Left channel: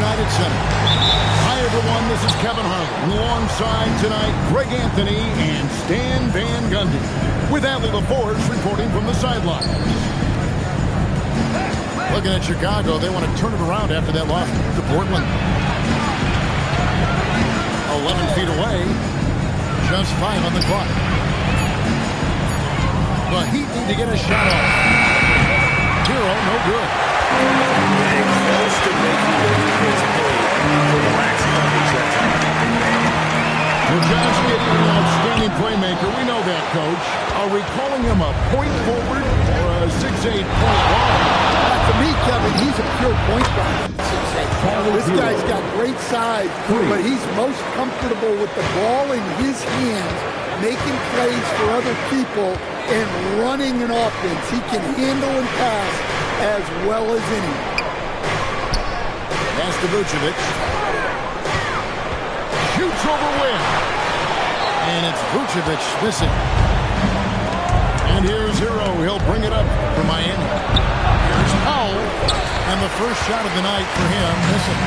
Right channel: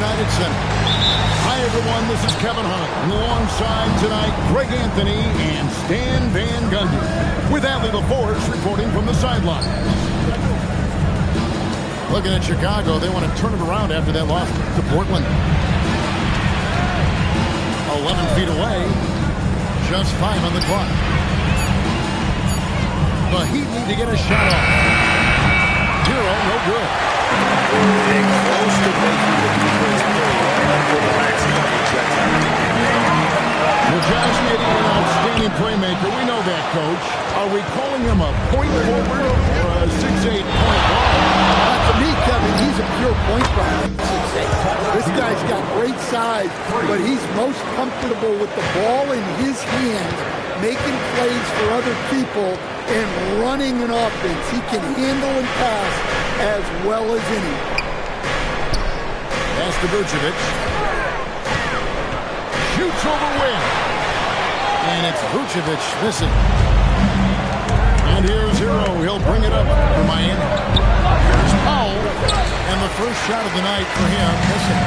United Center. Hi, everyone. This is Kevin Harlan. Alongside tonight, Greg Anthony and Stan Van Gundy. With Allie LaForce reporting from the sidelines. Looking at Chicago, they want to turn it around after that loss to Portland. 11 feet away. Just 5 on the clock. The Heat need to get a shot off. Hero, no good. Getting close to making the defense pay for the lax coverage that time. Well, Josh Giddey, an outstanding playmaker. We know that, Coach. Are we calling him a point forward or a 6'8" point guard? To me, Kevin, he's a pure point guard. 6'8". This guy's got great size, but he's most comfortable with the ball in his hands, making plays for other people, and running an offense. He can handle and pass as well as any. Pass to Vucevic. Shoots over Wynn. And it's Vucevic missing. And here's Hero. He'll bring it up for Miami. Here's Powell. And the first shot of the night for him missing.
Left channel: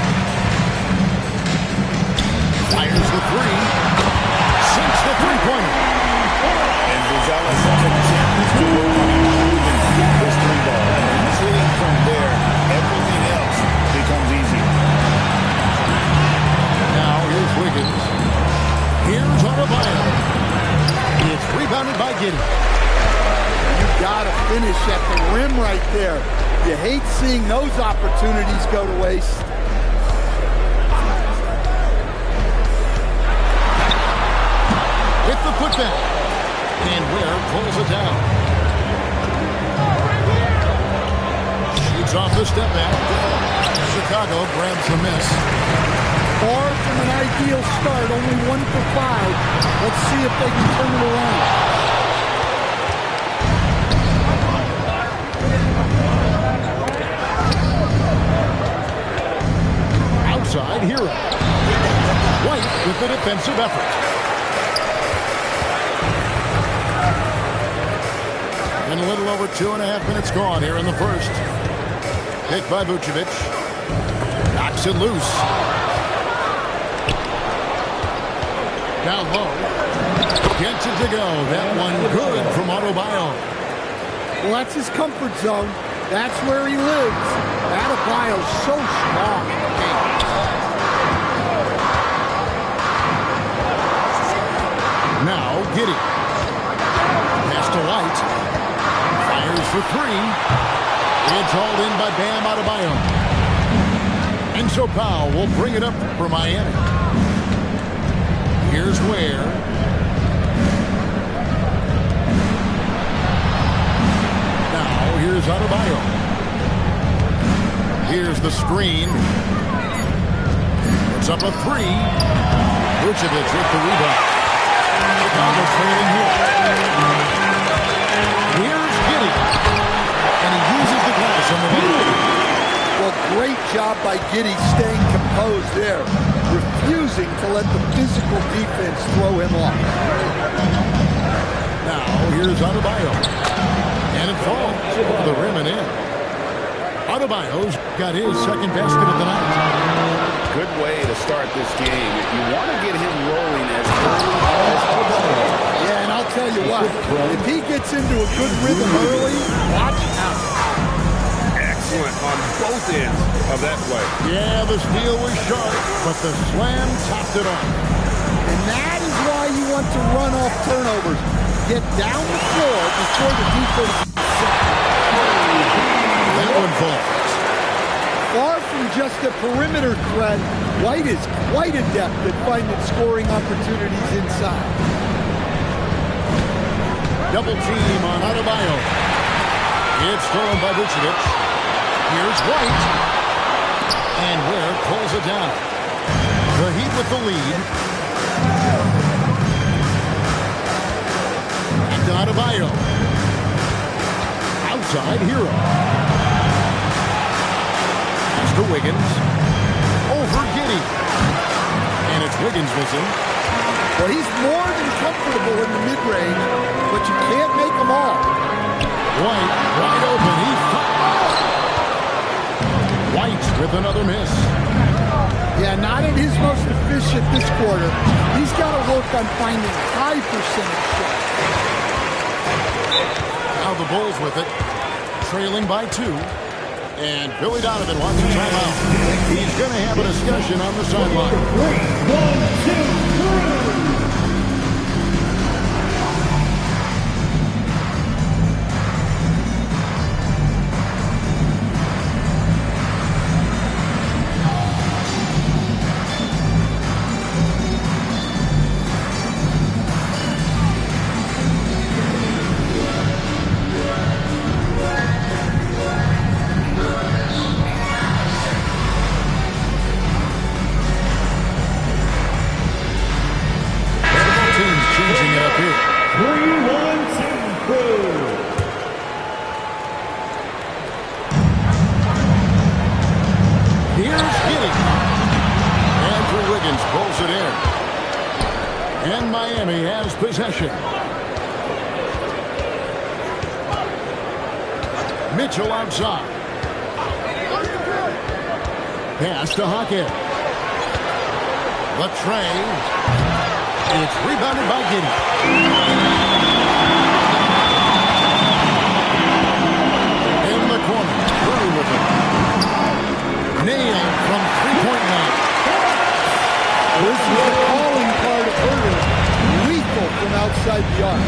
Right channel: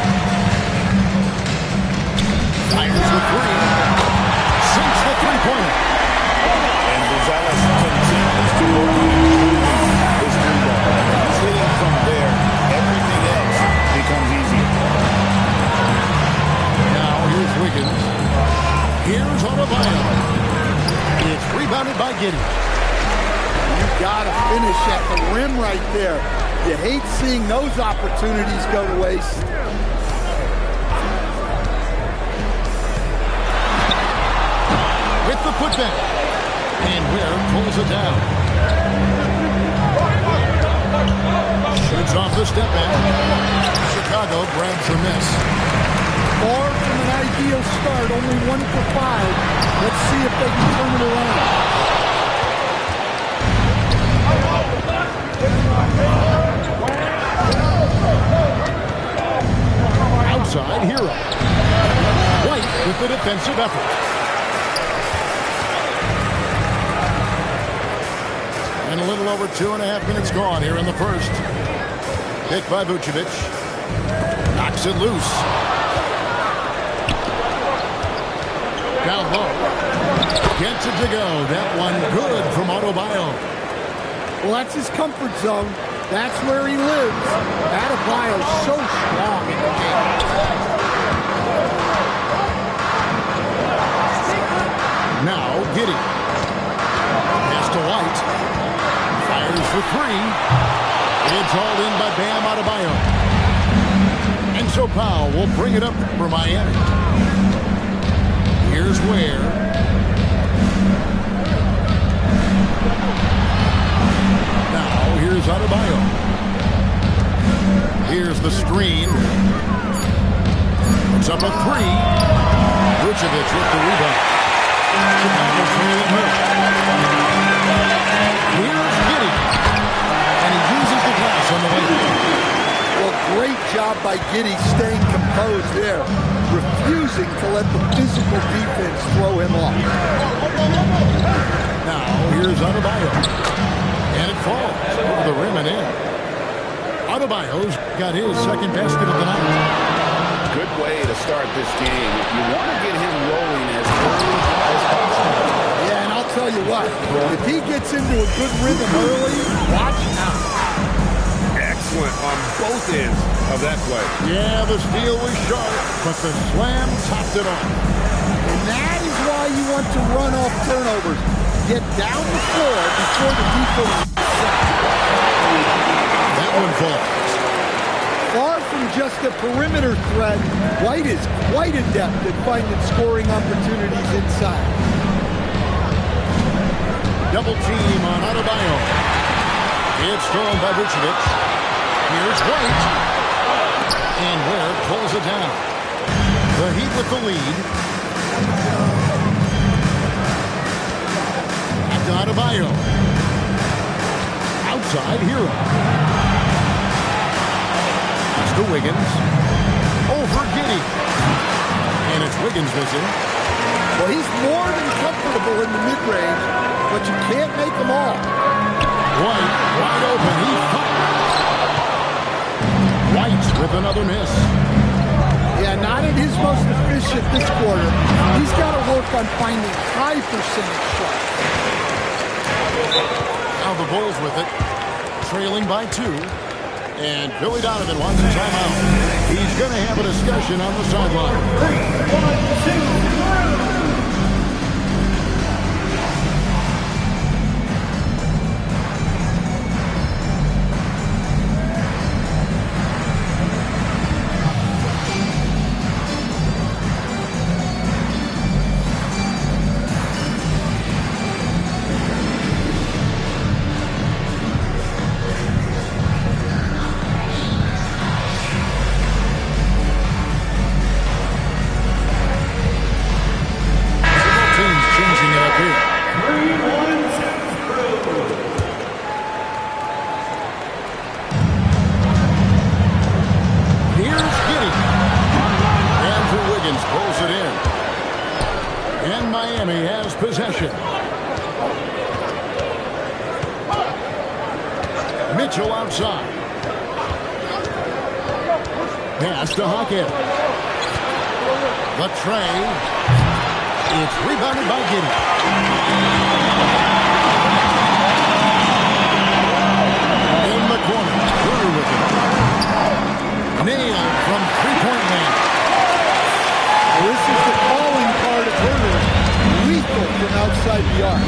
Fires the three. Sinks the three-pointer. And Gonzalez continues to work on improving his three ball. When he's hitting from there, everything else becomes easier. Now here's Wiggins. Here's Adebayo. It's rebounded by Giddey. You got to finish at the rim right there. You hate seeing those opportunities go to waste. With the putback. And Ware pulls it down. Shoots off the step back. Chicago grabs the miss. Far from an ideal start, only 1 for 5. Let's see if they can turn it around. Outside, Hero. White with the defensive effort. And a little over 2.5 minutes gone here in the first. Picked by Vucevic. Knocks it loose. Down low. Gets it to go. That one good from Adebayo. Well, that's his comfort zone. That's where he lives. Adebayo's so strong in the game. Now, Giddey. Pass to White. Fires for three. It's hauled in by Bam Adebayo. And so Powell will bring it up for Miami. Here's Ware. Now, here's Adebayo. Here's the screen. Puts up a three. Vucevic with the rebound. Chicago trailing here. Here's Giddey. And he uses the glass on the way. Well, great job by Giddey staying composed there. Refusing to let the physical defense throw him off. Now, here's Adebayo. And it falls over the rim and in. Adebayo's got his second basket of the night. Good way to start this game. You want to get him rolling as early as possible. Yeah, and I'll tell you what. If he gets into a good rhythm early, watch out. Excellent on both ends of that play. Yeah, the steal was sharp, but the slam topped it off. And that is why you want to run off turnovers. Get down the floor before the defense is set. That one falls. Far from just a perimeter threat, White is quite adept at finding scoring opportunities inside. Double team on Adebayo. It's thrown by Vucevic. Here's White. And Ware pulls it down. The Heat with the lead. Back to Adebayo. Outside, Hero. Pass to Wiggins. Over Giddey. And it's Wiggins missing. Well, he's more than comfortable in the mid-range, but you can't make them all. White, wide open. He fires. White with another miss. Yeah, not at his most efficient this quarter. He's got to work on finding high percentage shots. Now the Bulls with it, trailing by 2. And Billy Donovan wants a timeout. He's going to have a discussion on the sideline. 1, 2, 3. Changing it up here. 3, 1, 2, Here's Giddey. Andrew Wiggins pulls it in. And Miami has possession. Mitchell outside. Pass to Hackett. The tray. It's rebounded by Giddey. In the corner, Curry with it. Nailed from three-point land. This is the calling card of Herter. Lethal from outside the arc.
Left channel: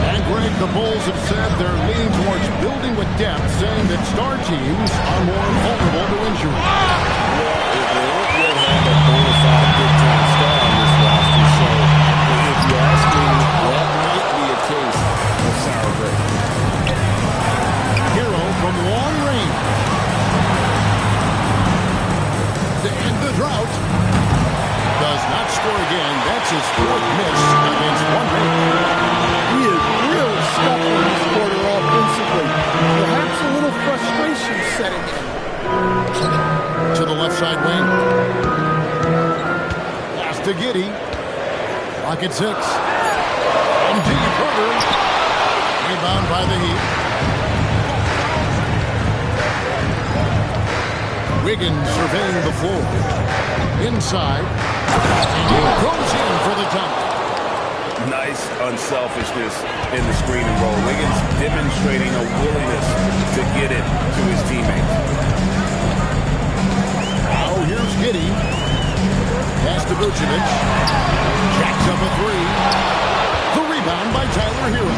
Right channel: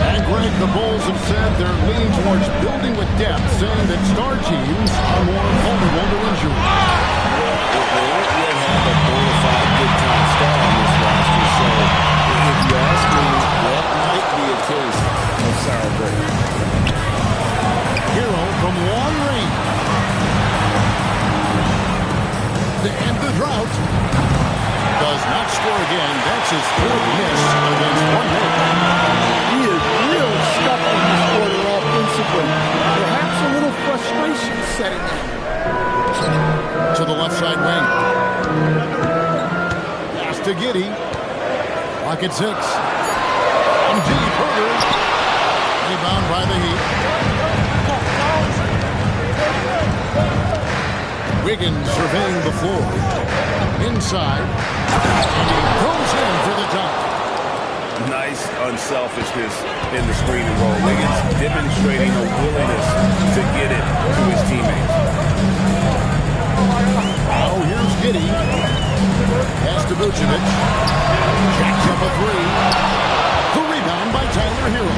And Greg, the Bulls have said they're leaning towards building with depth, saying that star teams are more vulnerable to injury. They don't yet have a bona fide big-time star on this roster, so if you ask me, that might be a case of sour grapes. Hero from long range. To end the drought. Does not score again. That's his 4th miss against one man. He is really scuffling this quarter offensively. Perhaps a little frustration setting in. To the left side wing. Pass to Giddey. Clock at 6. And deep Herter. Rebound by the Heat. Wiggins surveying the floor. Inside. And he goes in for the dunk. Nice unselfishness in the screen and roll. Wiggins demonstrating a willingness to get it to his teammates. Now here's Giddey. Pass to Vucevic. Jacks up a 3. The rebound by Tyler Hero.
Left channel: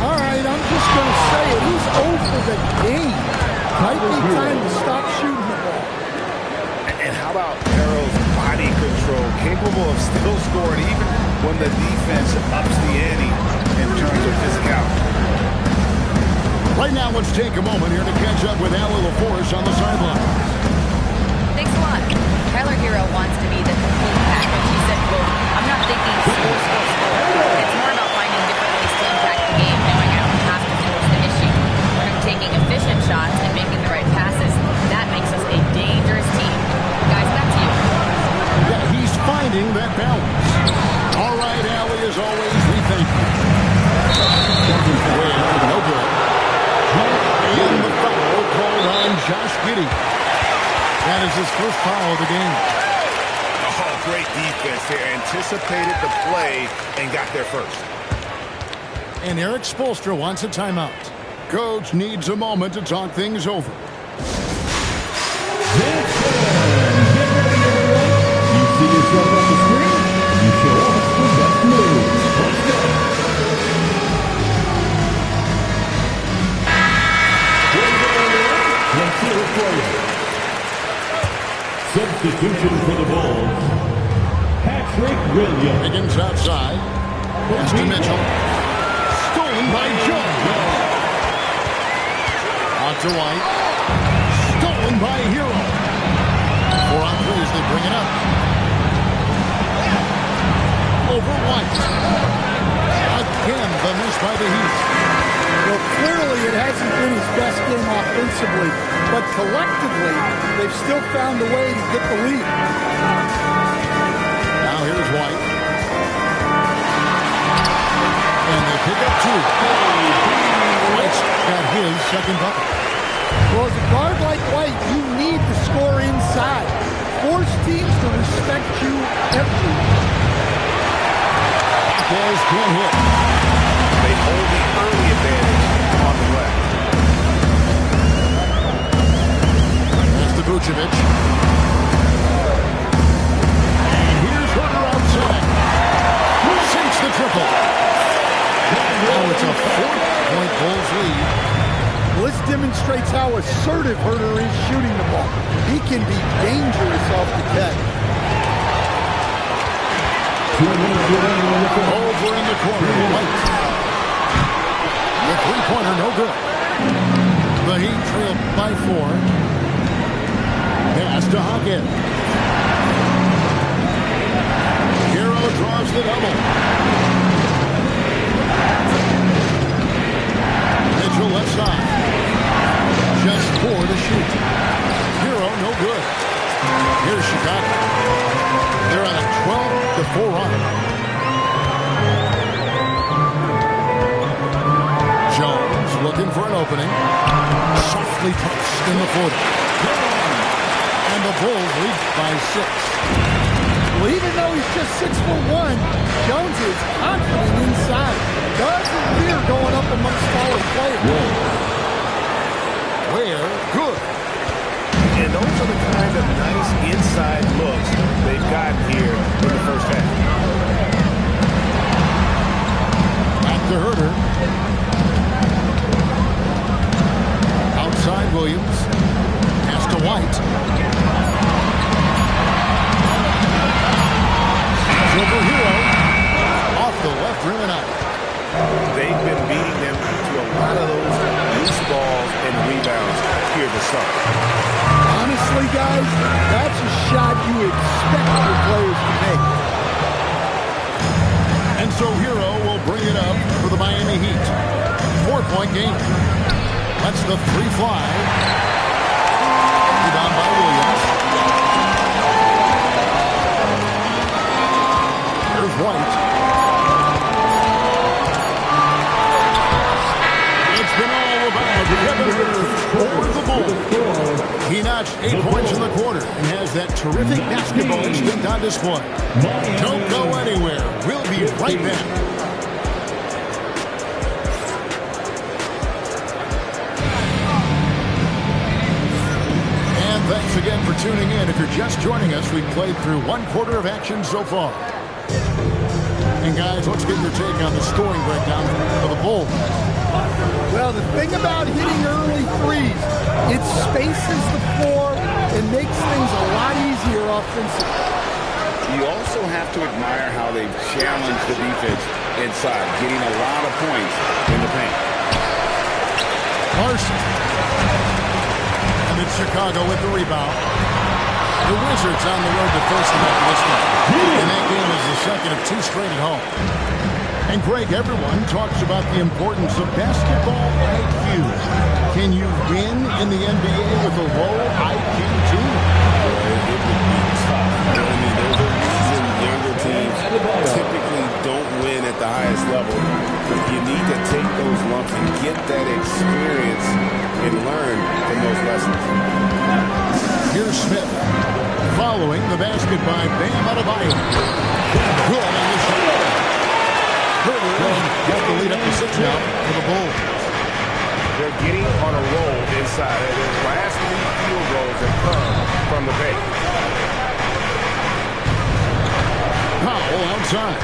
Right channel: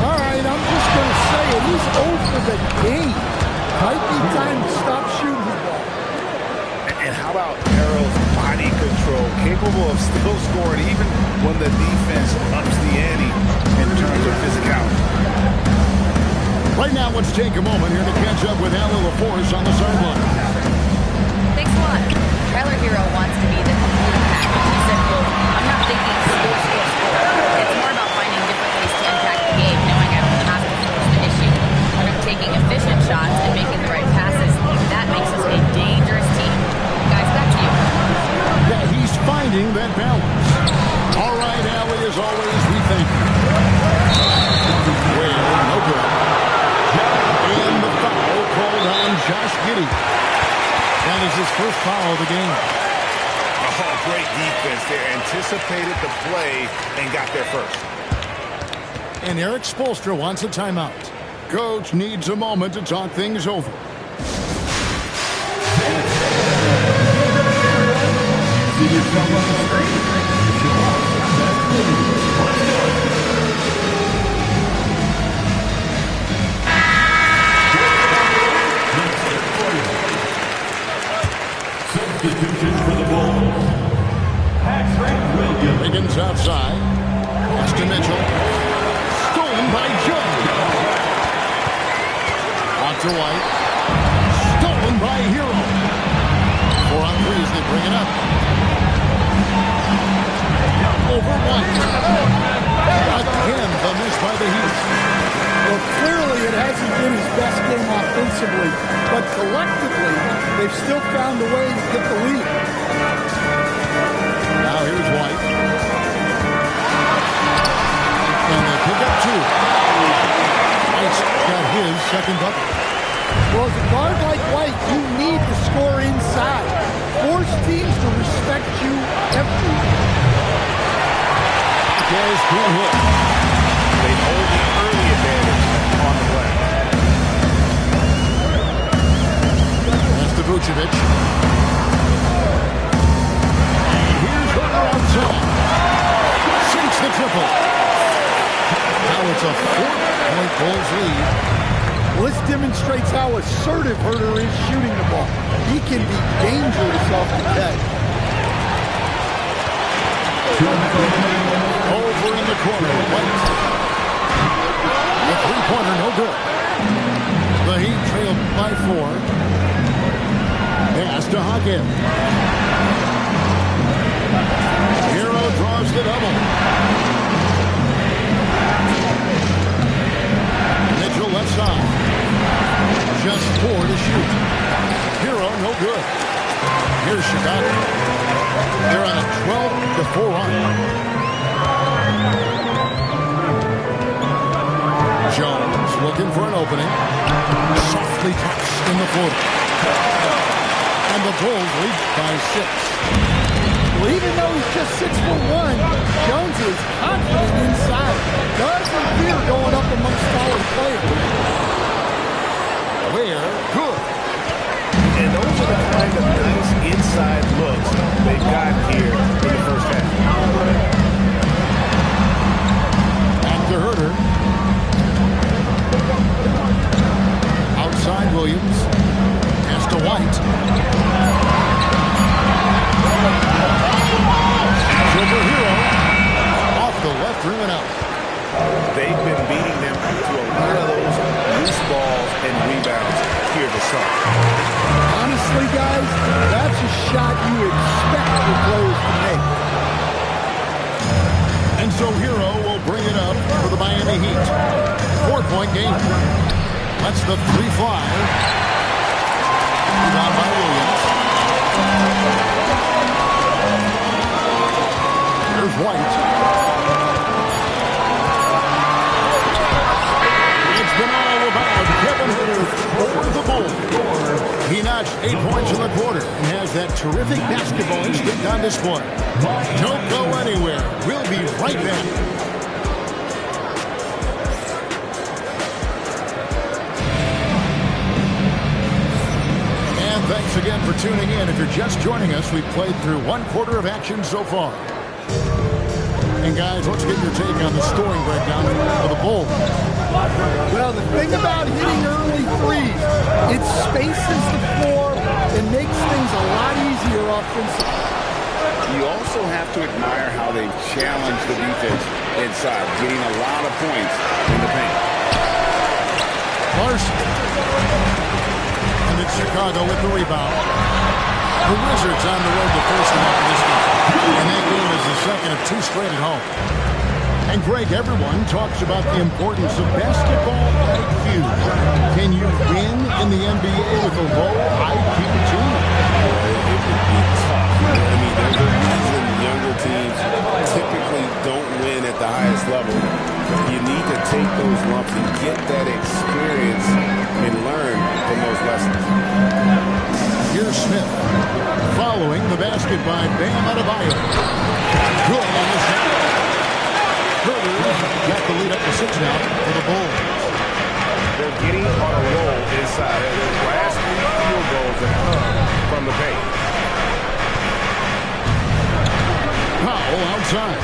All right, I'm just going to say it. He's 0 for the game. Might be time to stop shooting the ball. And how about Harrell's body control, capable of still scoring even when the defense ups the ante in terms of physicality. Right now, let's take a moment here to catch up with Allie LaForce on the sideline. Thanks a lot. Tyler Hero wants to be the complete package. He said, quote, "I'm not thinking score, score, score. It's more about finding different ways to impact the game, knowing I don't have to force the issue. When I'm taking efficient shots and making the right passes, that makes us a dangerous team." Guys, back to you. Yeah, he's finding that balance. All right, Allie, as always, we thank you. Well, no good. And the foul called on Josh Giddey. That is his first foul of the game. Oh, great defense there. Anticipated the play and got there first. And Eric Spoelstra wants a timeout. Coach needs a moment to talk things over. You see yourself on the screen? You should watch the best moves. Let's go. Let's hear it for you. Substitution for the Bulls. Patrick Williams. Wiggins outside. Pass to Mitchell. Stolen by Jones. Out to White. Stolen by Hero. 4 on 3 as they bring it up. Over White. Again, the miss by the Heat. Well, clearly it hasn't been his best game offensively, but collectively, they've still found a way to get the lead. Now here's White. And they pick up 2. White's got his second bucket. Well, as a guard like White, you need to score inside. Force teams to respect you everywhere. Marquez can't hit. They hold the early advantage on the glass. That's to Vucevic. And here's Herter outside. Sinks the triple. Now it's a 4-point Bulls lead. Well, this demonstrates how assertive Herter is shooting the ball. He can be dangerous off the catch. Over in the corner, White. The three-pointer, no good. The Heat trailed by 4. Pass to Hawkins. Hero draws the double. Mitchell left side. Just 4 to shoot. Hero, no good. Here's Chicago. They're on a 12-4 run. Jones looking for an opening. Softly tucks in the floater. And the Bulls lead by 6. Well, even though he's just 6'1", Jones is confident inside. Doesn't fear going up amongst taller players. Where good. And those are the kind of nice inside looks they've gotten here in the first half. Back to Herter. Outside Williams. Pass to White. Over Hero. Off the left rim and out. They've been beating them to a lot of those loose balls and rebounds here to start. Honestly, guys, that's a shot you expect your players to make. And so Hero will bring it up for the Miami Heat. 4-point game. That's the 3 fly. Rebound by Williams. Here's White. It's been all about Kevin Herter for the Bulls. He notched 8 points in the quarter and has that terrific basketball instinct on display. Don't go anywhere. We'll be right back. And thanks again for tuning in. If you're just joining us, we've played through 1 quarter of action so far. And guys, let's get your take on the scoring breakdown for the Bulls. Well, the thing about hitting early threes, it spaces the floor and makes things a lot easier offensively. You also have to admire how they've challenged the defense inside, getting a lot of points in the paint. Larson. And it's Chicago with the rebound. The Wizards on the road to face them after this game. And that game is the second of 2 straight at home. And Greg, everyone talks about the importance of basketball IQ. Can you win in the NBA with a low IQ team? It would be tough. I mean, there's a reason younger teams typically don't win at the highest level. You need to take those lumps and get that experience and learn from those lessons. Here's Smith. Following the basket by Bam Adebayo. Good on the shot. Herter's got the lead up to 6 now for the Bulls. They're getting on a roll inside. Their last 3 field goals have come from the paint. Powell outside.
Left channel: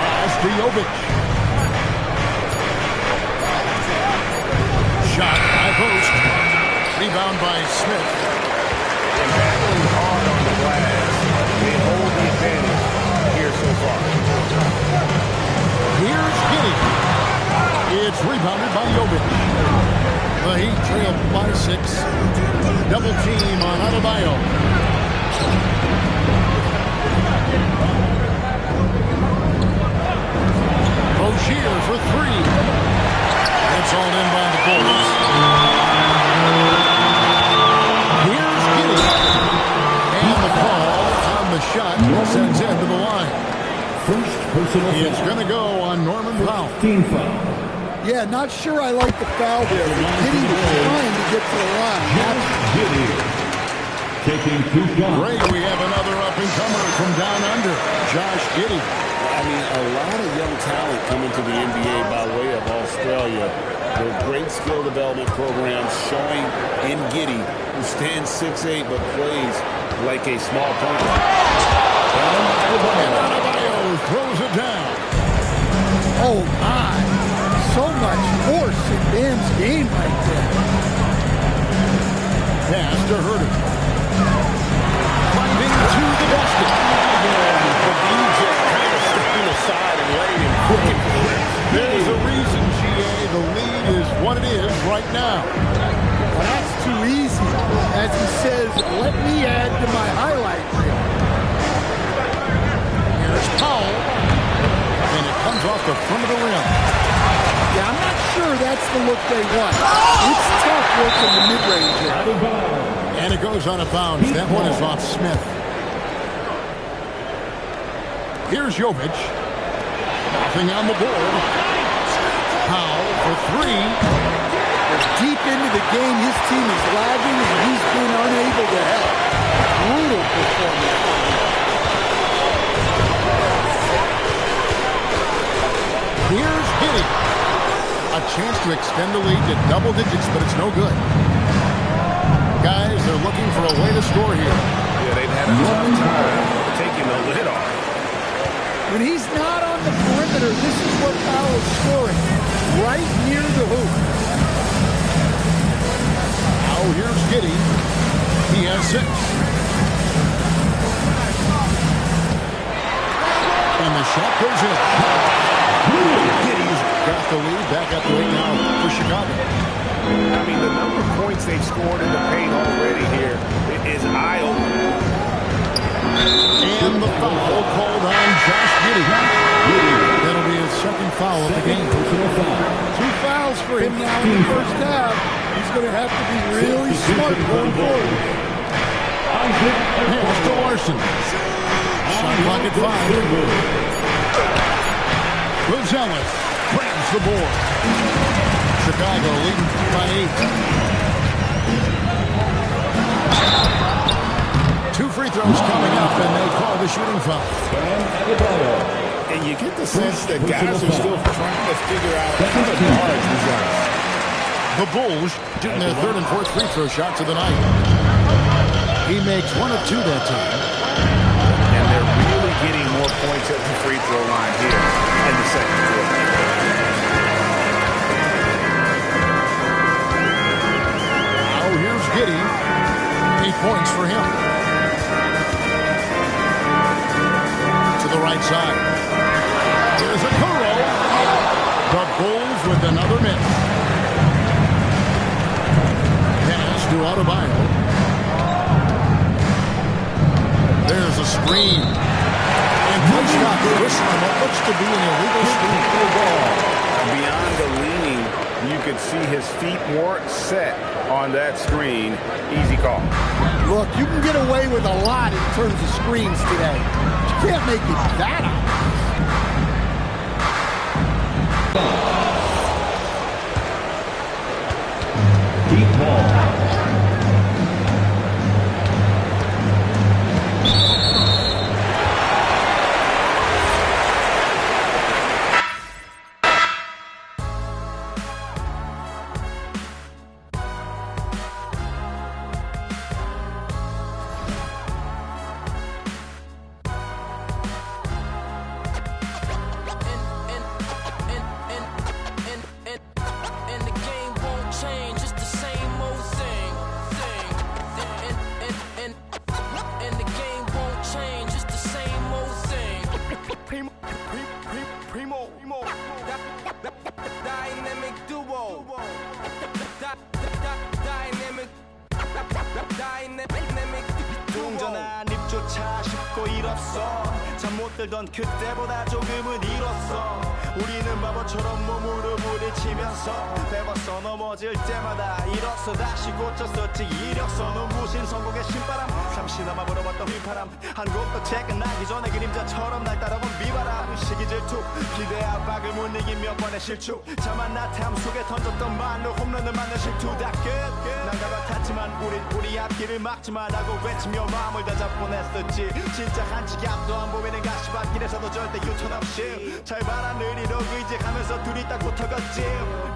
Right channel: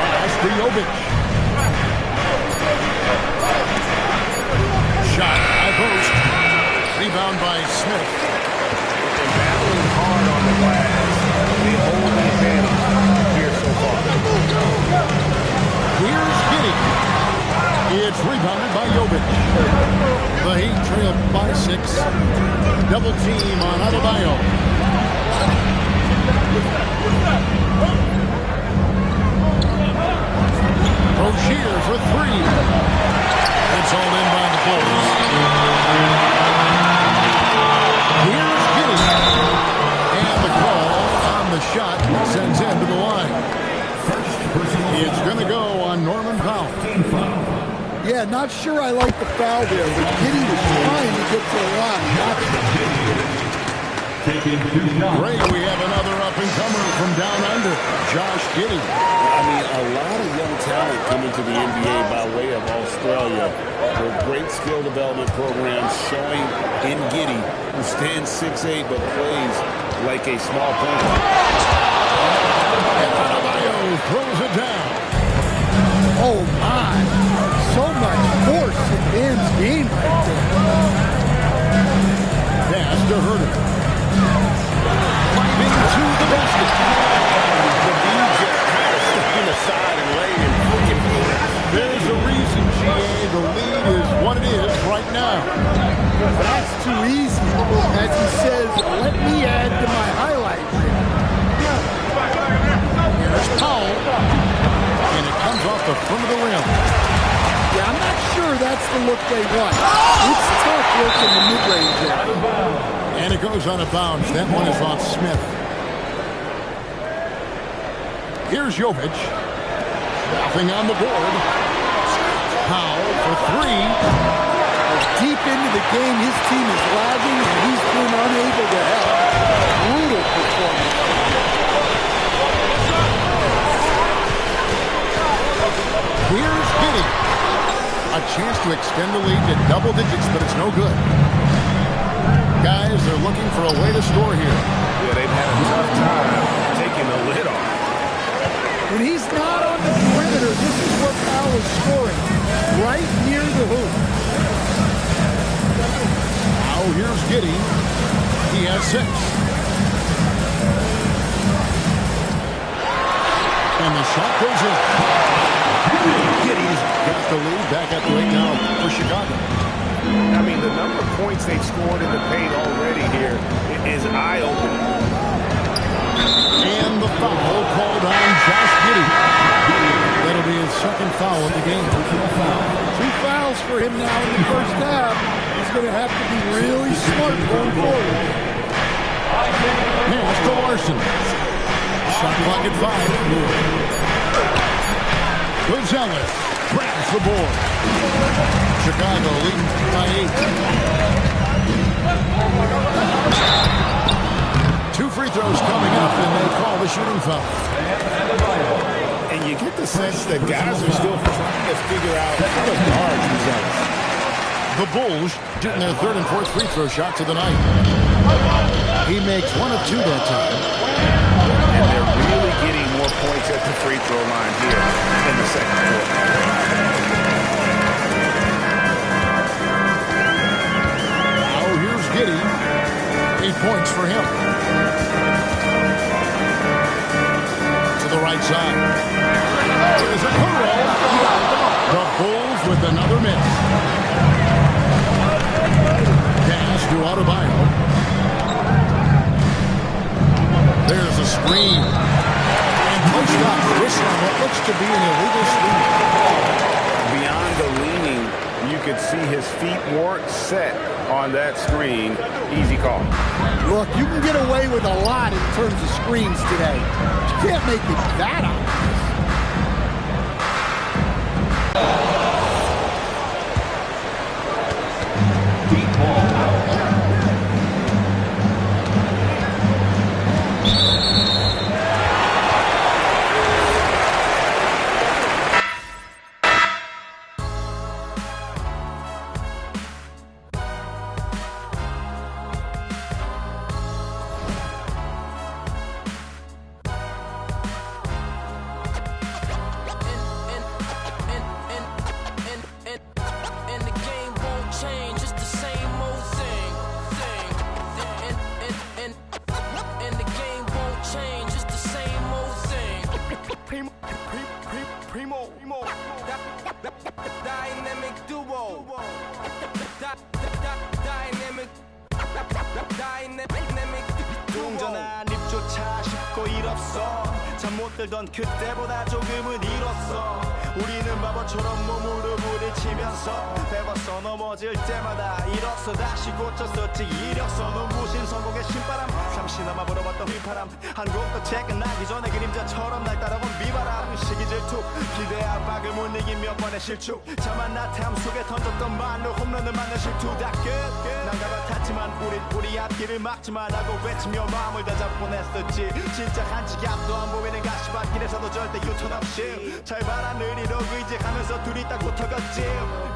Pass to Jovic. Shot high post. Rebound by Smith. And battling hard on the glass, they hold the advantage here so far. Here's Giddey. It's rebounded by Jovic. The Heat trail by 6. Double team on Adebayo. Rozier for 3. It's all in by the Bulls. Here's Giddey. And the call on the shot sends him to the line. First personal It's going to go on Norman Powell. Team foul. Yeah, not sure I like the foul there, but Giddy was trying to get to the line. That's taking 2 shots. Great, we have another up-and-comer from down under, Josh Giddey. I mean, a lot of young talent coming to the NBA by way of Australia. There are great skill development programs showing in Giddey, who stands 6'8", but plays like a small point guard. And Adebayo throws it down. Oh, my. So much force in Bam's game right there. Pass to Herter. Driving to the basket. The D just kind of stepping aside and laying and looking for the rim. There's a reason, GA. The lead is what it is right now. Well, that's too easy. As he says, let me add to my highlight reel. Here's Powell. And it comes off the front of the rim. Yeah, I'm not sure that's the look they want. It's tough work in the mid-range there. And it goes out of bounds. That one is off Smith. Here's Jovic. Nothing on the board. Powell for 3. Well, deep into the game, his team is lagging, and he's been unable to help. Brutal performance from him. Here's Giddey. A chance to extend the lead to double digits, but it's no good. Guys, they're looking for a way to score here. Yeah, they've had a tough time taking the lid off. When he's not on the perimeter, this is where Powell is scoring, right near the hoop. Now here's Giddey. He has 6. And the shot goes in. Giddey's got the lead, back up to 8 now for Chicago. I mean, the number of points they've scored in the paint already here is eye-opening. And the foul called on Josh Giddey. That'll be his second foul of the game. 2 fouls for him now in the first half. He's going to have to be really smart going forward. Pass to Larson. Shot clock at 5. Gonzalez grabs the board. Chicago leading by 8. 2 free throws coming up, and they call the shooting foul. And you get the sense that guys are still trying to figure out how to guard Gonzalez. The Bulls shooting their 3rd and 4th free throw shots of the night. He makes 1 of 2 that time. And they're really getting more points at the free throw line here in the second quarter. Now here's Giddey. 8 points for him. To the right side. Here's a Kuro. The Bulls with another miss. Pass to Adebayo. There's a screen. And play stops. Whistle on what looks to be an illegal screen. Beyond the leaning, you could see his feet weren't set on that screen. Easy call. Look, you can get away with a lot in terms of screens today. But you can't make it that obvious. Deep ball. 들던 그때보다 조금은 잃었어. 우리는 바보처럼 몸으로 부딪히면서 배웠어. 넘어질 때마다 일었어. 다시 고쳤었지. 이력서는 무신 성공의 신바람. 잠시나마 불어봤던 휘파람. 한 곡도 퇴근하기 전에 그림자처럼 날 따라온 비바람. 시기 질투 기대 압박을 못 이긴 몇 번의 실축. 자만 나탐 속에 던졌던 말로 홈런을 맞는 실투. 다 끝. 난가 같았지만 우리 앞길을 막지만 하고 외치며 마음을 다잡곤 했었지. 진짜 한치 앞도 안 보이는 가시밭길에서도 절대 유턴 없이 잘 바라느리로 의지하면서 둘이 딱 붙어갔지.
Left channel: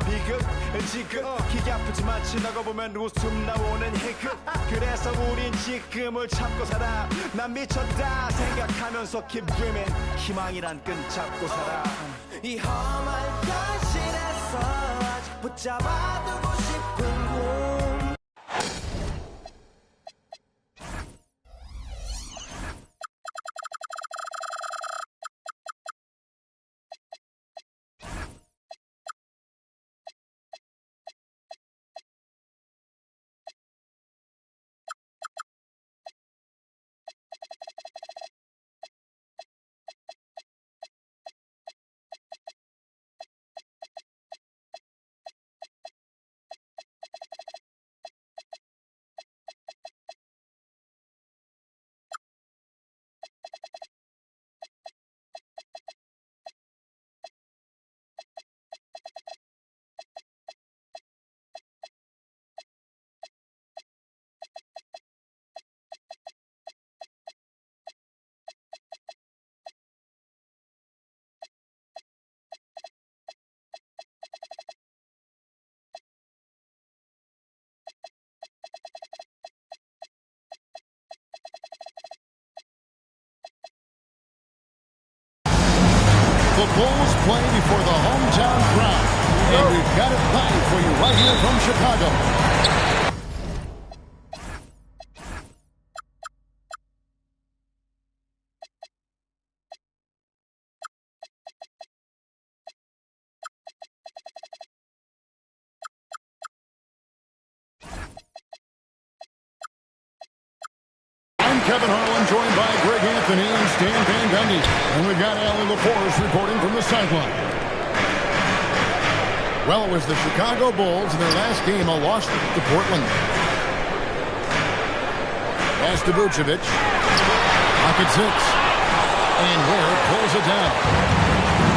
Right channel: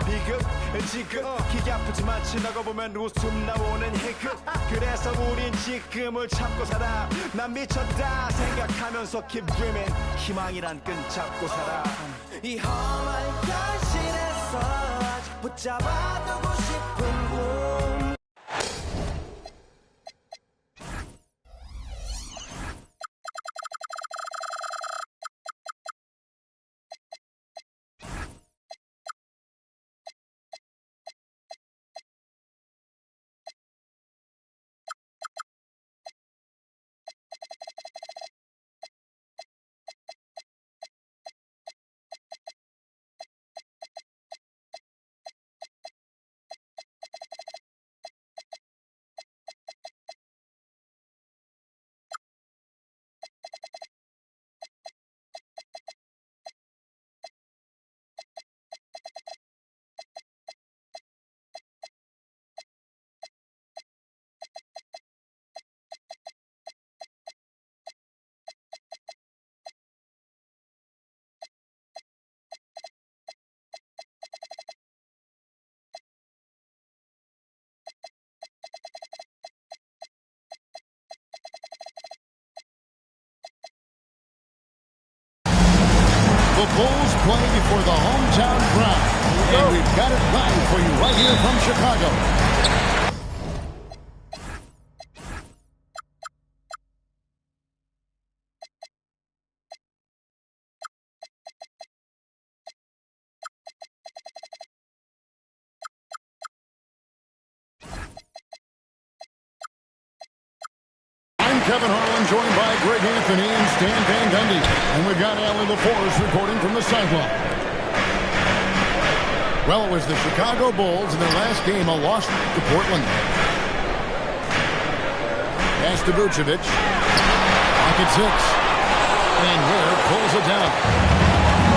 비극 지극 기가 아프지만 지나고 보면 웃음 나오는 희극. 그래서 우린 지금을 참고 살아. 난 미쳤다 생각하면서 keep dreaming. 희망이란 끈 잡고 살아. 이 험한 현실에서 아직 붙잡아두고 싶은 꿈. The Bulls play before the hometown crowd. And we've got it live for you right here from Chicago. Kevin Harlan, joined by Greg Anthony and Stan Van Gundy. And we've got Allie LaForce reporting from the sideline. Well, it was the Chicago Bulls in their last game, a loss to Portland. Pass to Vucevic. Pocket 6. And Ware pulls it down.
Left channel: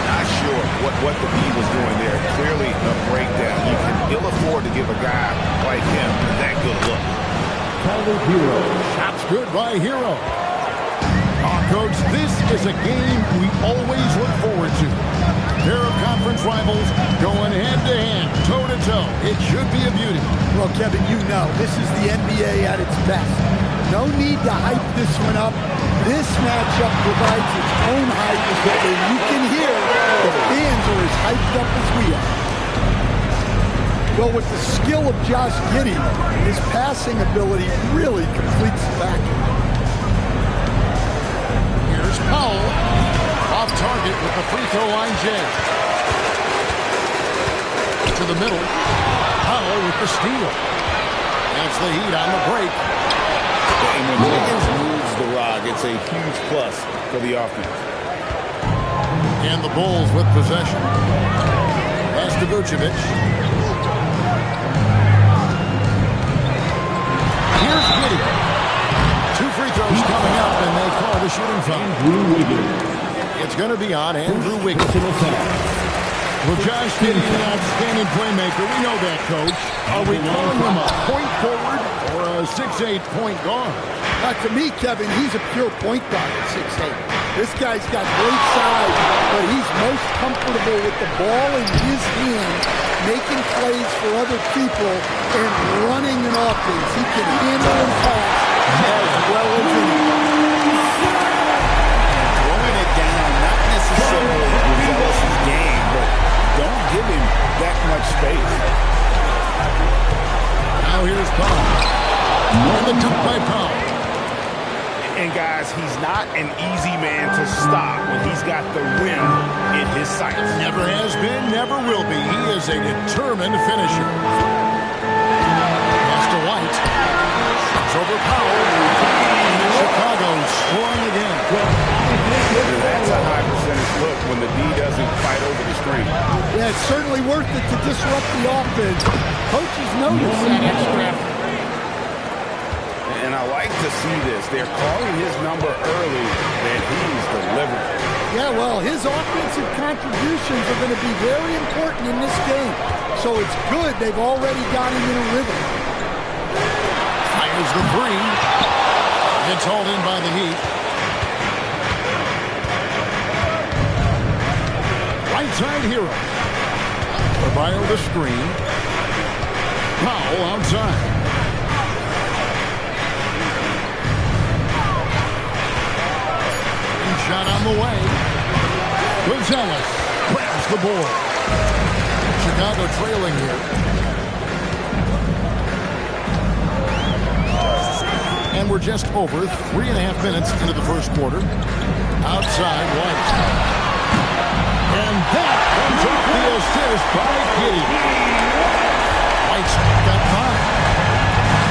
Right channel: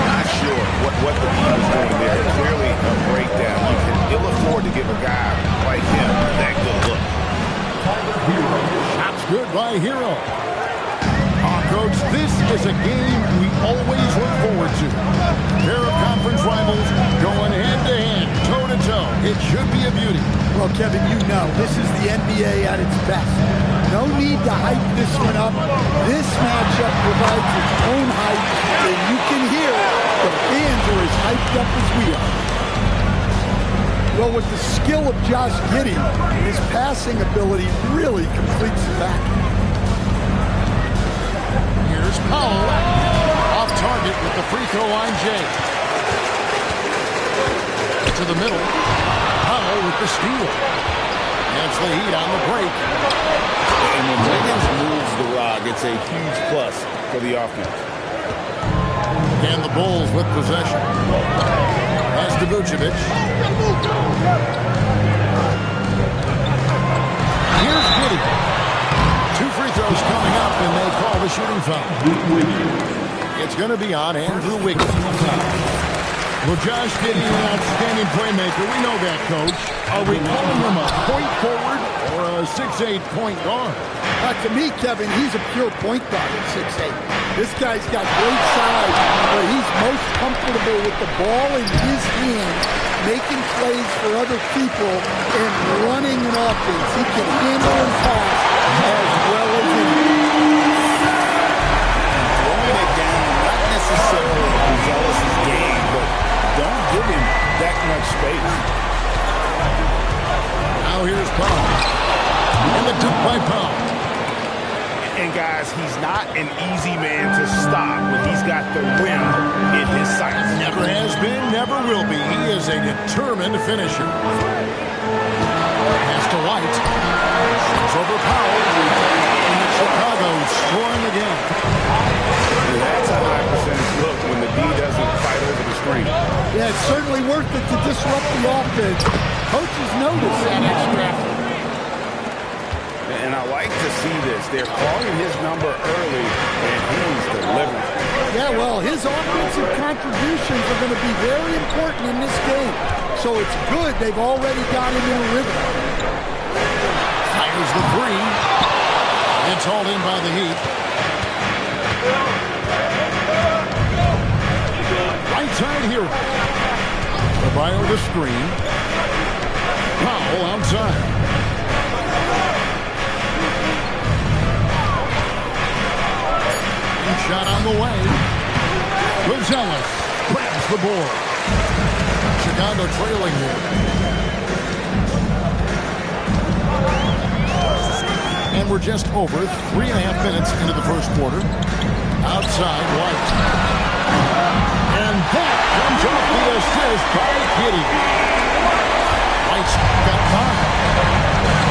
Not sure what the B was doing there. Clearly a breakdown. You can ill afford to give a guy like him that good look. Hero. Shots good by Hero. Coach, this is a game we always look forward to. Pair of conference rivals going head-to-head, toe-to-toe. It should be a beauty. Well, Kevin, you know, this is the NBA at its best. No need to hype this one up. This matchup provides its own hype, and you can hear the fans are as hyped up as we are. Well, with the skill of Josh Giddey, his passing ability really completes the package. Here's Powell. Off target with the free throw line, Jay. To the middle. Powell with the steal. That's the Heat on the break. And when Wiggins moves the rock, it's a huge plus for the offense. And the Bulls with possession. Pass to Vucevic. Here's Giddey. 2 free throws coming up, and they call the shooting foul. It's going to be on Andrew Wiggins. Well, Josh Giddey, an outstanding playmaker. We know that, Coach. Are we calling him a point forward or a 6'8" point guard? To me, Kevin, he's a pure point guard at 6'8". This guy's got great size, but he's most comfortable with the ball in his hands, making plays for other people and running an offense. He can handle and pass as well as anyone. And throwing it down, not necessarily Zealous' game, but don't give him that much space. Now here's Powell. And the dunk by Powell. And guys, he's not an easy man to stop when he's got the rim in his sights. Never has been, never will be. He is a determined finisher. Pass to White. It's over Powell. And Chicago scoring again. And that's a high percentage look when the D doesn't fight over the screen. Yeah, it's certainly worth it to disrupt the offense. Coaches notice that extra effort. And I like to see this. They're calling his number early, and he's delivering. Yeah, well, his offensive contributions are going to be very important in this game. So it's good they've already got him in a rhythm. Fires the three. It's hauled in by the Heat. Right side Hero. Bio the screen. Powell outside. Shot on the way. Gonzalez grabs the board. Chicago trailing here. And we're just over 3.5 minutes into the first quarter. Outside White. And that comes off the assist by Giddey. White's got 5.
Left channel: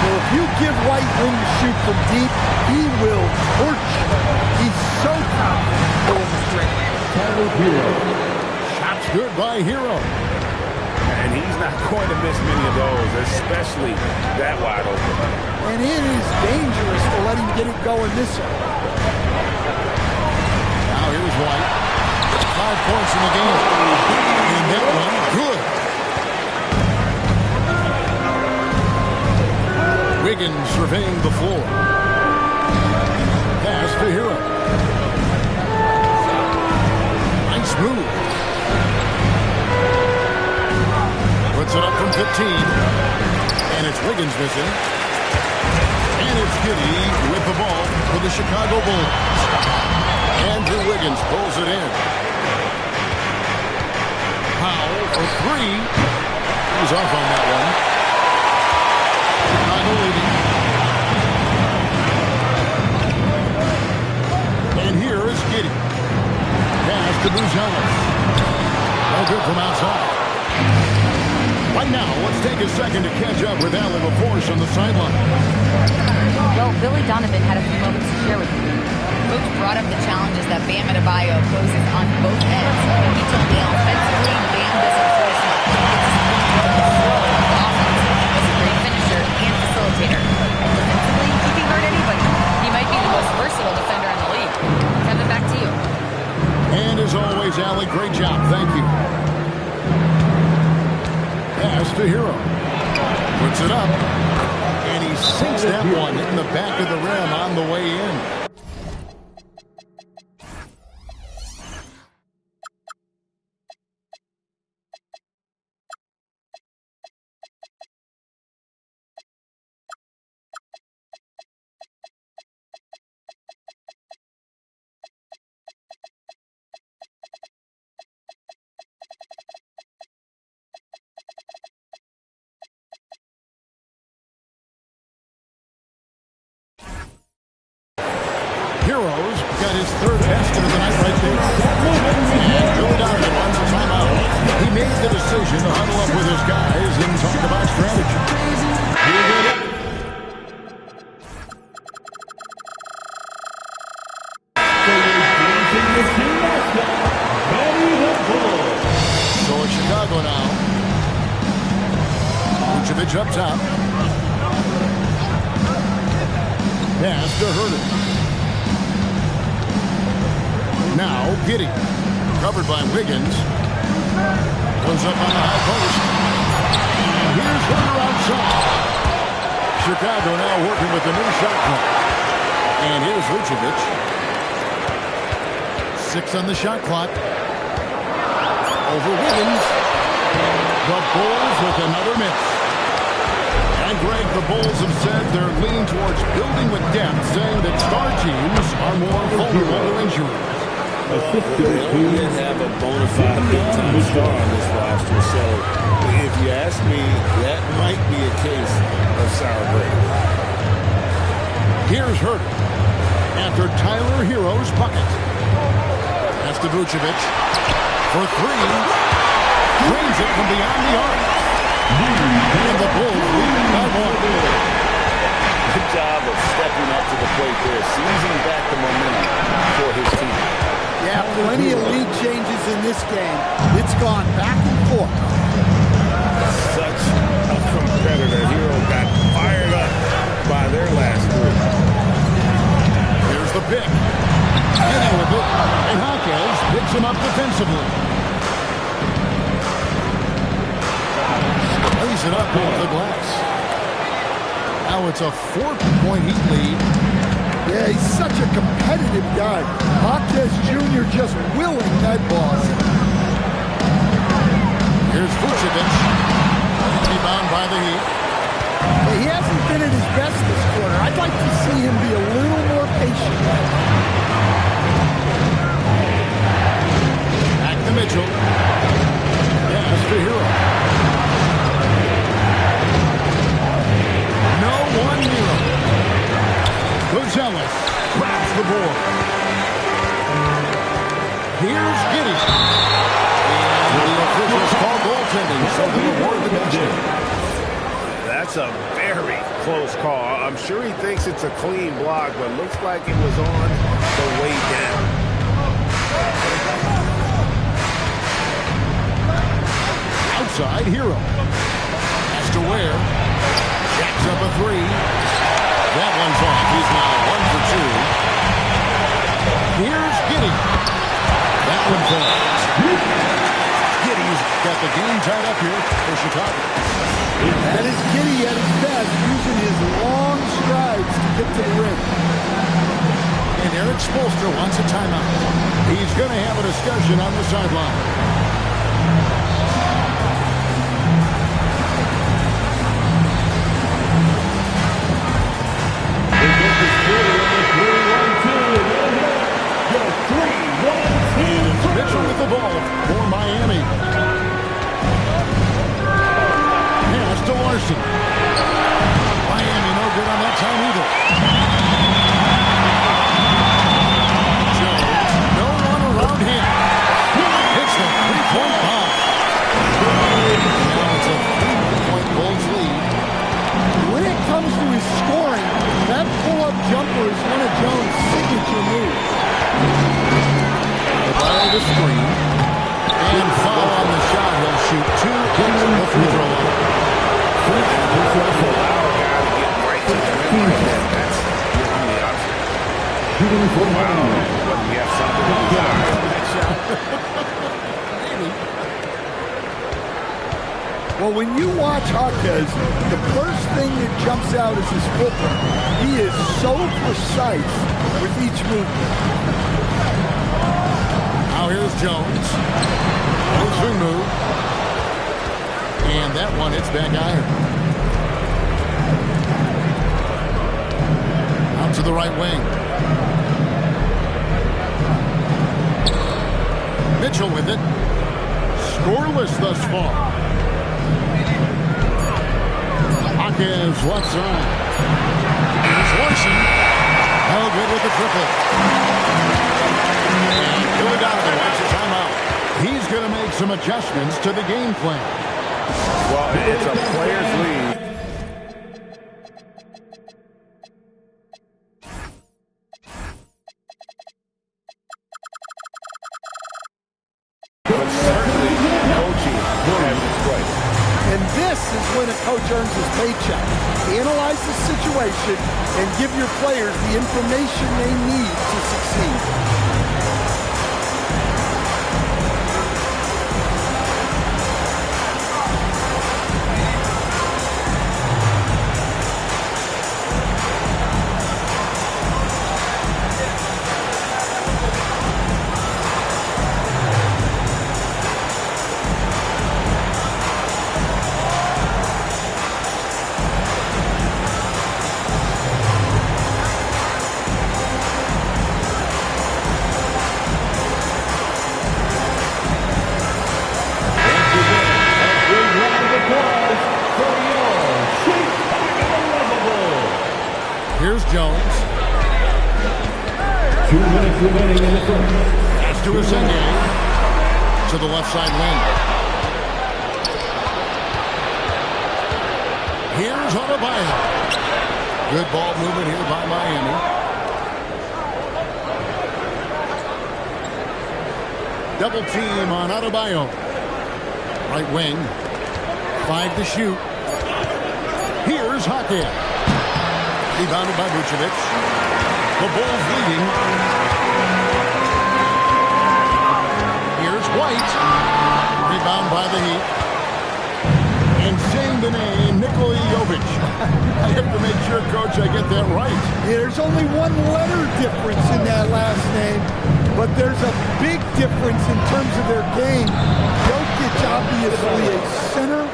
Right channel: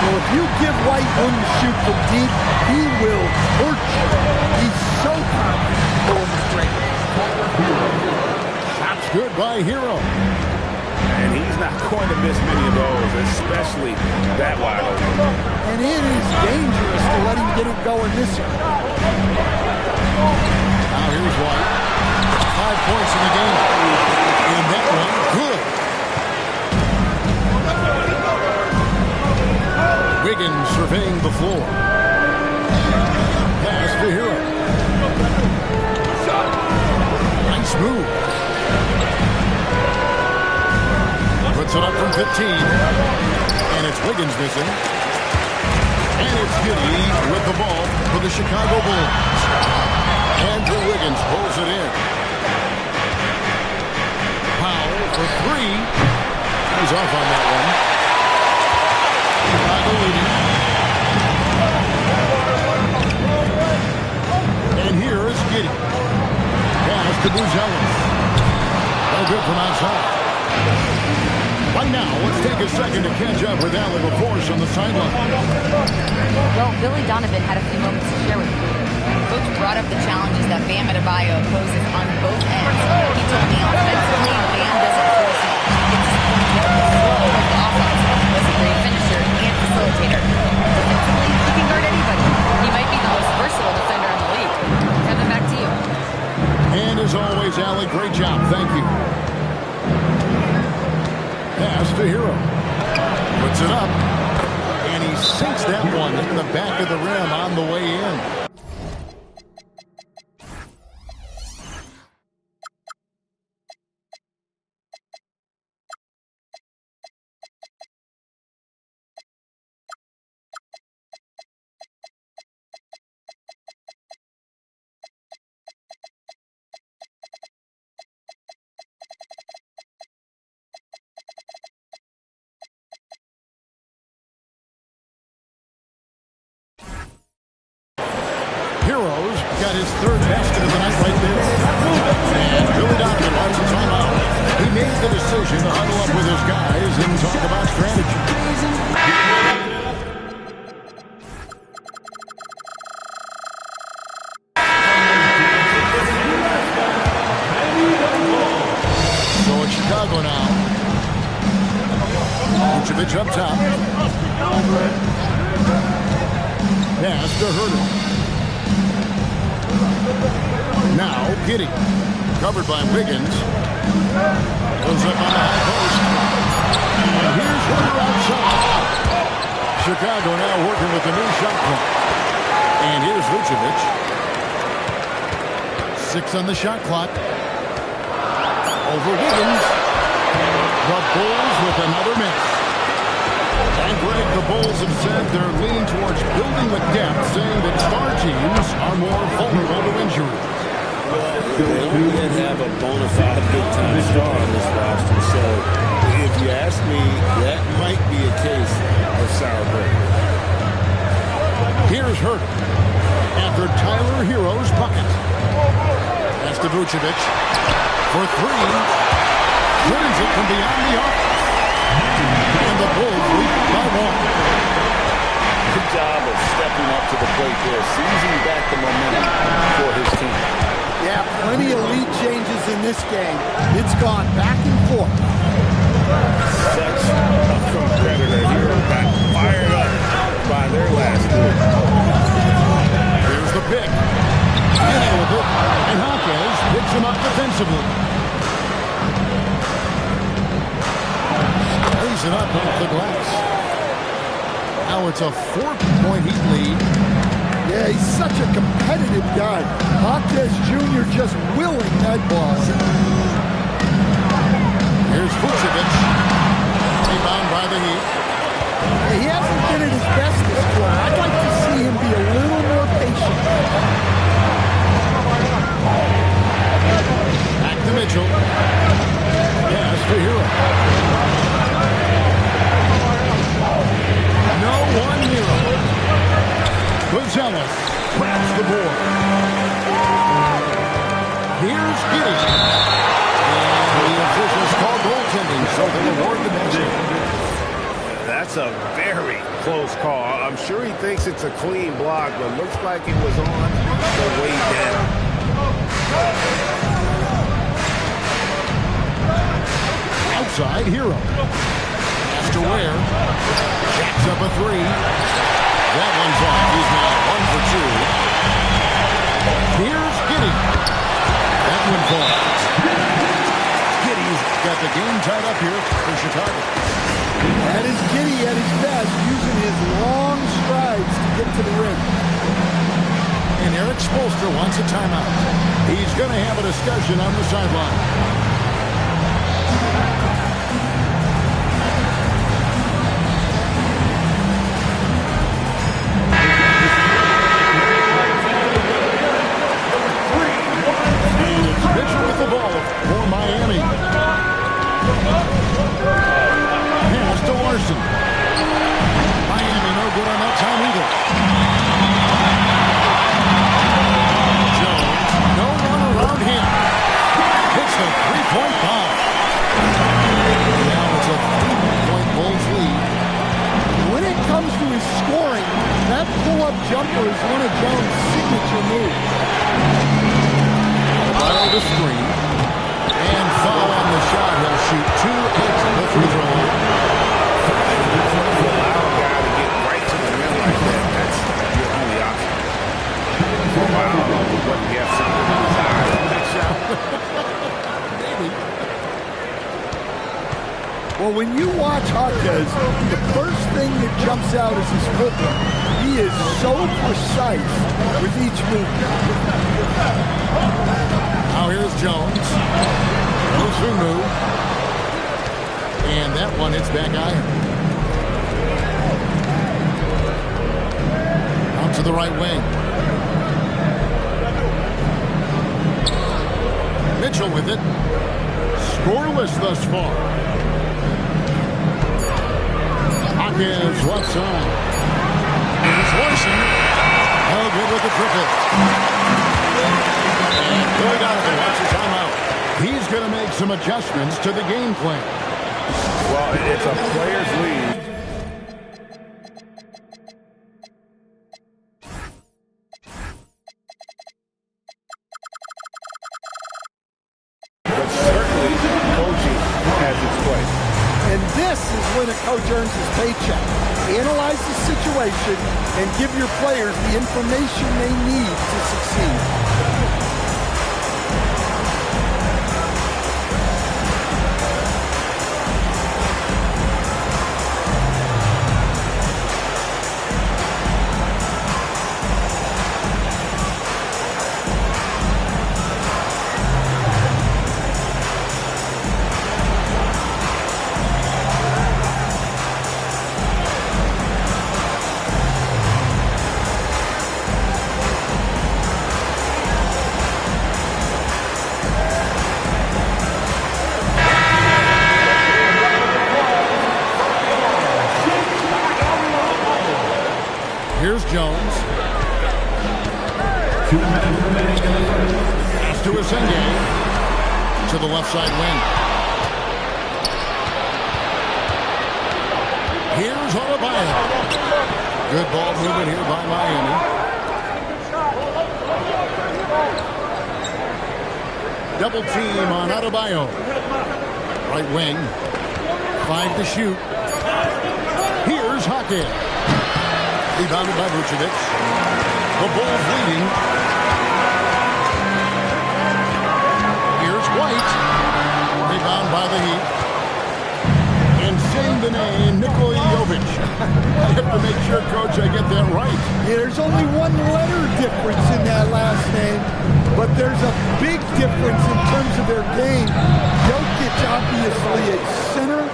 Well, if you give White room to shoot from deep, he will torch you. He's so confident pulling the trigger. Shot's good by Hero. And he's not going to miss many of those, especially that wide open. And it is dangerous to let him get it going this way. Now here's White. 5 points in the game. And that one, good. Wiggins surveying the floor. Pass to Hero. Nice move. Puts it up from 15. And it's Wiggins missing. And it's Giddey with the ball for the Chicago Bulls. Andrew Wiggins pulls it in. Powell for 3. He's off on that one. Chicago leading. And here is Giddey. Pass to Gonzalez. No good from outside. Right now, let's take a second to catch up with Allie LaForce on the sideline. Well, Billy Donovan had a few moments to share with me. Coach brought up the challenges that Bam Adebayo poses on both ends. He told me offensively, Bam doesn't force much. He gets his points with the flow of the offense. He's a great finisher and facilitator. And defensively, he can guard anybody. He might be the most versatile defender in the league. Kevin, back to you. And as always, Allie, great job. Thank you. Pass to Hero. Puts it up. And he sinks that one in the back of the rim on the way in. Heroes got his 3rd basket of the night right there. And Billy Donovan wants a timeout. He made the decision to huddle up with his guys and talk about strategy. So it's Chicago now. Vucevic up top. Pass to Herter. Now, Giddey, covered by Wiggins, goes up on the high post. And here's Herter outside. Chicago now working with the new shot clock. And here's Vucevic. 6 on the shot clock. Over Wiggins. The Bulls with another miss. And Greg, the Bulls have said they're leaning towards building with depth, saying that star teams are more vulnerable to injuries. Well, they don't yet have a bona fide big-time star on this roster, so if you ask me, that might be a case of sour grapes. Here's Herter after Tyler Hero's bucket. That's to Vucevic for 3. Drains it from beyond the arc. And the Bulls lead by 1. Good job of stepping up to the plate there, seizing back the momentum for his team. Yeah, plenty of lead changes in this game. It's gone back and forth. Such a competitor. Hero got fired up by their last three. Here's the pick. Getting with it. And Hawkins picks him up defensively. Lays it up off the glass. Now it's a 4-point Heat lead. Yeah, he's such a competitive guy. Hawkins Jr. just willing that ball. Here's Vucevic. Rebound by the Heat. Hey, he hasn't been at his best this quarter. I'd like to see him be a little more patient. Back to Mitchell. Yes, to Hero. No one Hero. Gonzalez grabs the board. Here's Giddey. And the officials call goaltending, so they'll award the basket. That's a very close call. I'm sure he thinks it's a clean block, but looks like it was on the way down. Outside Hero. Has to wear. Jacks up a three. That one's off. He's now 1 for 2. Here's Giddey. That one falls. Giddey's got the game tied up here for Chicago. That is Giddey at his best, using his long strides to get to the rim. And Eric Spoelstra wants a timeout. He's going to have a discussion on the sideline. Mitchell with the ball for Miami. Pass to Larson. Miami no good on that time either. Jones, no one around him. Hits the three-point bomb. And now it's a 3-point Bulls lead. When it comes to his scoring, that pull-up jumper is one of Jones' signature moves. Fire the screen. And foul on the shot. He'll shoot 2 at the free throw line. You don't have to allow a guy to get right to the rim like that. That's your only option. Wow. What, you have something in his eye on that shot? Maybe. Well, when you watch Hawkins, the first thing that jumps out is his footwork. He is so precise with each movement. Now here's Jones. Osunmu. And that one hits back iron. Out to the right wing. Mitchell with it. Scoreless thus far. Hawkins left side. Here's Larson. No good with the triple. Billy Donovan wants his timeout. He's going to make some adjustments to the game plan. Well, it's a player's lead. But certainly, coaching has its place. And this is when a coach earns his paycheck. Analyze the situation and give your players the information they need to succeed. Here's Jones. 2 minutes remaining in the first. Pass to Usda. To the left side wing. Here's Adebayo. Good ball movement here by Miami. Double team on Adebayo. Right wing. 5 to shoot. Here's Hackett. Rebounded by Vucevic. The Bulls leading. Here's White. Rebound by the Heat. And saying the name, Nikola Jovic. I have to make sure, Coach, I get that right. Yeah, there's only one letter difference in that last name, but there's a big difference in terms of their game. Jokic, obviously a center.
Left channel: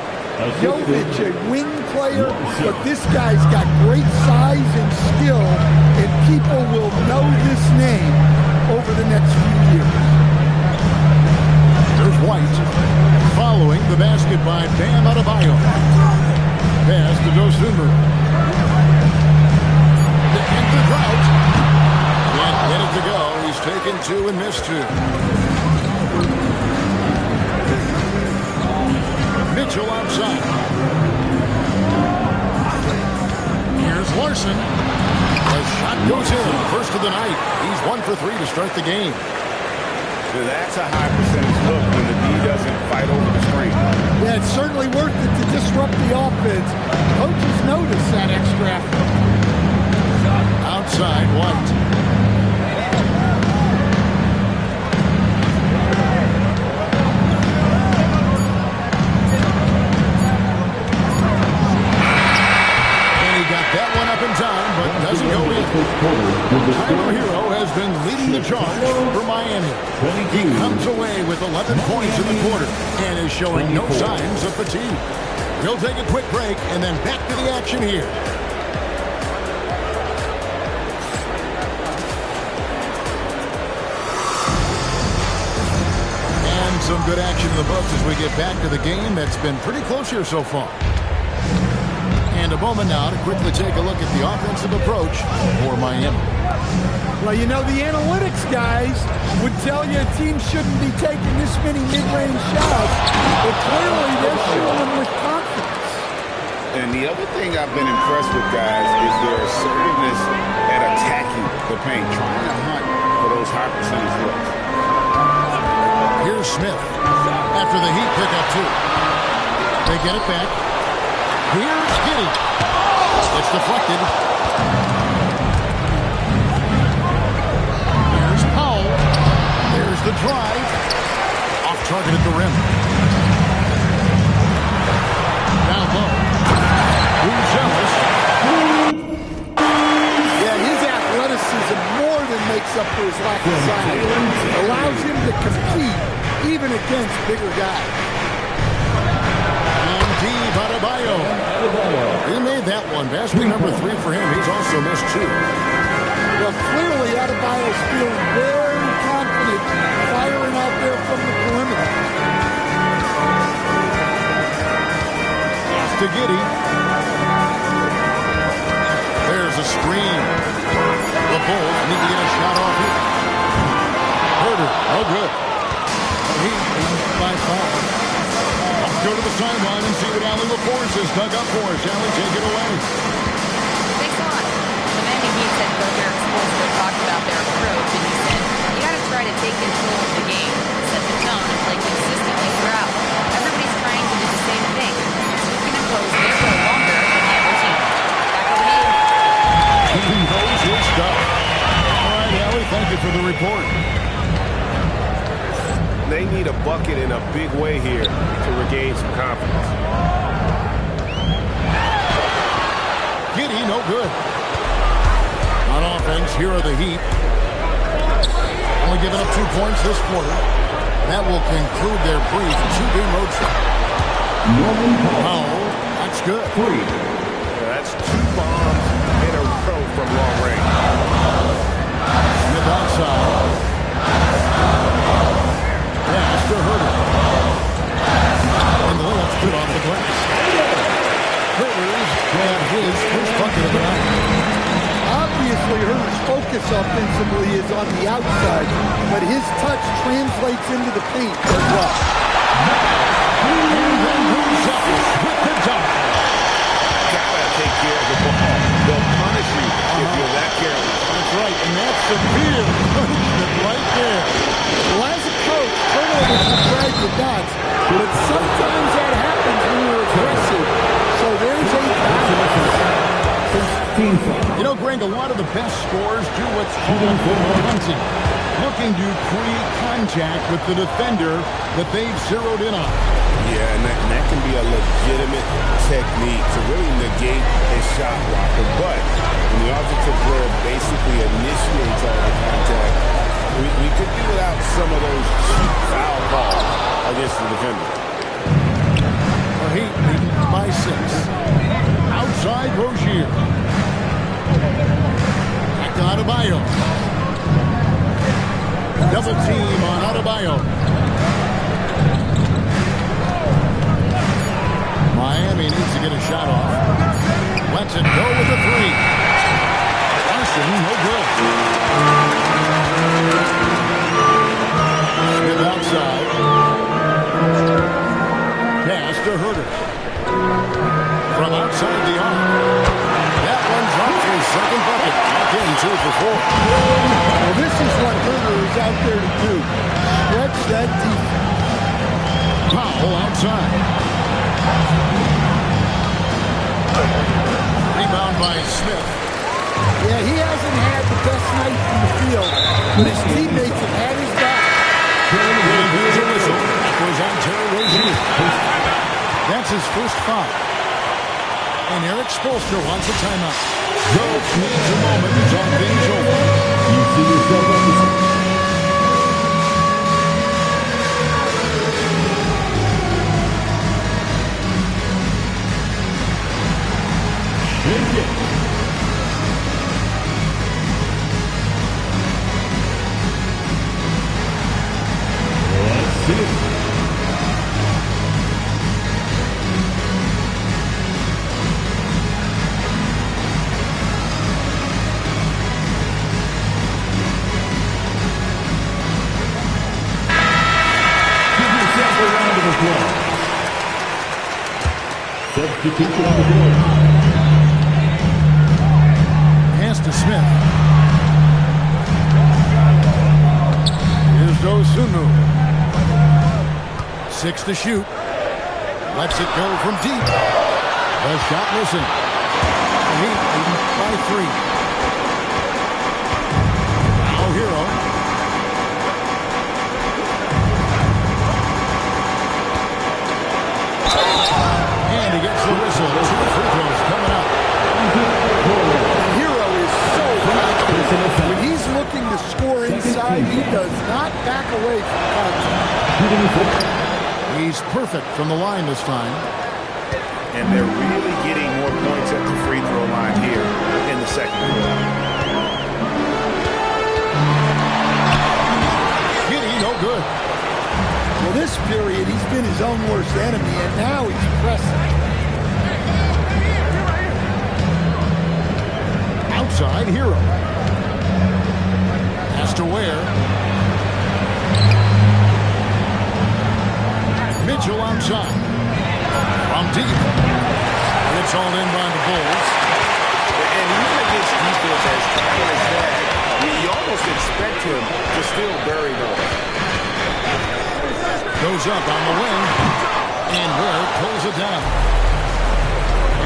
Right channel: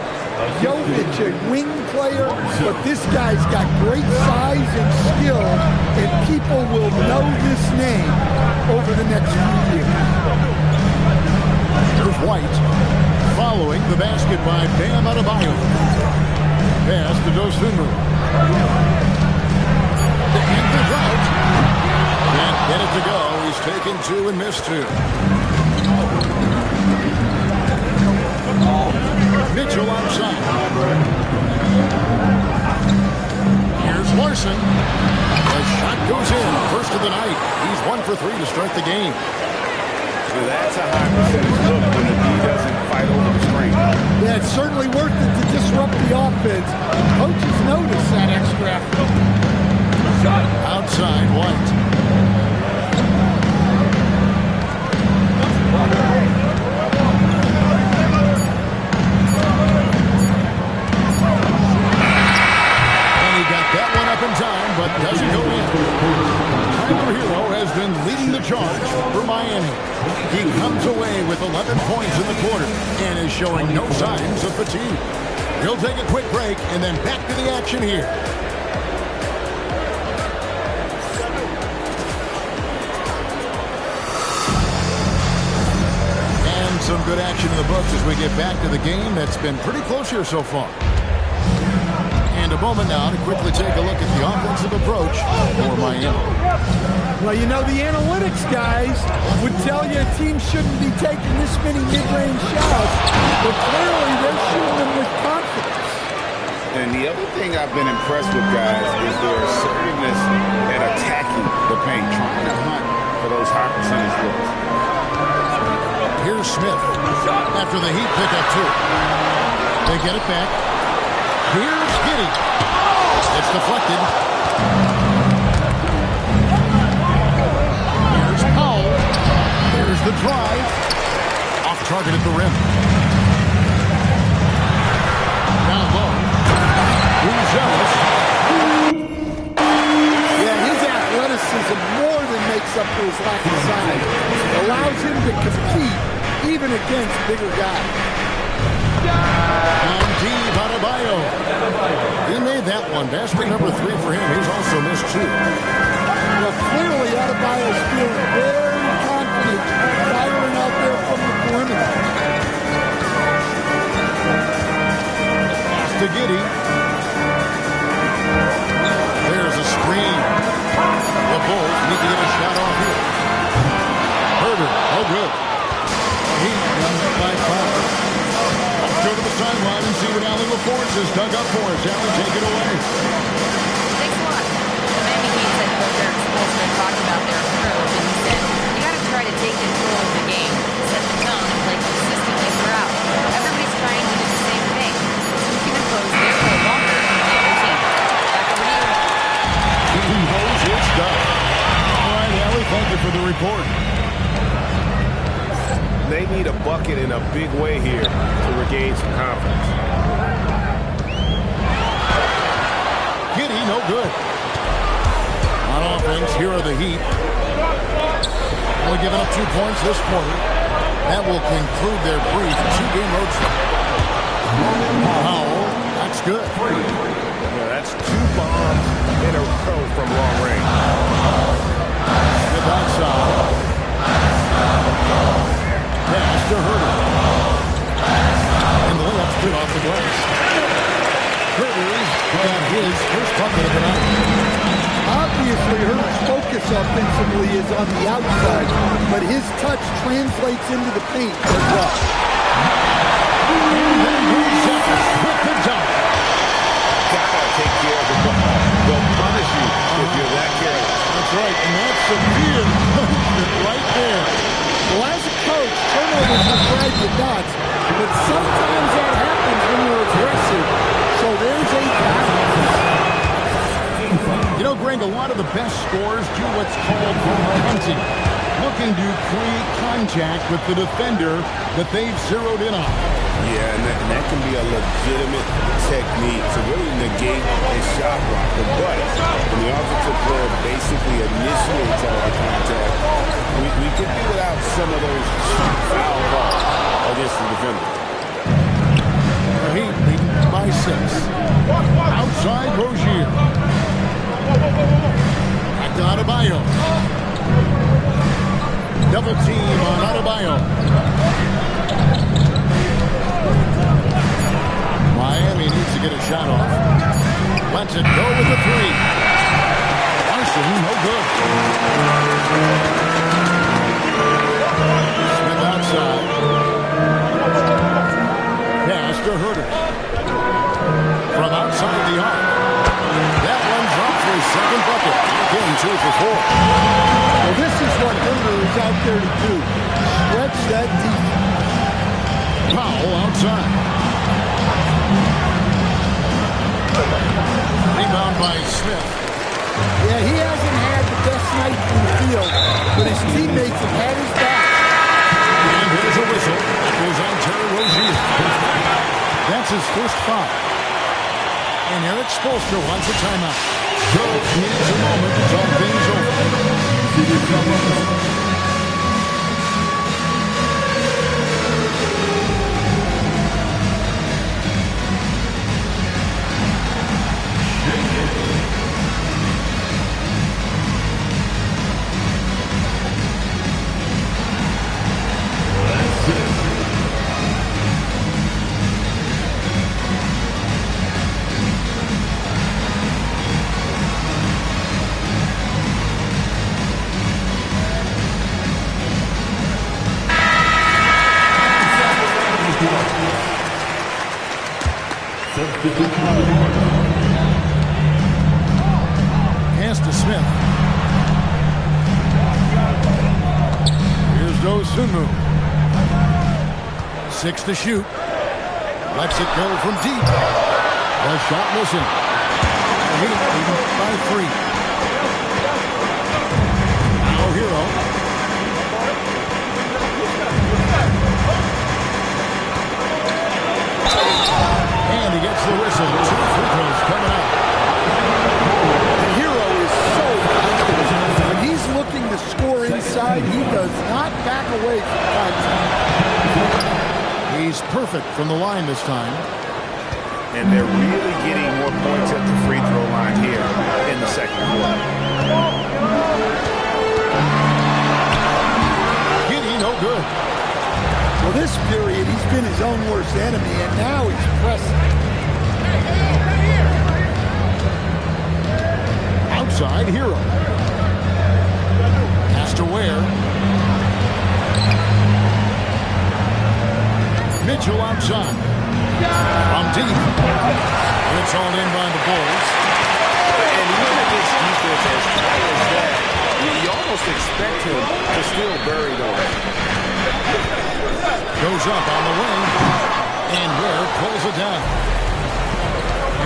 Jovic, a wing player, but this guy's got great size and skill, and people will know this name over the next few years. Here's White, following the basket by Bam Adebayo. Pass to Dosunmu. To end the drought. Can't get it to go. He's taken 2 and missed 2. Mitchell outside. Here's Larson. The shot goes in. First of the night. He's 1 for 3 to start the game. Now that's a high percentage look when the D doesn't fight over the screen. Yeah, it's certainly worth it to disrupt the offense. Coaches notice that extra effort. Outside, White. Got that one up in time, but doesn't go in. Tyler Hero has been leading the charge for Miami. He comes away with 11 points in the quarter and is showing no signs of fatigue. He'll take a quick break and then back to the action here. And some good action in the books as we get back to the game that's been pretty close here so far. And a moment now to quickly take a look at the offensive approach for Miami. Well, you know, the analytics guys would tell you a team shouldn't be taking this many mid-range shots, but clearly they're shooting them with confidence. And the other thing I've been impressed with, guys, is their assertiveness at attacking the paint, trying to hunt for those high percentage looks. Here's Smith after the Heat pick up 2. They get it back. Here's Giddey. It's deflected. Here's Powell. There's the drive. Off target at the rim. Down low. Jealous. Yeah, his athleticism more than makes up for his lack of size. Allows him to compete even against bigger guys. Deep Adebayo. He made that one. Basket number 3 for him. He's also missed 2. Well, clearly Adebayo's feeling very confident firing out there from the perimeter. Pass to Giddey. There's a screen. The Bulls need to get a shot off here. Herder, no good. Heat by 5. Let's go to the sideline and see what Allie LaForce has dug up for us. Allie, take it away. Thanks a lot. The Miami Heat said Coach Eric Spoelstra talked about their approach, and he said, you got to try to take control of the game, set the tone, and play consistently throughout. Everybody's trying to do the same thing. So who can impose their will longer than the other team? Back over to you. He knows his stuff. All right, Allie, thank you for the report. They need a bucket in a big way here to regain some confidence. Giddey, no good. On offense, here are the Heat. Only giving up 2 points this quarter. That will conclude their brief 2-game road trip. Powell, that's good. Yeah, that's 2 bombs in a row from long range. Smith outside. Pass to Herder. And the layup's good off the glass. Herder's got his first bucket of the night. Obviously, Herder's focus offensively is on the outside, but his touch translates into the paint as well. And then moves up with the dunk. Gotta take care of the ball. They'll punish you if you're that careless. That's right, and that's severe punishment right there. Well, as a coach, turnovers will drive you nuts, but sometimes that happens when you're aggressive. So there's a balance. You know, Greg, a lot of the best scorers do what's called hunting, looking to create contact with the defender that they've zeroed in on. Yeah, and that can be a legitimate technique to really negate a shot blocker. But when the offensive player basically initiates all the contact, we could do without some of those cheap foul calls against the defender. The Heat leading by 6. Outside Rozier. Back to Adebayo. Double team on Adebayo. Miami needs to get a shot off. Lets it go with the 3. Larson, no good. Smith outside. Pass to Herter. From outside the arc. That one's up for his second bucket. Back in 2 for 4. Well, this is what Herter is out there to do. Stretch that defense. Powell outside. Rebound by Smith. Yeah, he hasn't had the best night in the field, but his teammates have had his back. And there's a whistle. That goes on Terry Rozier. That's his first foul. And Eric Spoelstra wants a timeout. Coach needs a moment to talk things over. You see yourself on the... Shake it. That's it. Substitution on the board. Pass to Smith. Here's Dosunmu. 6 to shoot. Lets it go from deep. The shot missing. The Heat leading by 3. Now Hero. And he gets the whistle. 2 free throws coming up. The Hero is so confident. When he's looking to score inside, he does not back away from contact. He's perfect from the line this time. And they're really getting more points at the free throw line here in the second quarter. Giddy, no good. Well, this period, he's been his own worst enemy, and now he's pressing. Outside Hero. Has to Ware. Mitchell outside. From deep. It's all in by the Bulls. And even against defense as tight as that, you almost expect him to still bury those. Goes up on the wing. And Ware pulls it down.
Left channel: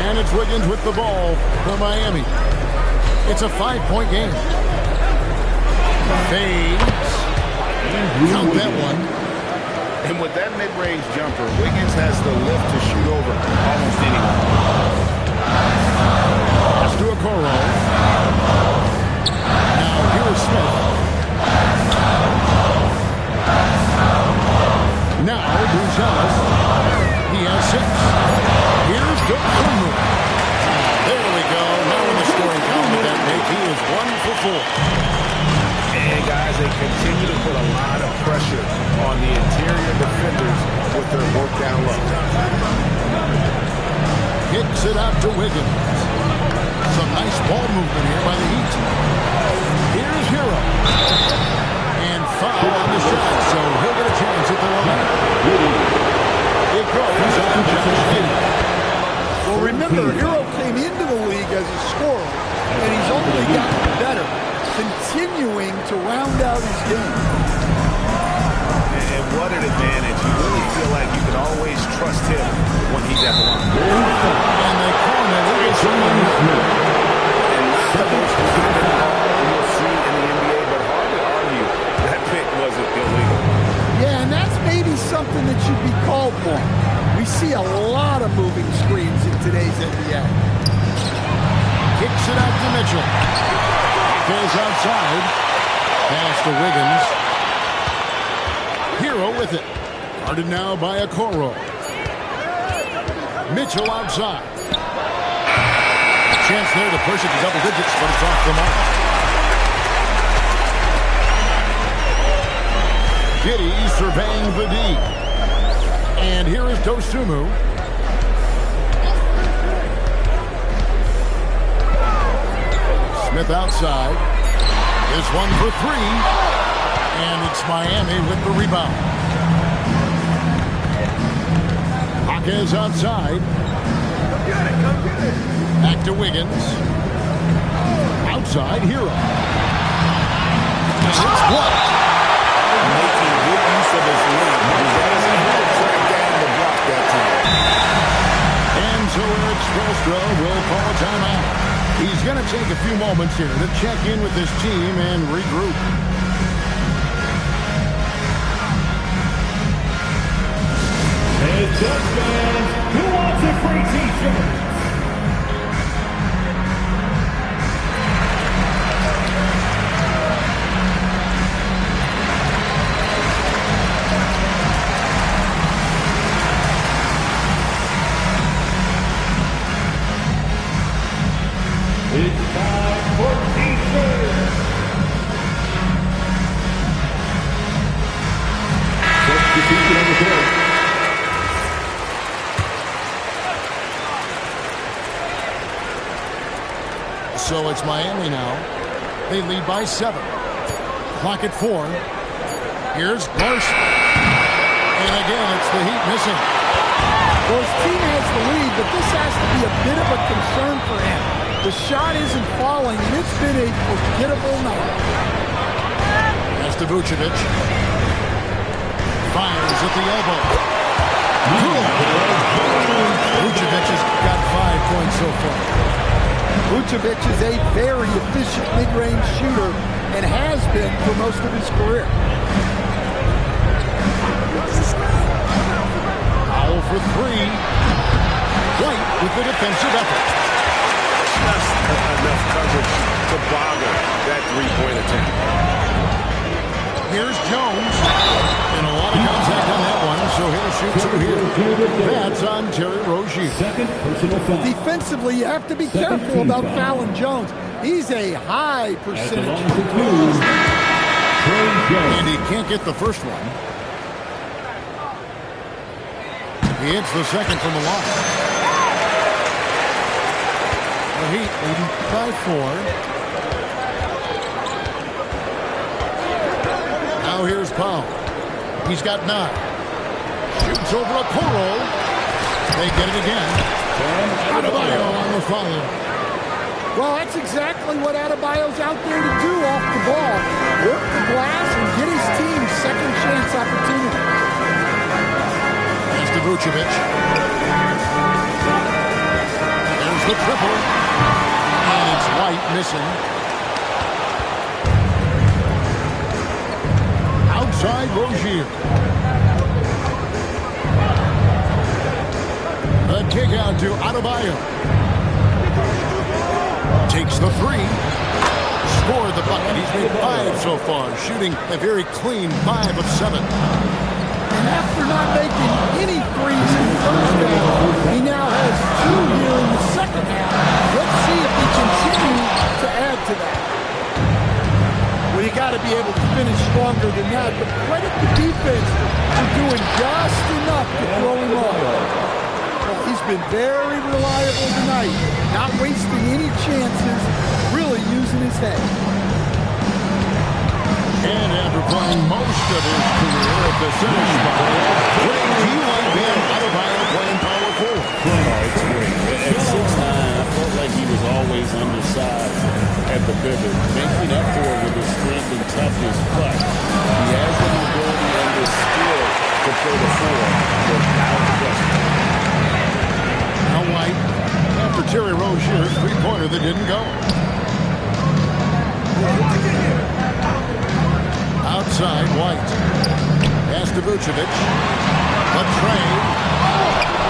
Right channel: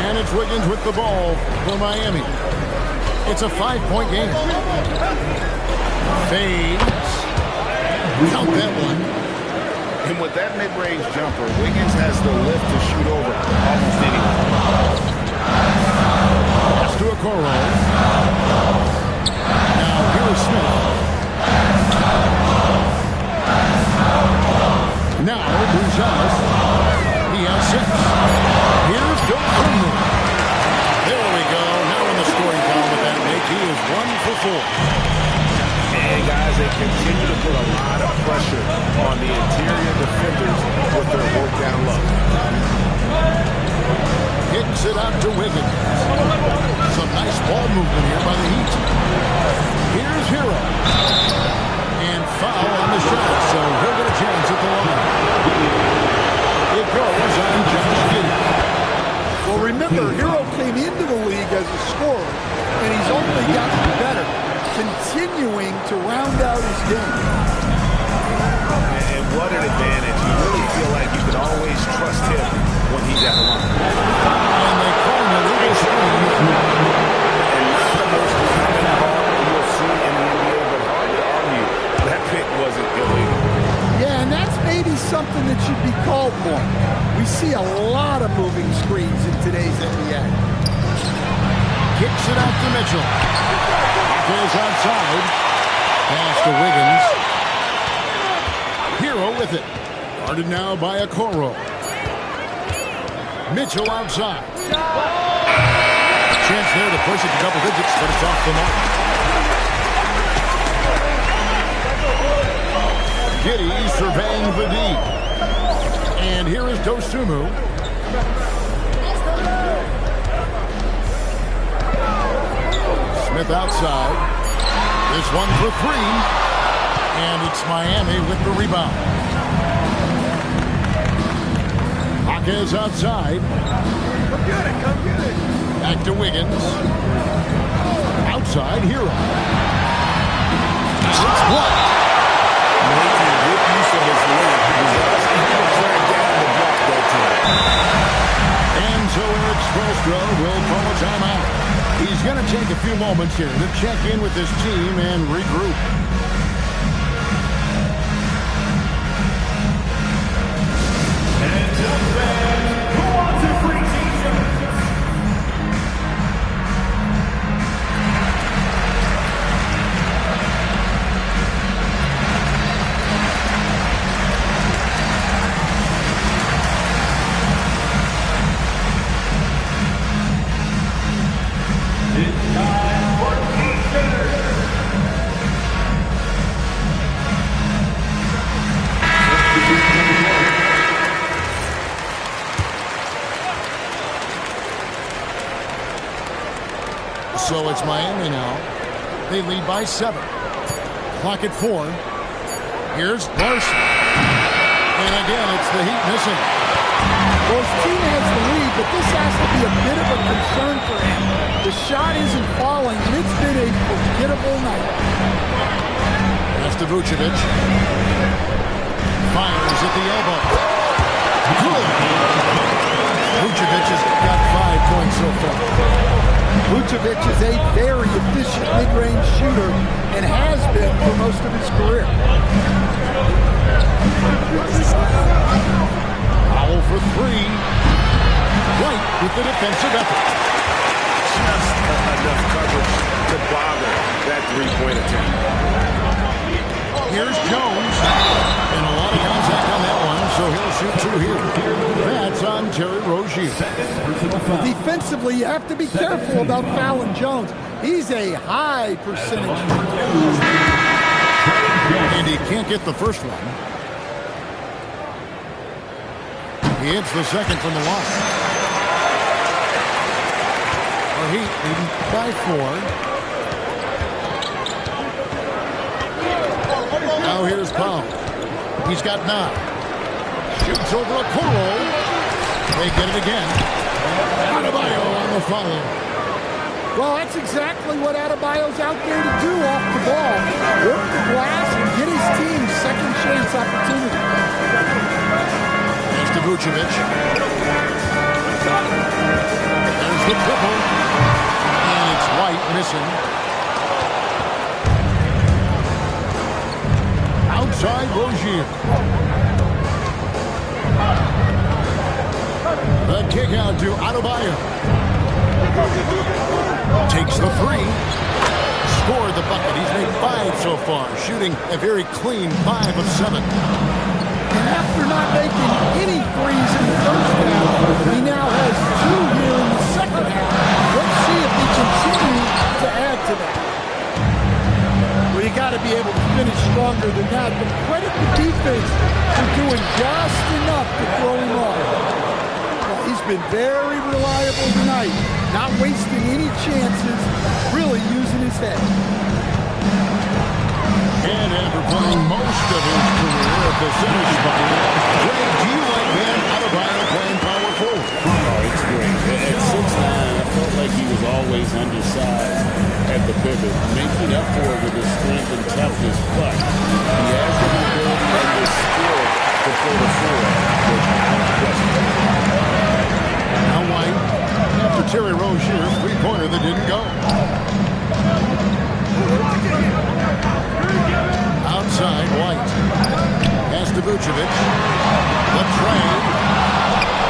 And it's Wiggins with the ball for Miami. It's a 5-point game. Fades. Count that one. And with that mid-range jumper, Wiggins has the lift to shoot over almost anyone. Pass to Okoro. Now here's Smith. Now Buzelis. He has 6. Here's Dosunmu. There we go. Now in the scoring column with that make, he is 1 for 4. And guys, they continue to put a lot of pressure on the interior defenders with their work down low. Kicks it out to Wiggins. Some nice ball movement here by the Heat. Here's Hero. And foul on the shot, so he'll get a chance at the line. It goes on Josh Giddey. Well, remember, Hero came into the league as a scorer, and he's only gotten better, continuing to round out his game. And what an advantage. You really feel like you can always trust him when he's at the line. And they call him a legal screen. And not the most common call you'll see in the NBA, but hard to argue that pick wasn't illegal. Yeah, and that's maybe something that should be called more. We see a lot of moving screens in today's NBA. Kicks it out to Mitchell. Goes outside. Pass to Wiggins. Hero with it. Guarded now by Okoro. Mitchell outside. A chance there to push it to double digits, but it's off the mark. Giddey surveying the D. And here is Dosunmu. Smith outside. This one for three. And it's Miami with the rebound. Hawkins outside. Come get it, come get it. Back to Wiggins. Outside, Hero. It's blocked. Making good use of his length. He was asking him to track down the block that time. And so Eric Spoelstra will call a timeout. He's going to take a few moments here to check in with his team and regroup. And just fans, who wants a free t-shirt? It's time for t-shirts. So it's Miami now. They lead by 7. Clock at 4. Here's Larson. And again, it's the Heat missing. Well, his team has the lead, but this has to be a bit of a concern for him. The shot isn't falling, and it's been a forgettable night. Pass to Vucevic. Fires at the elbow. Good. Vucevic has got 5 points so far. Vucevic is a very efficient mid-range shooter and has been for most of his career. Foul for 3. White with the defensive effort. Just enough coverage to bother that three-point attempt. Here's Jones. And a lot of contact on that one, so he'll shoot 2 here. That's on Terry Rozier. Defensively, you have to be careful about fouling Jones. He's a high percentage. And he can't get the first one. He hits the second from the line. The Heat leading by 4. Now here's Powell. He's got 9. Shoots over Okoro. They get it again. Adebayo on the follow. Well, that's exactly what Adebayo's out there to do off the ball. Work the glass and get his team second chance opportunity. Pass to Vucevic. There's the triple. And it's White missing. Outside Rozier. The kick out to Adebayo. Takes the 3. Scored the bucket. He's made 5 so far, shooting a very clean 5 of 7. And after not making any threes in the first half, he now has 2 here in the second half. Let's see if he continues to add to that. Well, you got to be able to finish stronger than that, but credit the defense for doing just enough to throw him off. Well, he's been very reliable tonight, not wasting any chances, really using his head. And after playing most of his career at the center spot, Greg, do you like Bam Adebayo playing power forward? Oh, it's great. felt like he was always undersized at the pivot, making up for it with his strength and toughness, but he has the mobility and the skill to play the four without question. Now White, after Terry Rozier's three-pointer that didn't go. Outside, White. Pass to Vucevic. Latrey.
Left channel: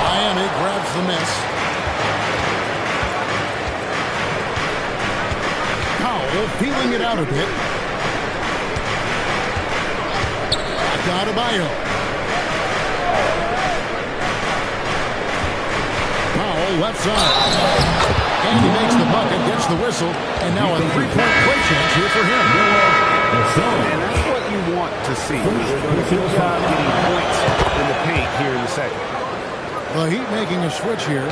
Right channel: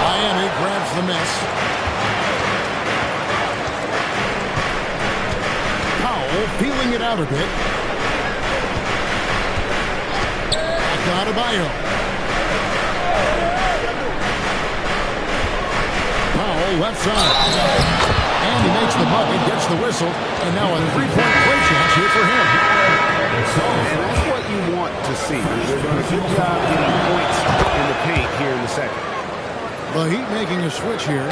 Miami grabs the miss. Powell feeling it out a bit. Back to Adebayo. Powell left side. And he makes the bucket, gets the whistle, and now a three-point play chance here for him. And that's what you want to see. They're doing a good job getting points in the paint here in the second. The Heat making a switch here.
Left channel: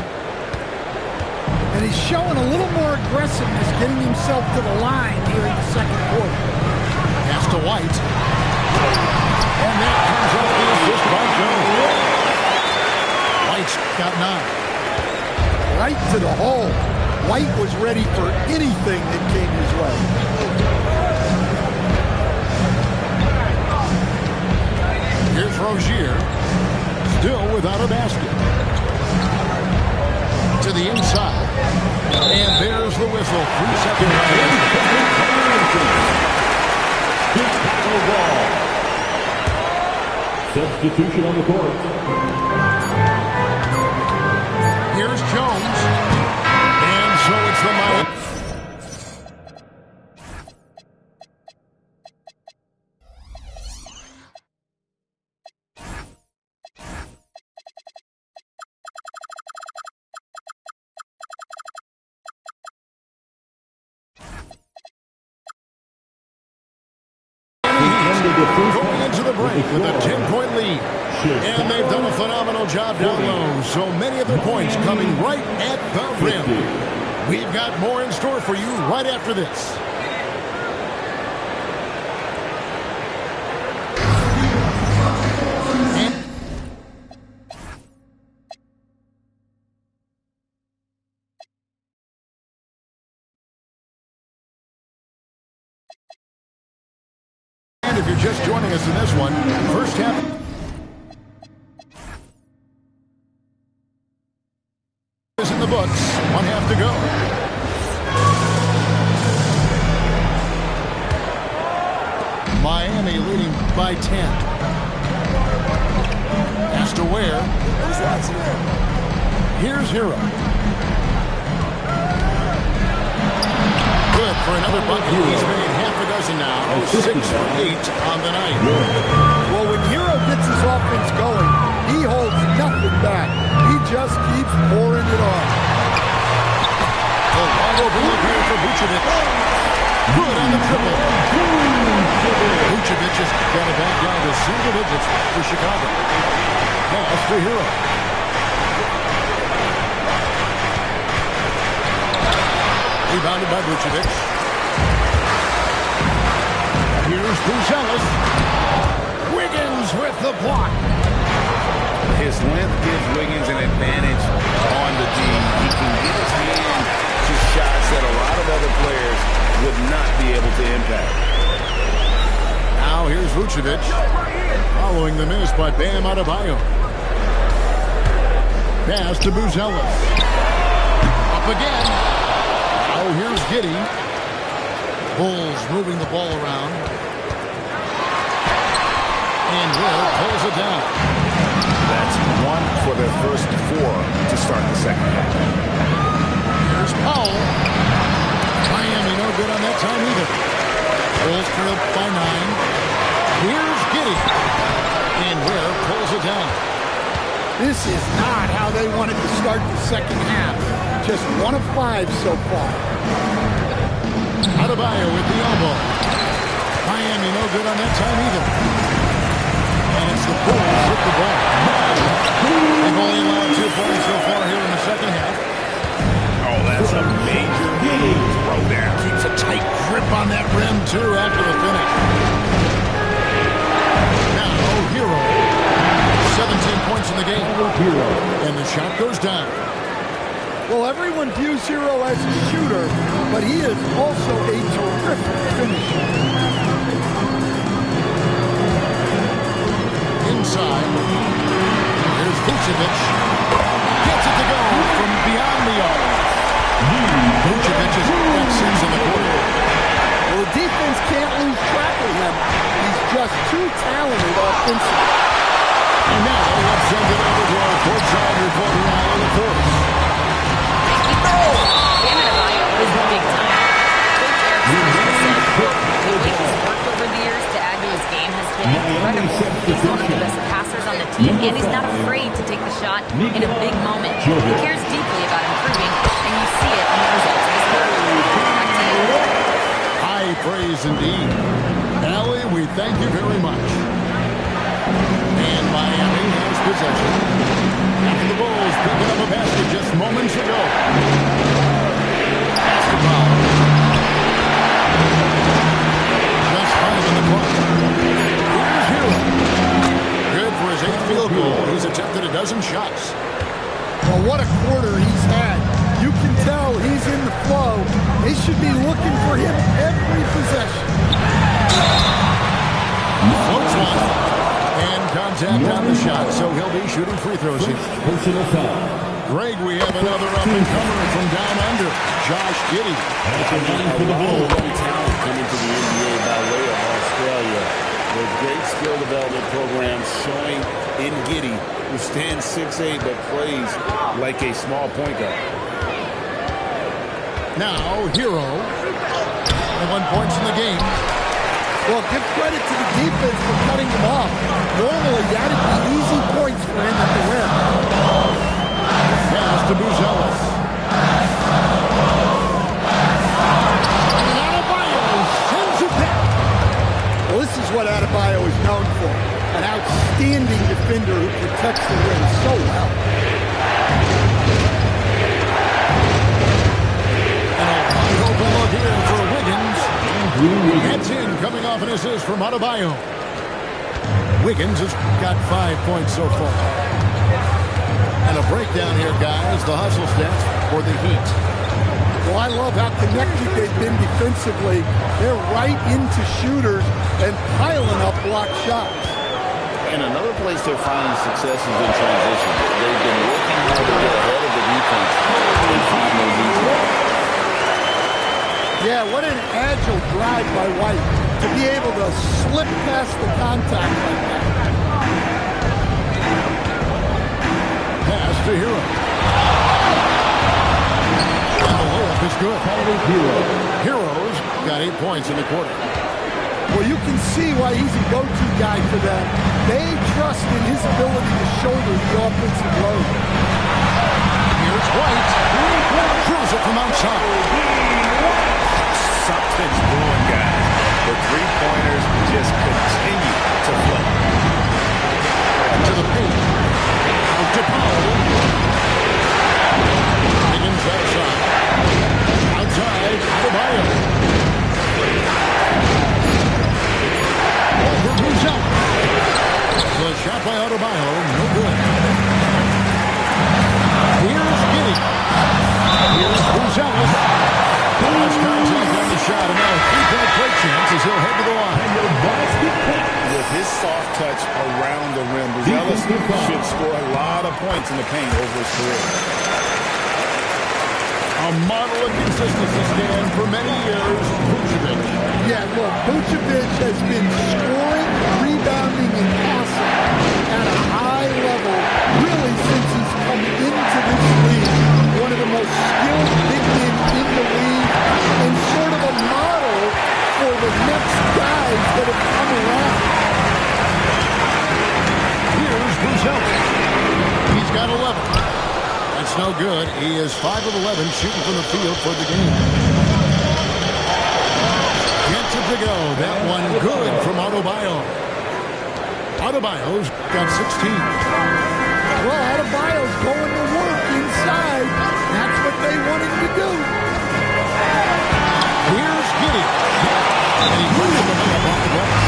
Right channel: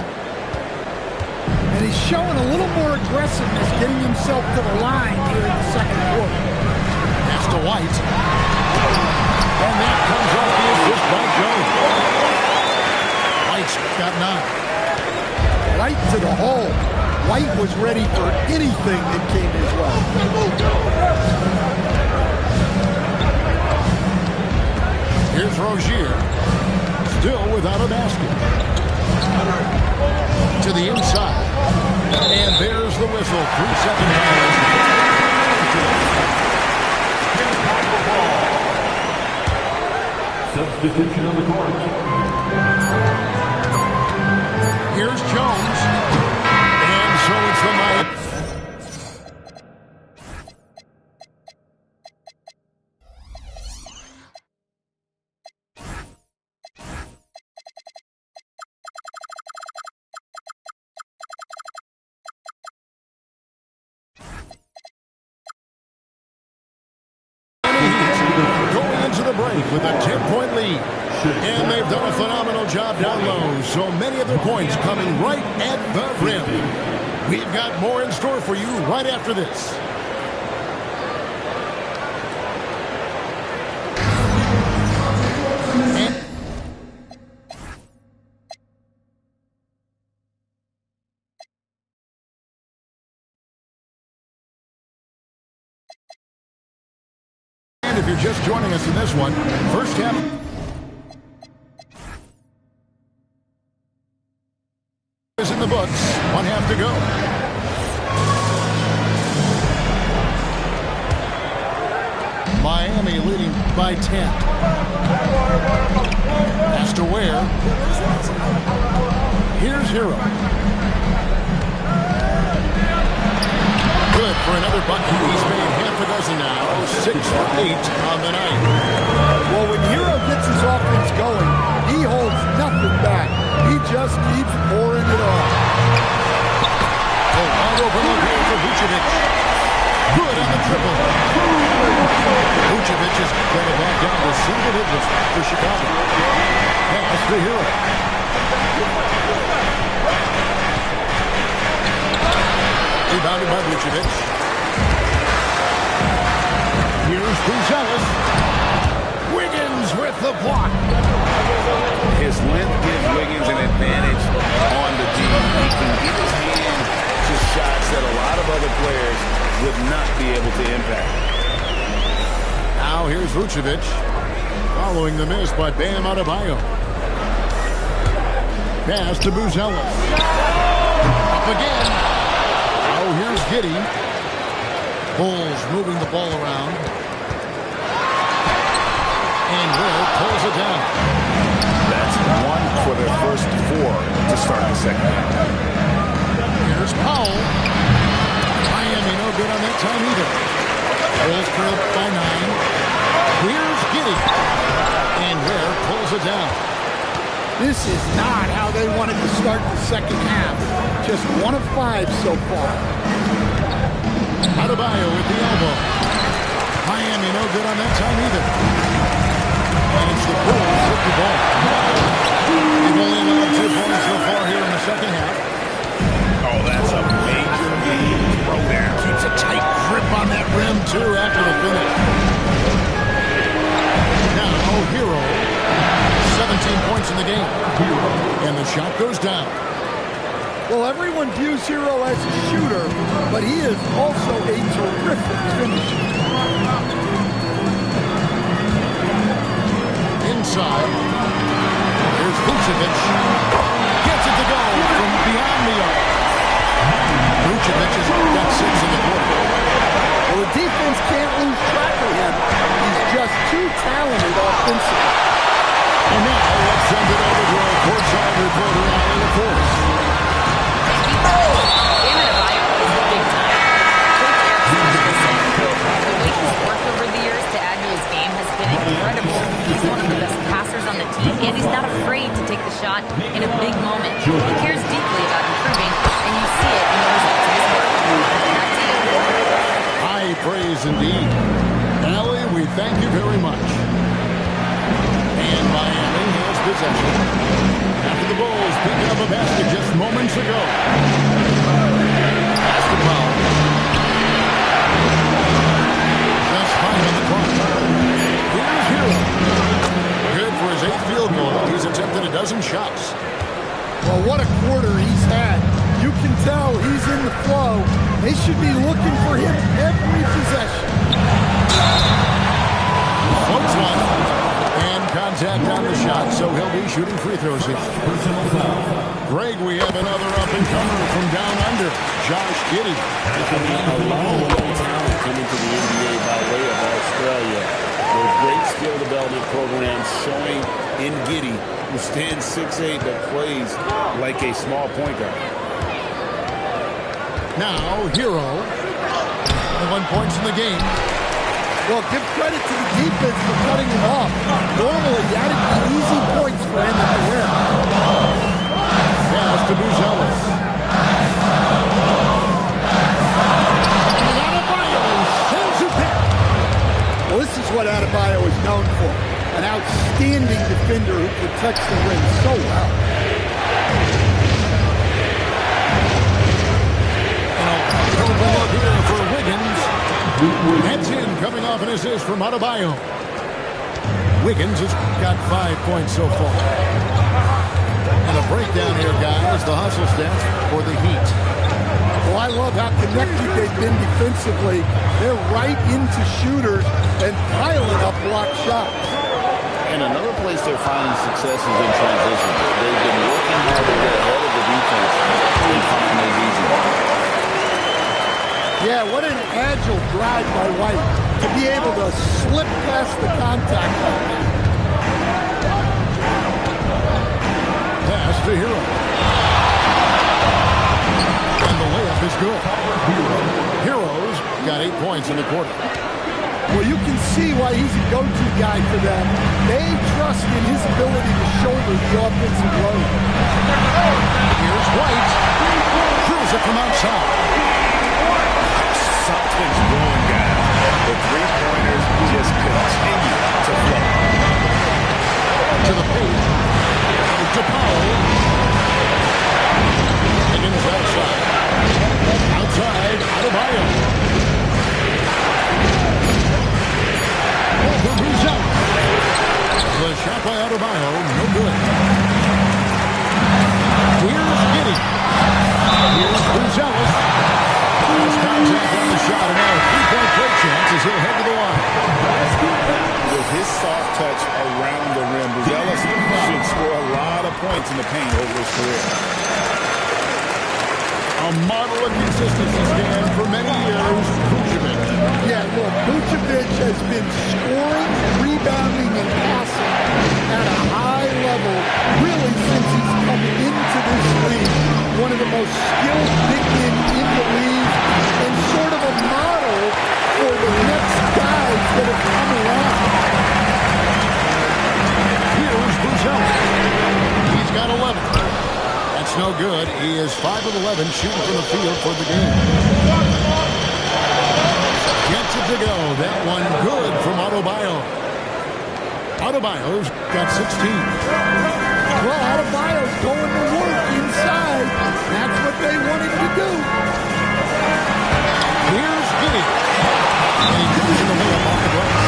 And he's showing a little more aggressiveness, getting himself to the line here in the second quarter. Pass to White. And that comes off the assist by Jones. White's got 9. Right to the hole. White was ready for anything that came his way. Here's Rozier. Still without a basket. To the inside. And there's the whistle. 3-second violation. Substitution on the court. Here's Jones. And so it's the Miami. Going into the break with a 10-point lead. And they've done a phenomenal job down low. So many of their points coming right at the rim. We've got more in store for you right after this. And if you're just joining us in this one, first half is in the books. 1 half to go. Miami leading by 10. Pass to Ware. Here's Hero. Good for another bucket. He's made half a dozen now. 6 for 8 on the night. Well, when Hero gets his offense going, he holds nothing back. He just keeps pouring it on. A wide open look here for Vucevic. Good on the triple. Vucevic has got it back down to single digits for Chicago. Pass to Hero. Rebounded by Vucevic. Here's Buzelis. Wiggins with the block. His length gives Wiggins an advantage on the D. He can get his hand to shots that a lot of other players would not be able to impact. Now here's Vucevic. Following the miss by Bam Adebayo. Pass to Buzelis. Up again. Now here's Giddey. Bulls moving the ball around. And Will pulls it down. That's 1 for their first 4 to start the second half. Here's Powell. Miami no good on that time either. Bulls trail by 9. Here's Giddey. And Ware pulls it down. This is not how they wanted to start the second half. Just 1 of 5 so far. Adebayo with the elbow. Miami no good on that time either. And it's the Bulls with the ball. They've only allowed 2 points so far here in the second half. Oh, that's a major league throwdown. Keeps a tight grip on that rim, too, after the finish. Now, Hero. 17 points in the game. And the shot goes down. Well, everyone views Hero as a shooter, but he is also a terrific finisher. Inside. Here's Vucevic. Gets it to go from beyond the arc. Vucevic has got 6 in the quarter. Well, the defense can't lose track of him. He's just too talented offensively. And now let's send it over to our courtside reporter, Alan LaForce. Thank you, Bam Adebayo is big time. Coach Eric Spoelstra said, quote, the way he's worked over the years to add to his game has been incredible. He's one of the best passers on the team, and he's not afraid to take the shot in a big moment. He cares deeply about improving, and you see it in the results of his work. Back to you. High praise indeed. Allie, we thank you very much. And Miami has possession. After the Bulls picking up a basket just moments ago. Basketball. Just 5 on the clock. Here's Hero. Good for his 8th field goal. He's attempted a dozen shots. Well, what a quarter he's had. You can tell he's in the flow. They should be looking for him every possession. Floats one. And contact on the shot, so he'll be shooting free throws here. Personal foul. Greg, we have another up-and-comer from down under, Josh Giddey. I mean, a lot of young talent coming to the NBA by way of Australia. With great skill development programs showing in Giddey, who stands 6'8", but plays like a small point guard. Now, Hero. 21 points in the game. Well, give credit to the defense for cutting him off. Normally, that'd be easy points for him at the rim. Pass to Buzelis. And Adebayo sends it back. Well, this is what Adebayo is known for. An outstanding defender who protects the rim so well. And a wide open look here for Wiggins. That's in, coming off an assist from Adebayo. Wiggins has got 5 points so far. And a breakdown here, guys. The hustle stats for the Heat. Well, I love how connected they've been defensively. They're right into shooters and piling up block shots. And another place they're finding success is in transition. They've been working hard to get ahead of the defense and find those easy ones. Yeah, what an agile drive by White to be able to slip past the contact like that. Pass to Hero. And the layup is good. Hero's got 8 points in the quarter. Well, you can see why he's a go-to guy for them. They trust in his ability to shoulder the offensive load. Here's White. Throws it from outside. Something's brewing, guys. The three-pointers just continue to flow. To the paint. Out to Powell. Higgins outside. Outside, Adebayo. Over Buzelis. The shot by Adebayo, no good. Here's Giddey. Here's Buzelis. Lost contact on the shot, and now a 3-point play chance as he'll head to the line. With his soft touch around the rim, Buzelis should score a lot of points in the paint over his career. A model of consistency stand for many years, Vucevic. Yeah, look, Vucevic has been scoring, rebounding, and passing at a high level really since he's come into this league. One of the most skilled big men in the league and sort of a model for the next guys that have come around. Here's Buzelis. He's got 11. That's no good. He is 5 of 11 shooting from the field for the game. Gets it to go. That one good from Adebayo. Adebayo's got 16. Well, Adebayo's going to work inside. That's what they want him to do. Here's Giddey. And he comes in the layup off the glass.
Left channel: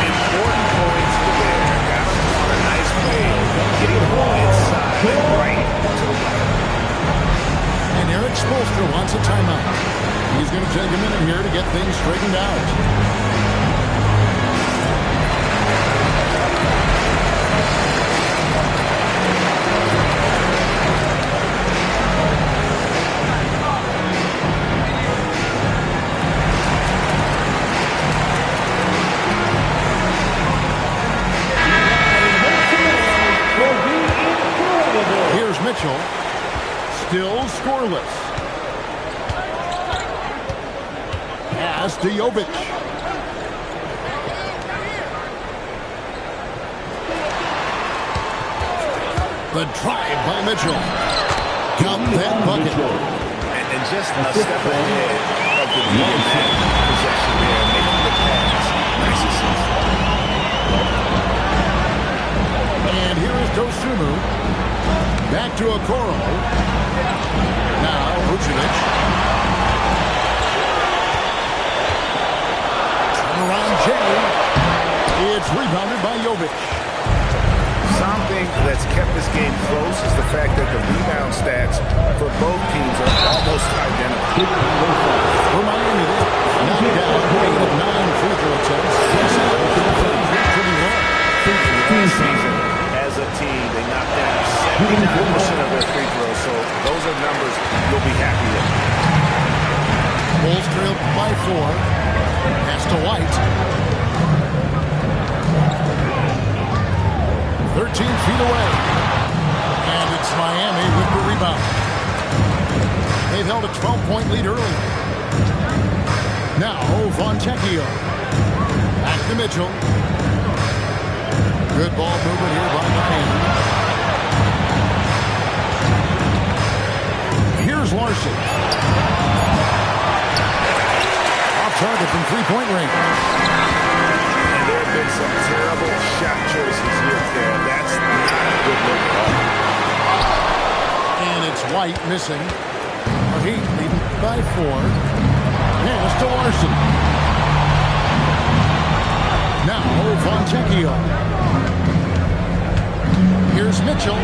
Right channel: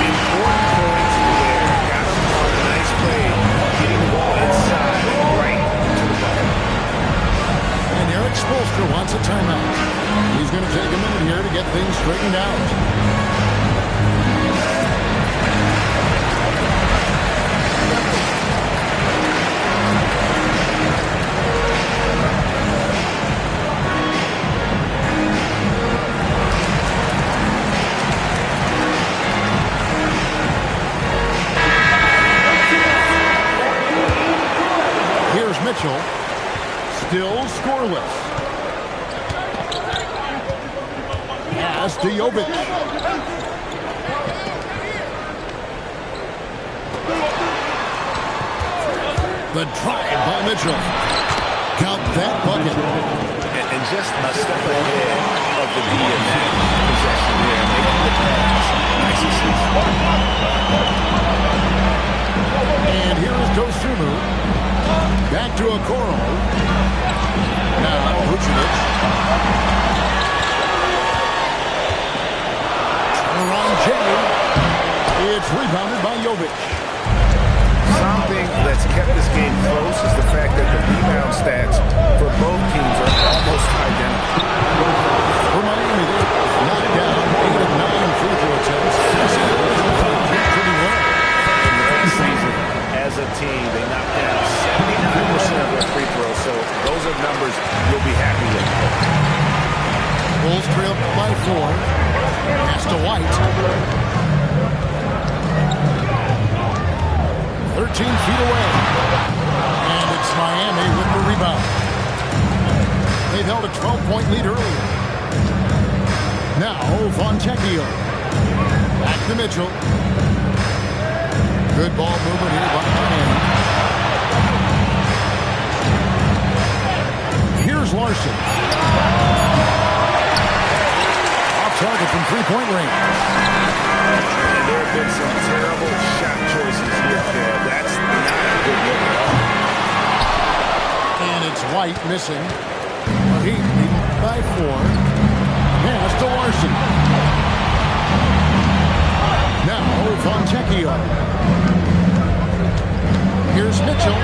Important points there. Got him on a nice play. Getting the ball inside right to the bucket. Spoelstra wants a timeout. He's going to take a minute here to get things straightened out. Here's Mitchell. Still scoreless. Pass to Jovic. The drive by Mitchell. Count that bucket. And just a step ahead of the D in that possession there, making the pass. Nice assist. And here is Dosunmu. Back to Okoro. Now Vucevic. Turnaround Jay. It's rebounded by Jovic. Something that's kept this game close is the fact that the rebound stats for both teams are almost identical. For Miami, they knocked down 8 of 9 free throw attempts. Pretty well. Last season, as a team, they knocked down 79% of their free throws, so those are numbers you'll be happy with. Bulls trailed by 4. Pass to White. 13 feet away. And it's Miami with the rebound. They've held a 12-point lead earlier. Now, Fontecchio. Back to Mitchell. Good ball movement here by Miami. Here's Larson. Off target from three-point range. And there have been some terrible shot choices here, Kev. That's not a good look at all. And it's White missing. The Heat leading by 4. Pass to Larson. Now Fontecchio. Here's Mitchell.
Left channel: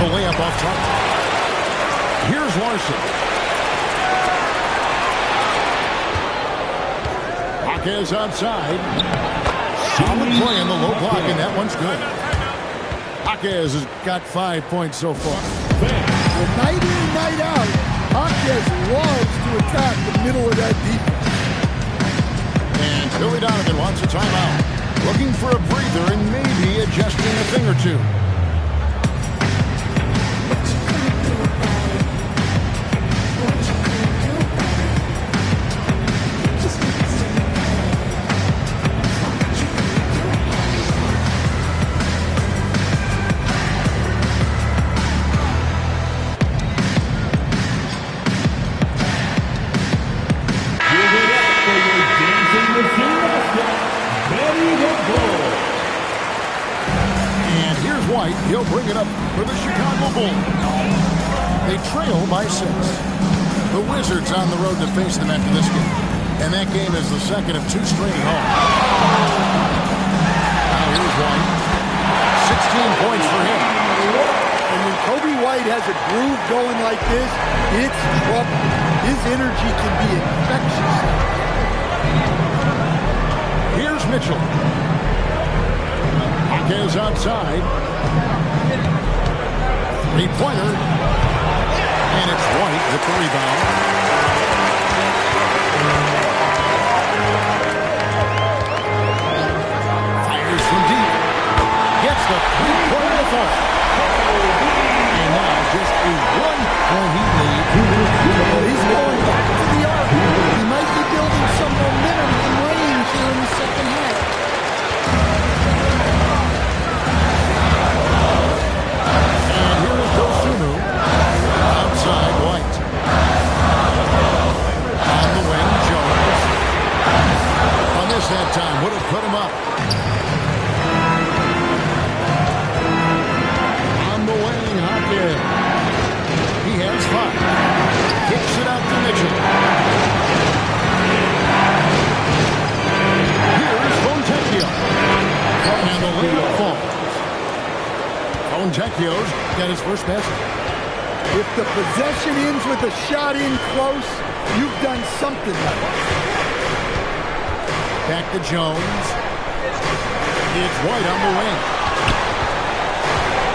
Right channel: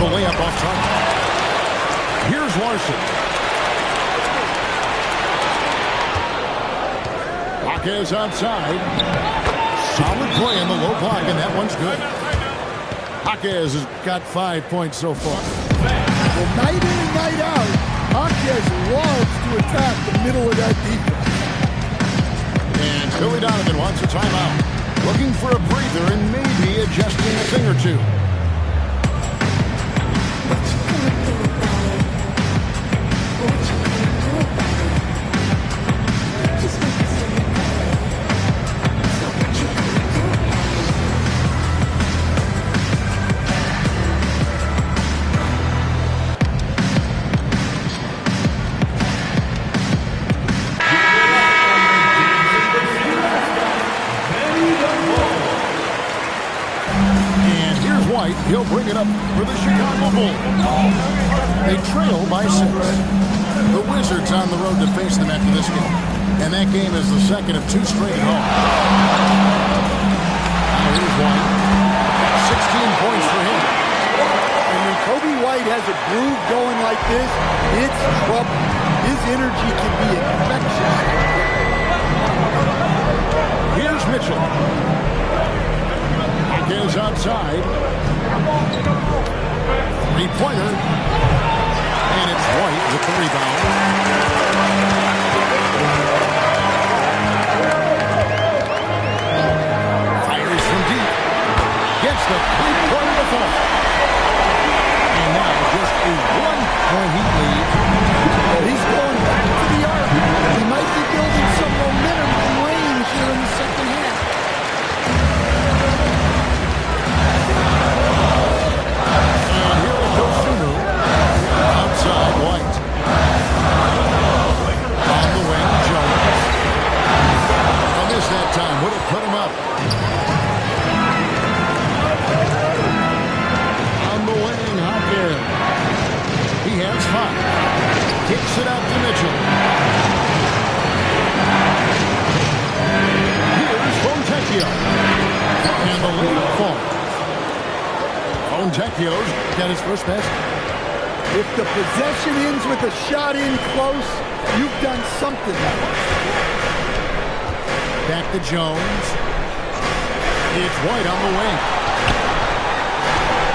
The layup off target. Here's Larson. Jaquez outside. Solid play in the low block, and that one's good. Jaquez has got 5 points so far. Well, night in and night out, Jaquez loves to attack the middle of that defense. And Billy Donovan wants a timeout. Looking for a breather and maybe adjusting a thing or two. He'll bring it up for the Chicago Bulls. They trail by 6. The Wizards on the road to face them after this game. And that game is the second of 2 straight at home. Now here's White. 16 points for him. And when Kobe White has a groove going like this, it's trouble. His energy can be infectious. Here's Mitchell. Jaquez outside. Three-pointer. And it's White with the rebound. Fires from deep. Gets the three-pointer to fall. And now just a 1-point Heat lead. He's going back to the arc. He might be building some momentum and range here in the second half. Outside White. On the wing, Jones. On this that time, would have put him up. On the wing, Hopkins. He has 5. Kicks it out to Mitchell. Here's Fontecchio. And the layup falls. Fontecchio's got his first basket. If the possession ends with a shot in close, you've done something right. Back to Jones. It's White on the wing.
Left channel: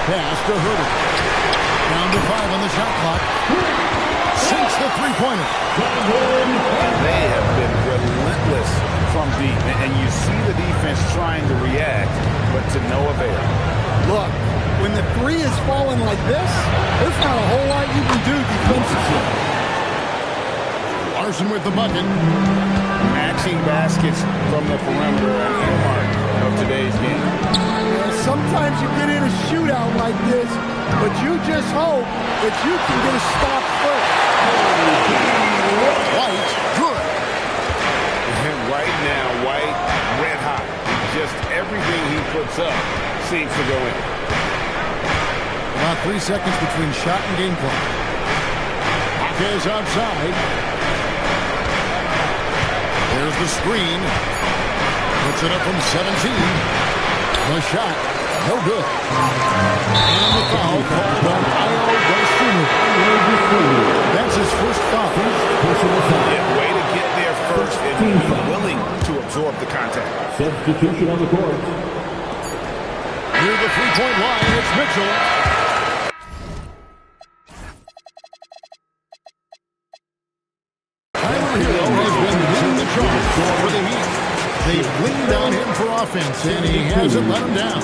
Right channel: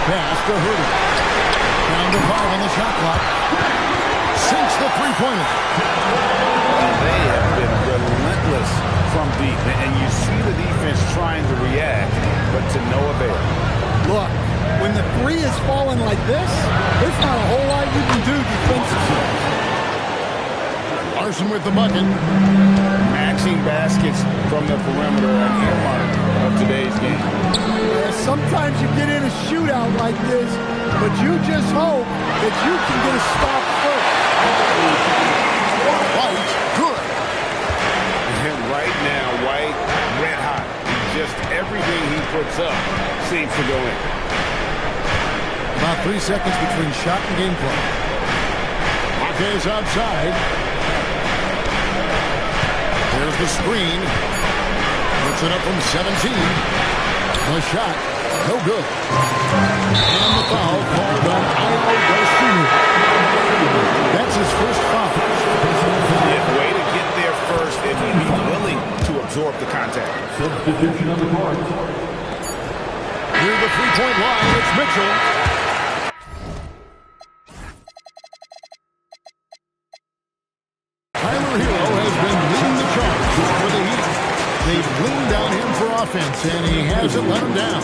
Pass to Herder. Down to 5 on the shot clock. Sinks the three-pointer. And they have been relentless from deep. And you see the defense trying to react, but to no avail. Look, when the three is falling like this, there's not a whole lot you can do defensively. Larson with the bucket. Maxing baskets from the perimeter, an earmark of today's game. Yeah, sometimes you get in a shootout like this, but you just hope that you can get a stop first. White, good. And right now, White, red hot. Just everything he puts up seems to go in. About 3 seconds between shot and game clock. Jaquez outside. There's the screen. Puts it up from 17. The shot, no good. And the foul called on Io Garcia. That's his first foul. Yeah, way to get there first and be willing to absorb the contact. Substitution on the court. Near the three-point line, it's Mitchell. Tyler Hero has been leading the charge for the Heat. They've leaned on him for offense, and he hasn't let them down.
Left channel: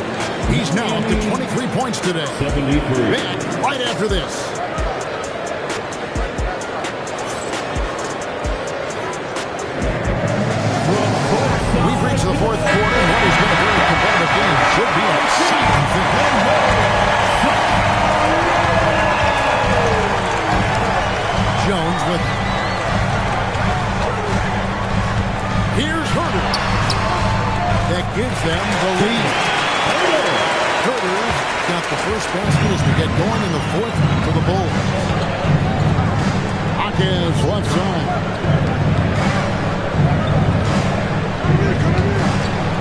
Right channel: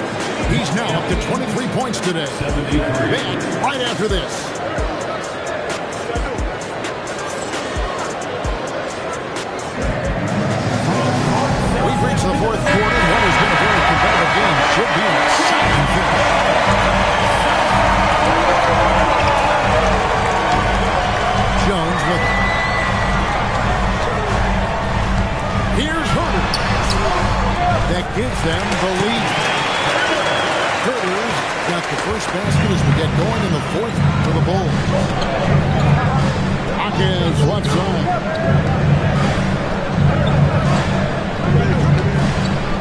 He's now up to 23 points today. 73. Back right after this. We've reached the fourth quarter, and what has been a very competitive game should be an exciting finish. Jones with it. Here's Herder. That gives them the lead. Herder's got the first basket as we get going in the fourth for the Bulls. Jaquez left side.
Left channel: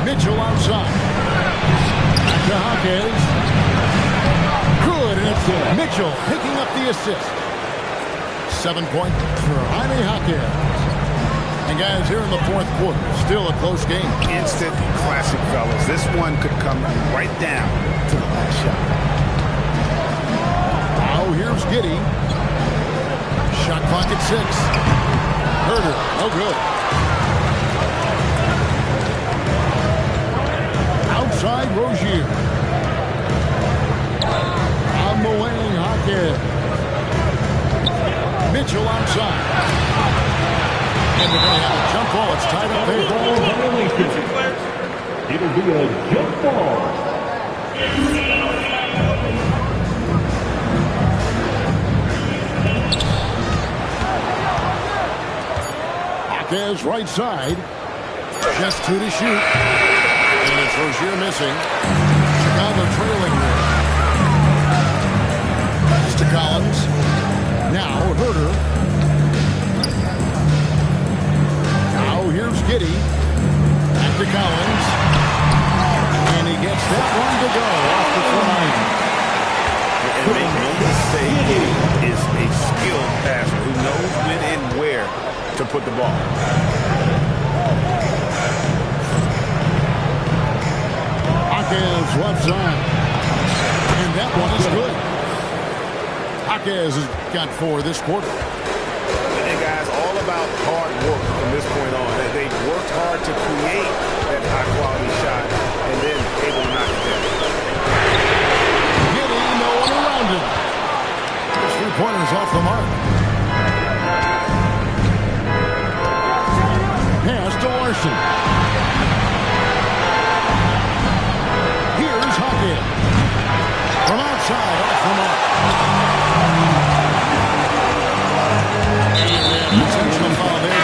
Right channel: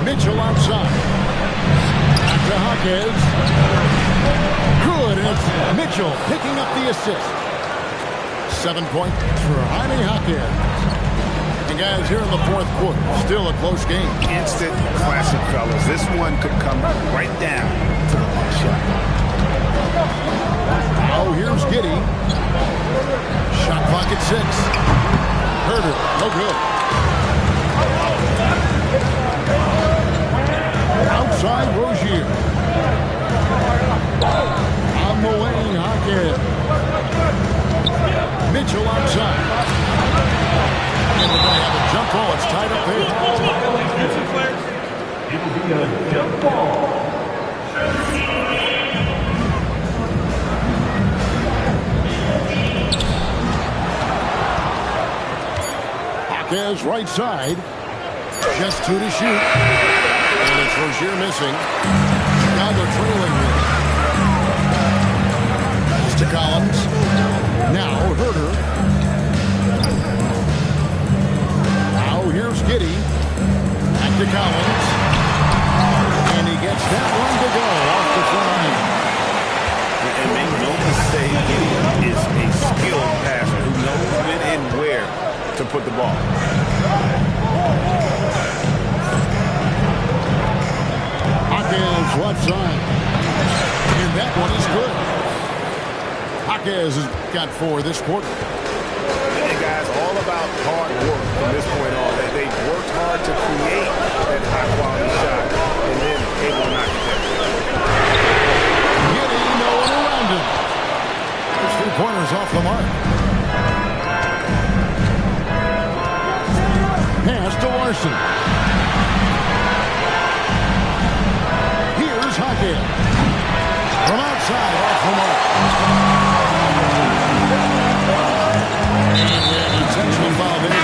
Mitchell outside. Back to Jaquez. Good, and it's Mitchell picking up the assist. 7 points for Jaime Jaquez. And guys, here in the fourth quarter, still a close game. Instant classic, fellas. This one could come right down to the last shot. Now here's Giddey. Shot clock at 6. Herder, no good. Outside Rozier. On the wing, Jaquez. Mitchell outside. And we're going to have a jump ball. It's tied up there. It'll be a jump ball. Jaquez right side. Just 2 to shoot. And it's Rozier missing. Chicago trailing here. Pass to Collins. Now Herder. Here's Giddey. Back to Collins. And he gets that one to go off the front iron. And make no mistake, Giddey is a skilled passer who knows when and where to put the ball. Jaquez left side. And that one is good. Jaquez has got 4 this quarter. And guys, all about hard work from this point on. They've worked hard to create that high-quality shot and then able to knock it down. Giddey, no one around him. His 3-pointers off the mark. Pass to Larson. Here's Jaquez. From outside, off the mark. And intentional foul there, GA.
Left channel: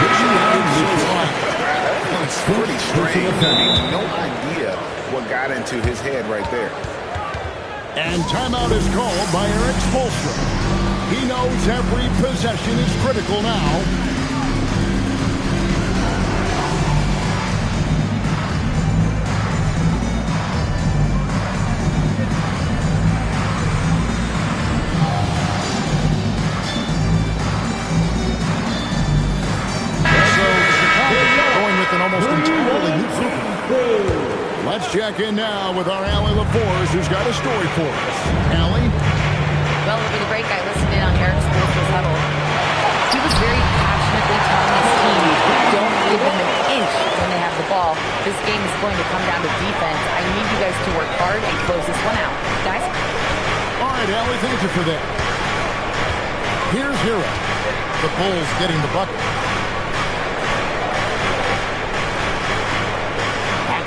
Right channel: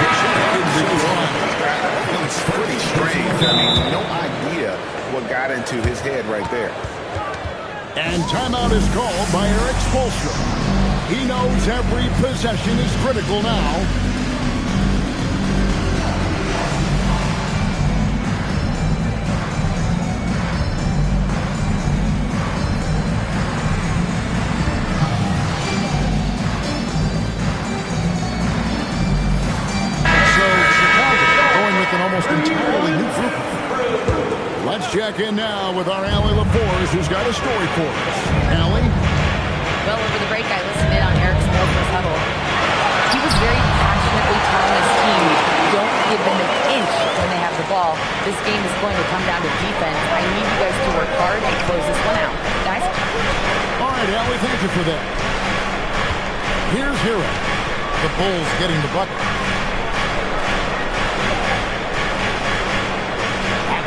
Wishing it didn't do why. That one's pretty strange. I mean, no idea what got into his head right there. And timeout is called by Eric Spoelstra. He knows every possession is critical now. almost entirely new group. Let's check in now with our Allie LaForce, who's got a story for us. Allie? Well, over the break, I listened in on Eric Spoelstra's huddle. He was very passionately telling his team, don't give them an inch when they have the ball. This game is going to come down to defense. I need you guys to work hard and close this one out. Guys? All right, Allie, thank you for that. Here's Hero. The Bulls getting the bucket.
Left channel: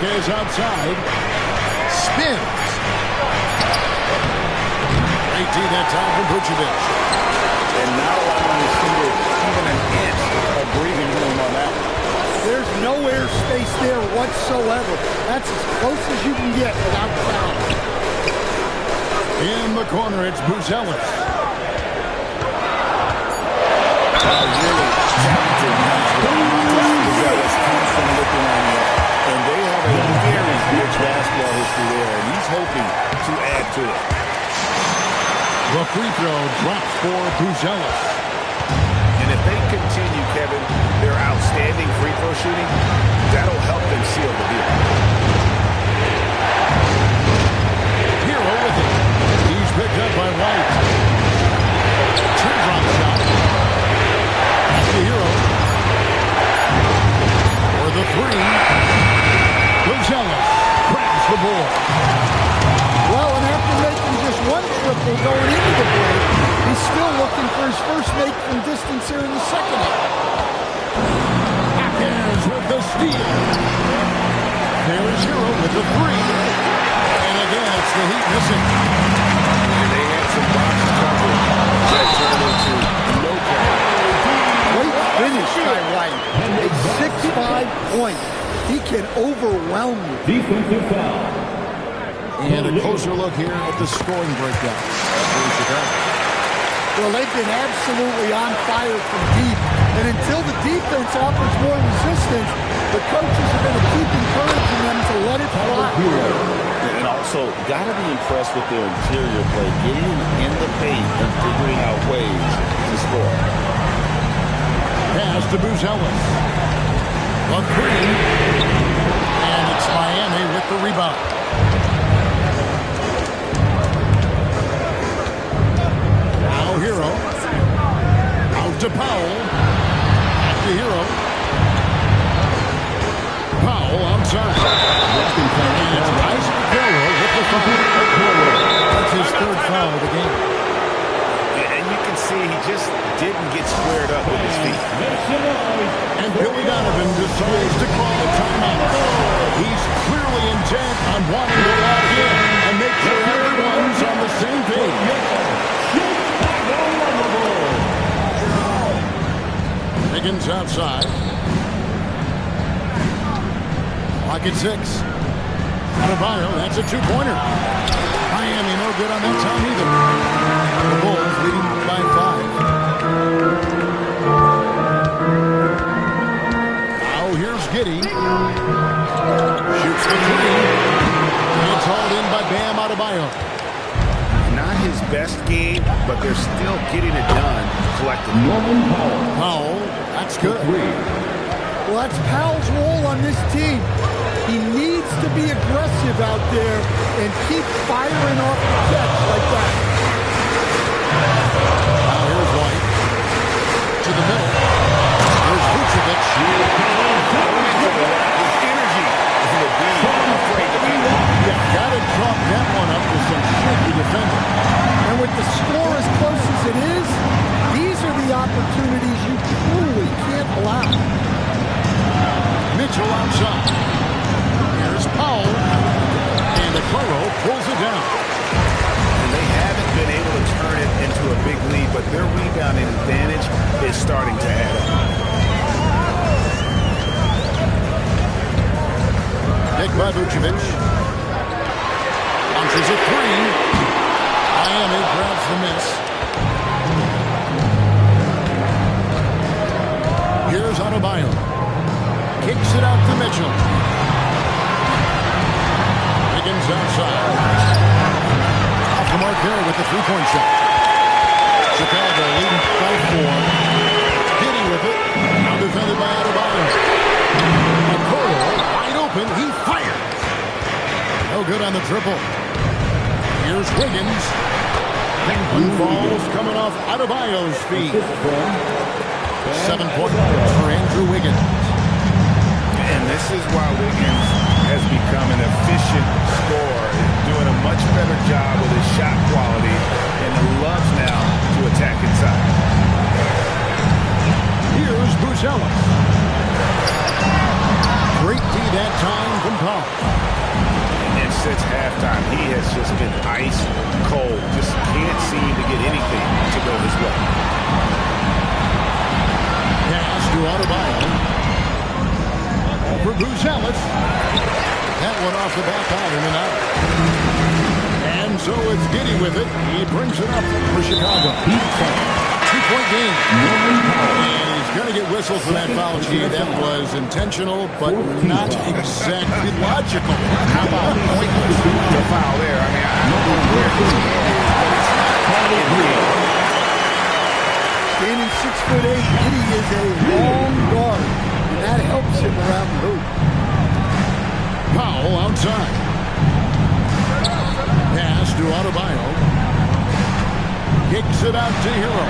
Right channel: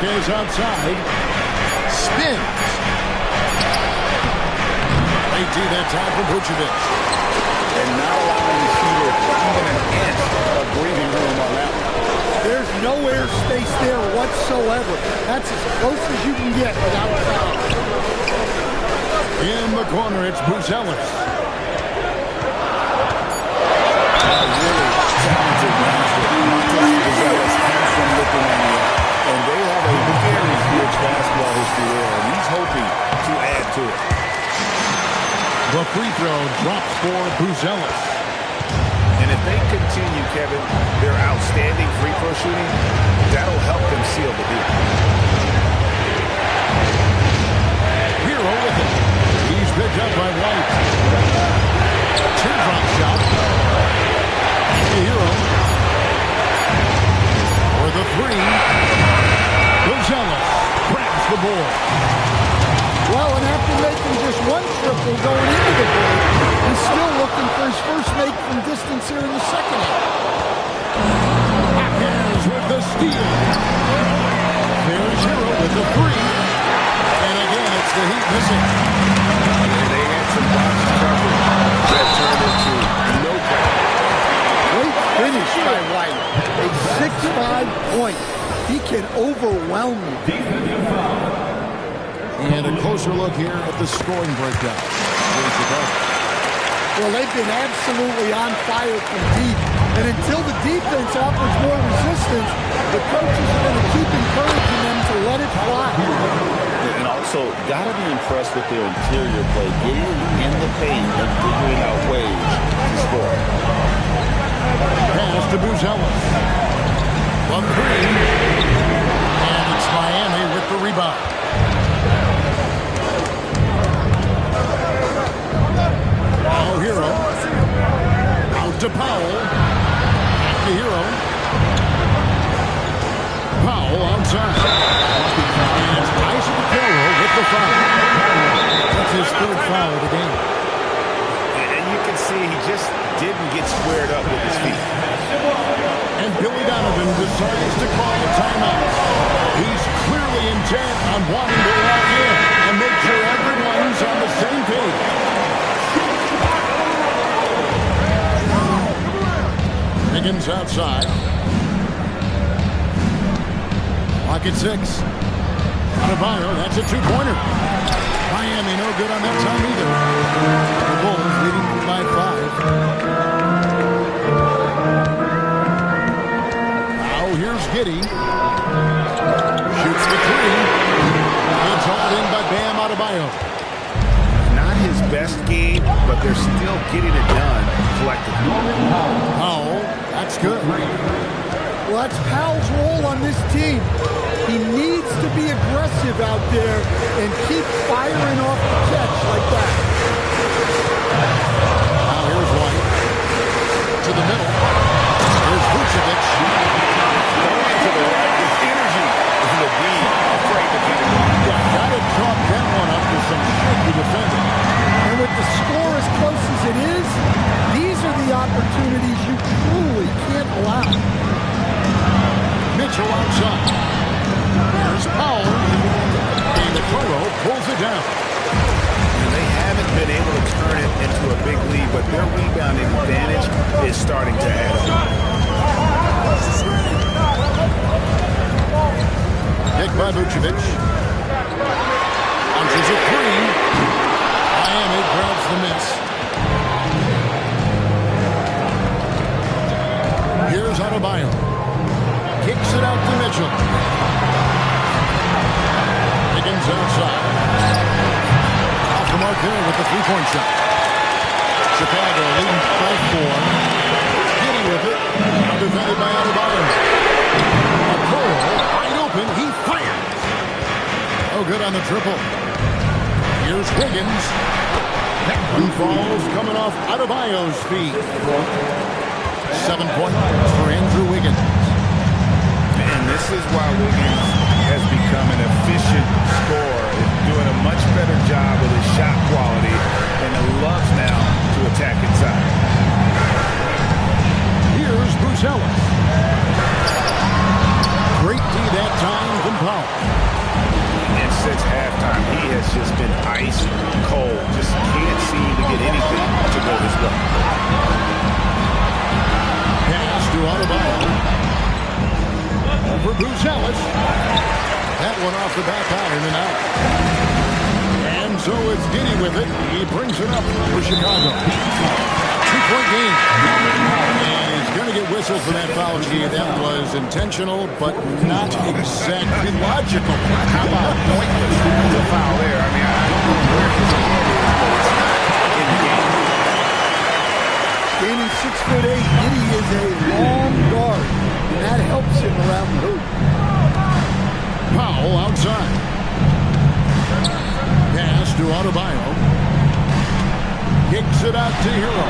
Is outside. Spins. Great D that time from Vucevic. And not allowing the shooter even an inch of breathing room on that one. There's no air space there whatsoever. That's as close as you can get without foul. In the corner, it's Buzelis. Really talented youngster. Matas Buzelis comes from Lithuania. And they have a very rich basketball history there, and he's hoping to add to it. The free throw drops for Buzelis. And if they continue, Kevin, their outstanding free throw shooting, that'll help them seal the deal. Hero with it. He's picked up by White. Teardrop shot. Back to Hero. For the three. Buzelis grabs the board. Well, and after making just one triple going into the break, he's still looking for his first make from distance here in the second half. Hawkins with the steal. There's Hero with the three. And again, it's the Heat missing. And they had some box coverage that turned into no coverage. Great finish by White. A 6-5 point. He can overwhelm you. Defensive foul. And a closer look here at the scoring breakdown for Chicago. Well, they've been absolutely on fire from deep. And until the defense offers more resistance, the coaches are going to keep encouraging them to let it fly. And also, got to be impressed with their interior play, getting in the paint and figuring out ways to score. Pass to Buzelis. The three. And it's Miami with the rebound. Now Hero. Out to Powell. Back to Hero. Powell outside. And it's Isaac Okoro with the foul. That's his third foul of the game. And you can see he just didn't get squared up with his feet. And Billy Donovan decides to call a timeout. He's clearly intent on wanting to lock in and make sure everyone's on the same page. Higgins outside. Clock at 6. Adebayo, that's a two-pointer. Miami no good on that time either. The Bulls leading by 5. Now here's Giddey. Shoots the three. It's hauled in by Bam Adebayo. Not his best game, but they're still getting it done collectively. Powell, that's good. Well, that's Powell's role on this team. He needs to be aggressive out there and keep firing off the catch like that. Now here's White. To the middle. Here's Vucevic. Going into the rack with energy. With the D afraid to cut him off. Yeah, got to chalk that one up to some shaky defending. And with the score as close as it is, these are the opportunities you truly can't allow. Mitchell outside. Here's Powell. And Okoro pulls it down. And they haven't been able to turn it into a big lead, but their rebounding advantage is starting to add up. Kick by Vucevic. Launches a three. Miami grabs the miss. Here's Adebayo. Kicks it out to Mitchell. Higgins outside. Off the mark there with the three-point shot. Chicago leading by 4. Giddey with it. Now defended by Adebayo. open. He fires. No good on the triple. Here's Wiggins. That one falls coming off Adebayo's feet. 7 points for Andrew Wiggins. And this is why Wiggins has become an efficient scorer, doing a much better job with his shot quality, and loves now to attack inside. Here's Buzelis. Great D that time from Powell. And since halftime, he has just been ice cold. Just can't seem to get anything to go his way. Pass to Adebayo. Over Buzelis. That one off the back iron and out. And so it's Giddey with it. He brings it up for Chicago. 2-point game. And he's going to get whistled for that foul, G. That was intentional, but not exactly logical. How about pointless, the foul there? I mean, I don't know where his head is, but it's not in the game. Standing 6'8", Giddey is a long guard, and that helps him around the hoop. Powell outside. Pass to Adebayo. Kicks it out to Hero.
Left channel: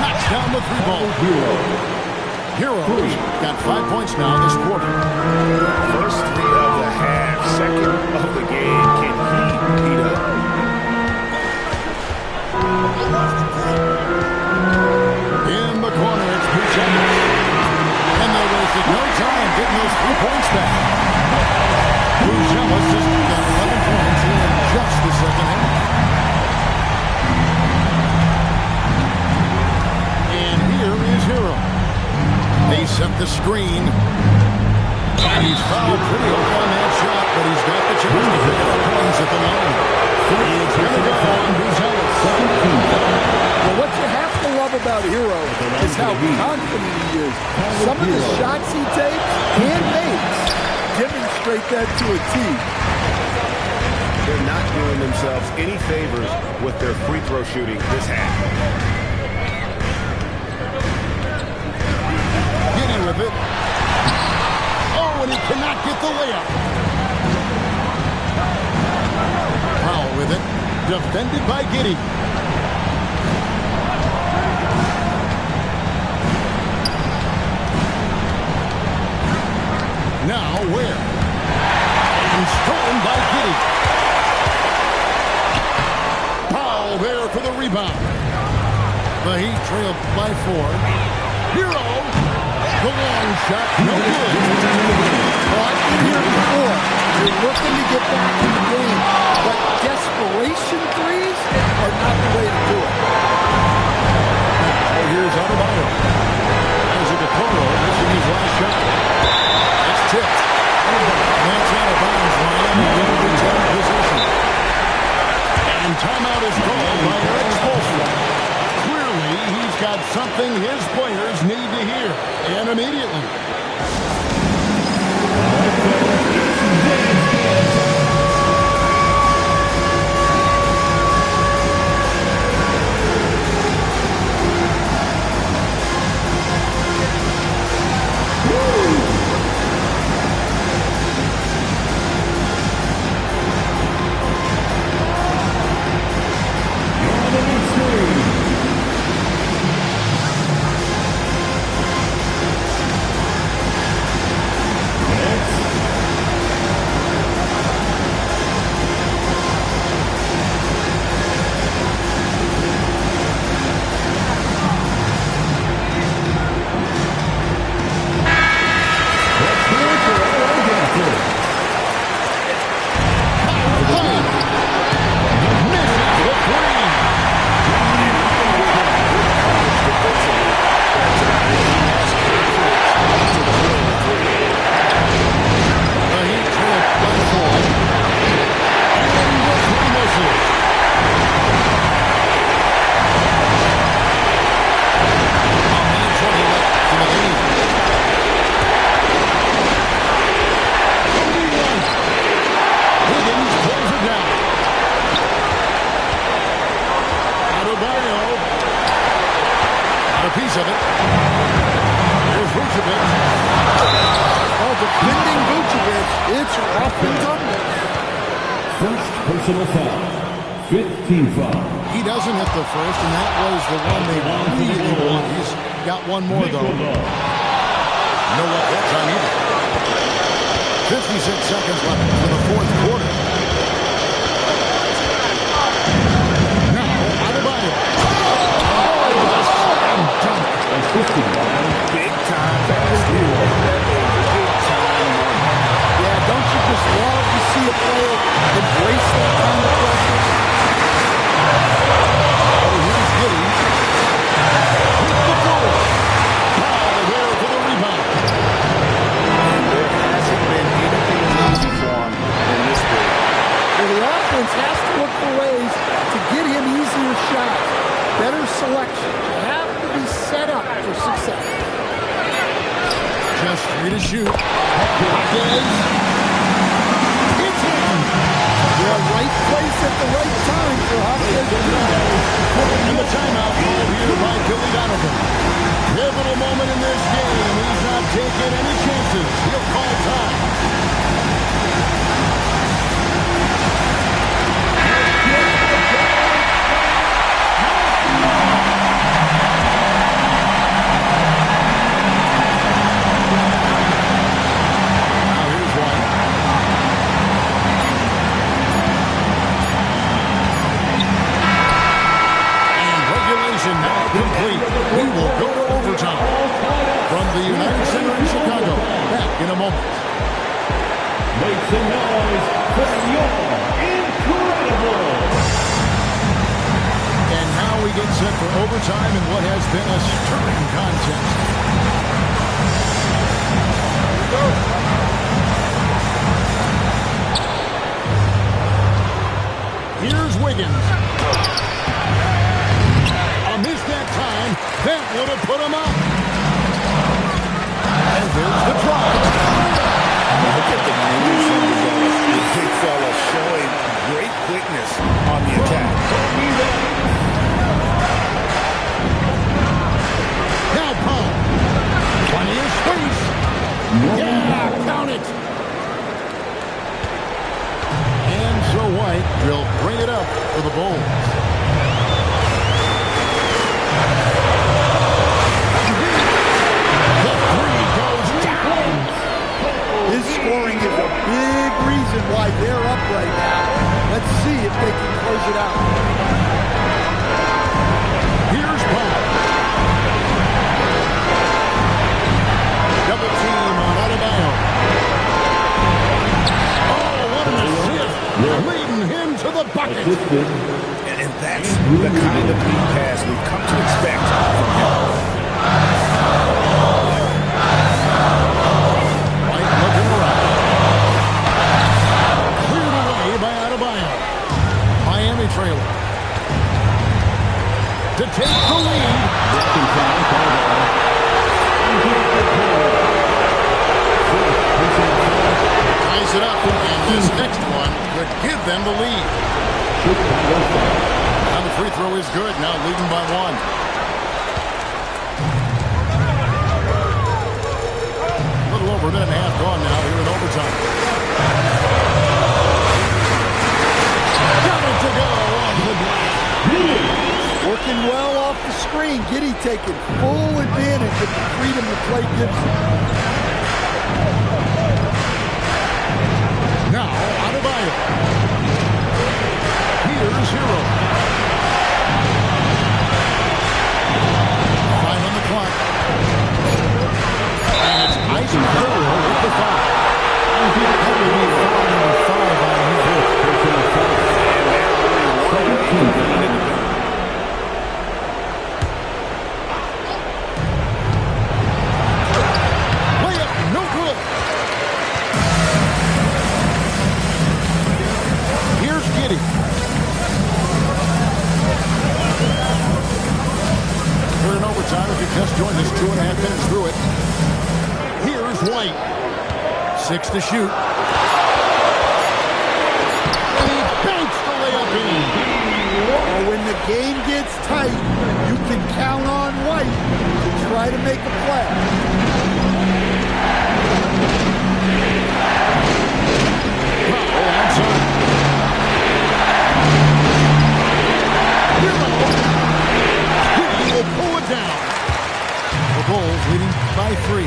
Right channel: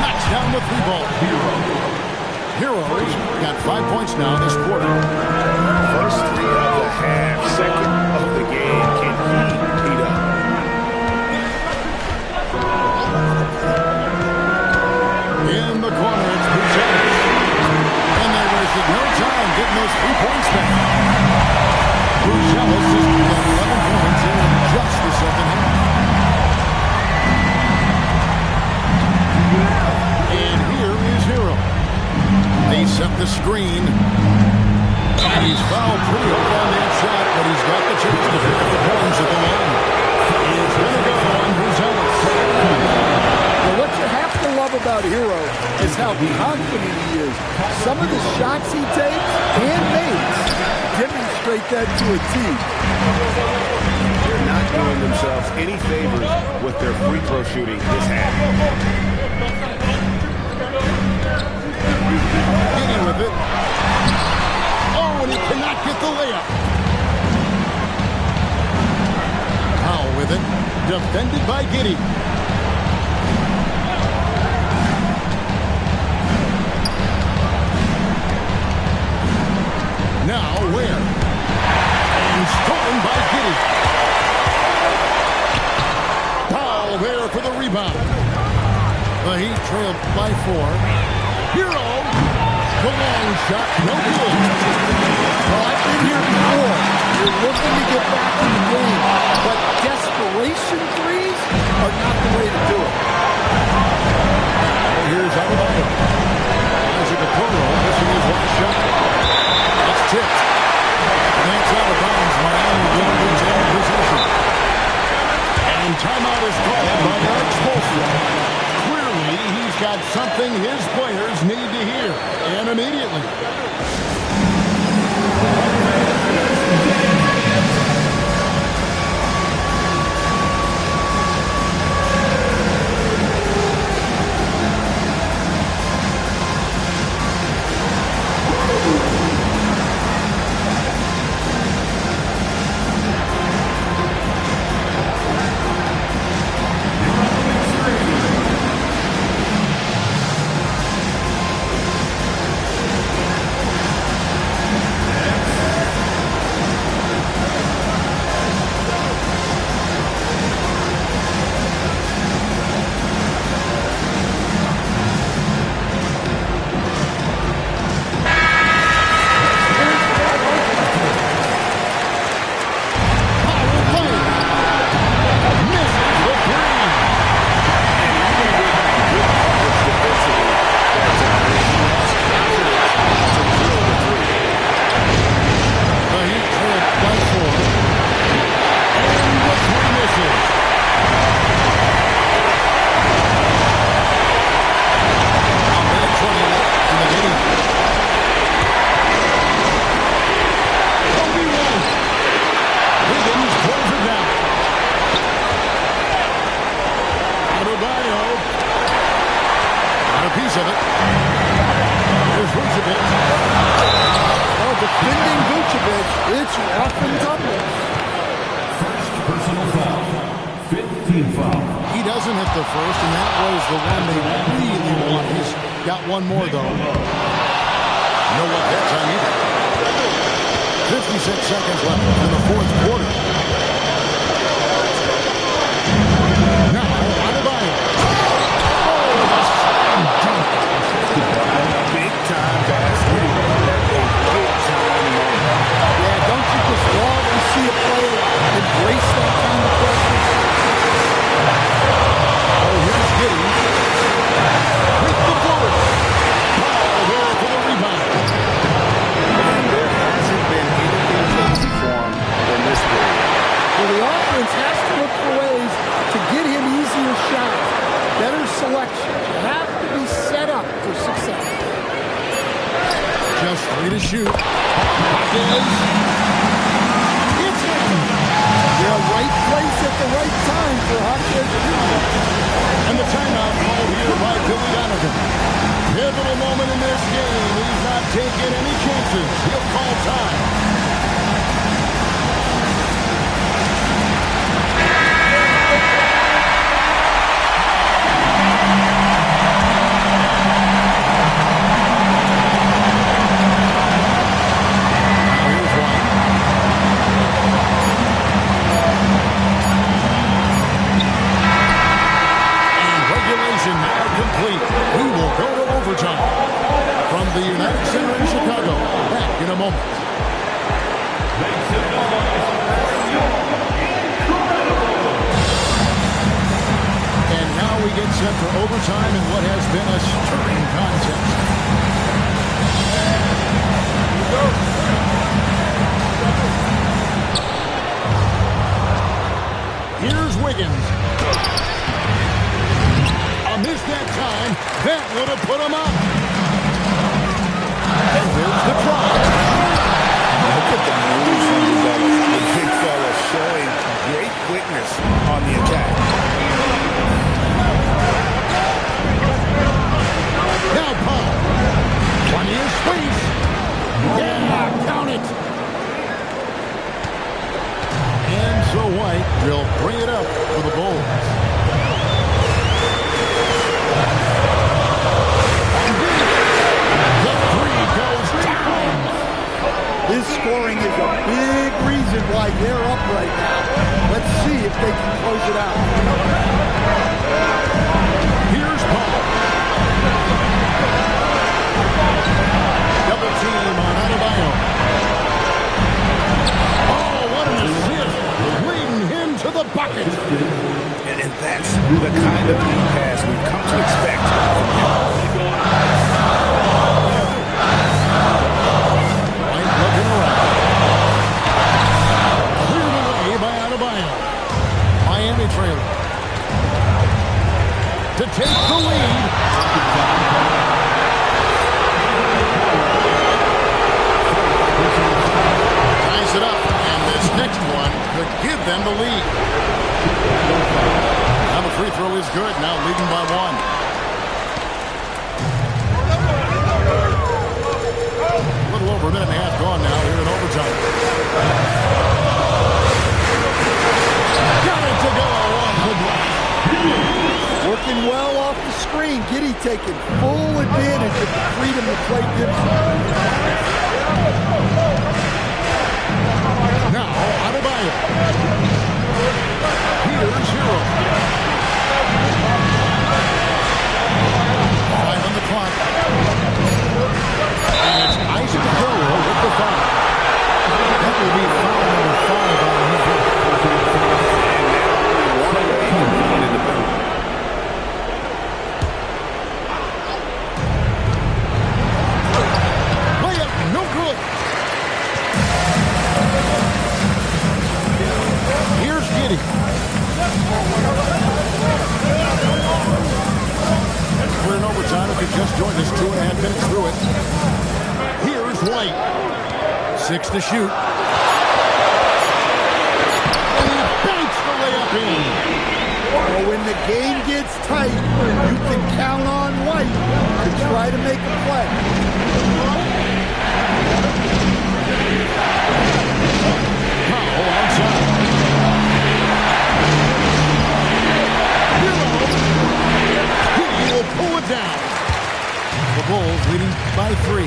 Knocks down the 3-ball. Hero's got 5 points now this quarter. First 3 of the half, second of the game. Can he heat up? In the corner, it's Buzelis. And they wasted no time getting those 3 points back. Buzelis has got 11 points here in just the second half. And here is Hero. They set the screen. And he's fouled pretty hard on that shot, but he's got the chance to pick up the points at the line. It's going to go on Buzelis. Well, what you have to love about Hero is how confident he is. Some of the shots he takes and makes demonstrate that to a T. They're not doing themselves any favors with their free throw shooting this half. Giddey with it. Oh, and he cannot get the layup. Powell with it. Defended by Giddey. Now where? And stolen by Giddey. Powell there for the rebound. The Heat trailed by 4. Hero. The long shot, no good. Well, I've been here before. You're looking to get back in the game, but desperation threes are not the way to do it. Now here's Adebayo. Isaac Okoro missing his last shot. It's tipped. And that's out of bounds. Miami will retain possession. And timeout is called by Eric Spoelstra. Clearly, he's got something his players need to hear, and immediately. defending Vucevic, it's rough and tumble. First personal foul. 15 foul. He doesn't hit the first, and that was the one they really want. He's got one more, though. No luck that time either. 56 seconds left in the fourth quarter. Now, Adebayo. Oh, the slam dunk. Big-time basket at a big-time moment. Yeah, don't you just love to see a player embrace that kind of pressure? Oh, here's Giddey. With the bullet. Foul there for the rebound. And there hasn't been anything easy for him in this period. Well, the offense has to look for ways to get him easier shots, better selections. You have to be set up for success. Just 3 to shoot. Hawkins. It's in. Yeah, right place at the right time for Hawkins Jr. And the timeout called here by Billy Donovan. Pivotal moment in this game. He's not taking any chances. He'll call time. Now complete. We will go to overtime from the United Center in Chicago. Back in a moment. Make some noise for your incredible. And now we get set for overtime in what has been a stirring contest. Here we go. Here's Wiggins. Missed that time. That would have put him up. And there's the try. Look at the moves from Buzelis. The big fella showing great quickness on the attack. Now Paul. Plenty of space. Yeah, count it. And so White will bring it up for the Bulls. His scoring is a big reason why they're up right now. Let's see if they can close it out. Here's Paul. Double team on Adebayo. Oh, what an assist. Leading him to the bucket. And that's the kind of lead pass we've come to expect from him. Miami trailer. To take the lead. Ties it up, and this next one could give them the lead. Now the free throw is good, now leading by 1. A little over a minute and a half gone now here in overtime. Got it to go off the glass. Working well off the screen. Giddey taking full advantage of the freedom to play Gibson. Now, Adebayo. Here's Hero. 5 on the clock. And it's Isaac Okoro with the foul. That will be foul number 5 on him. Layup, no good. Here's Giddey. We're in overtime. If you just joined us, 2.5 minutes through it. Here's White. 6 to shoot. Well, when the game gets tight, you can count on White to try to make a play. Bulls leading by 3. 2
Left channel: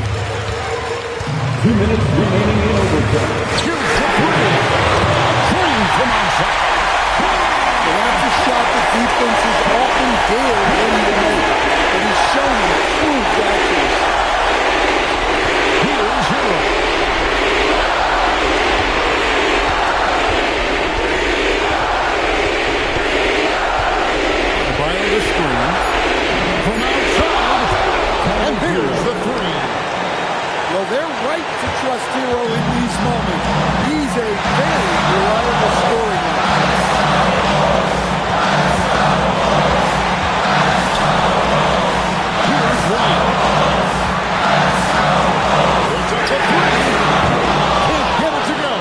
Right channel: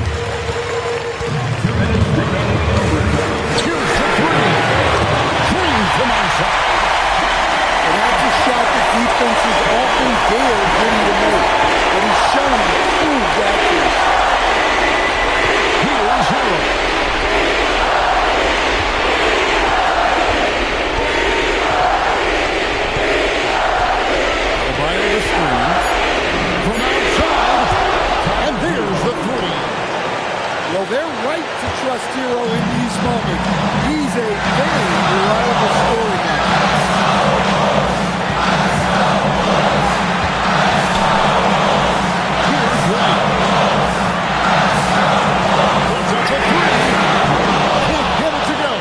minutes remaining in overtime. Here's the three. Green from outside. Well, that's a shot that defenses often dare him to make, but he's showing improved accuracy. Here's Hero. Fire the screen from outside, and there's the three. Well, they're right to trust Hero in these moments. He's a very reliable scoring actor. Here's White. Puts up a three. Can't get it to go.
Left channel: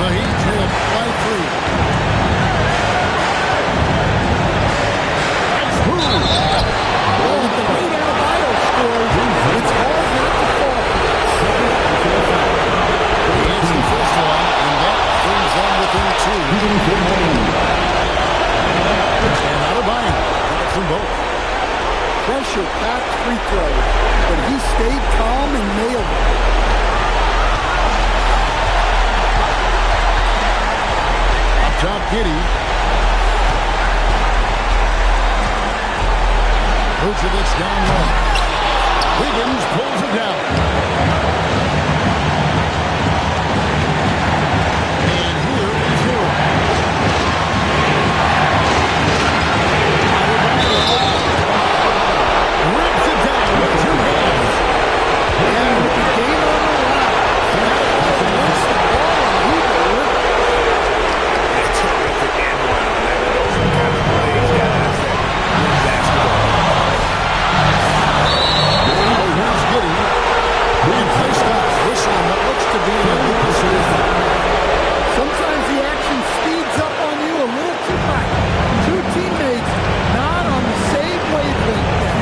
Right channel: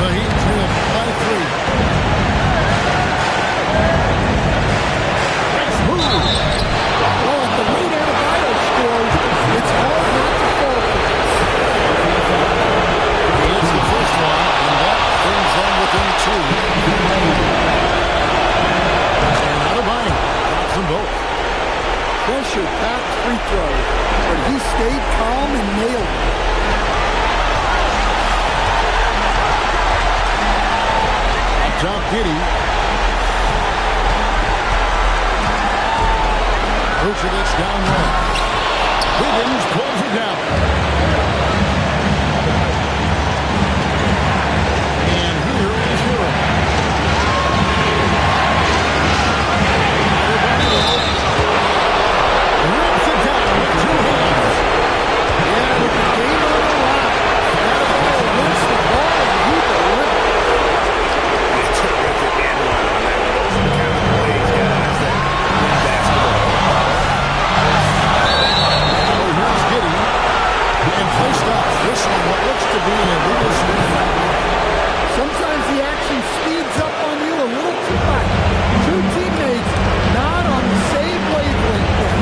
The Heat trail by 3. Well, at the rate Adebayo scores, it's hard not to fall for this. He hits the first one, and that brings them within 2. And Adebayo drops them both. Pressure-packed free throws, but he stayed calm and nailed it. Up top, Giddey. Vucevic down low. Wiggins pulls it down. And here is Hero. Adebayo rips it down with 2 hands. And with the game on the line, Adebayo wants the ball and he delivers. A terrific and one on that. Those are the kind of plays, guys, that win basketball. Here's Giddey. And play stops. This one, what looks to be an illegal swing. Sometimes the action speeds up on you a little too much. 2 teammates not on the same wavelength there.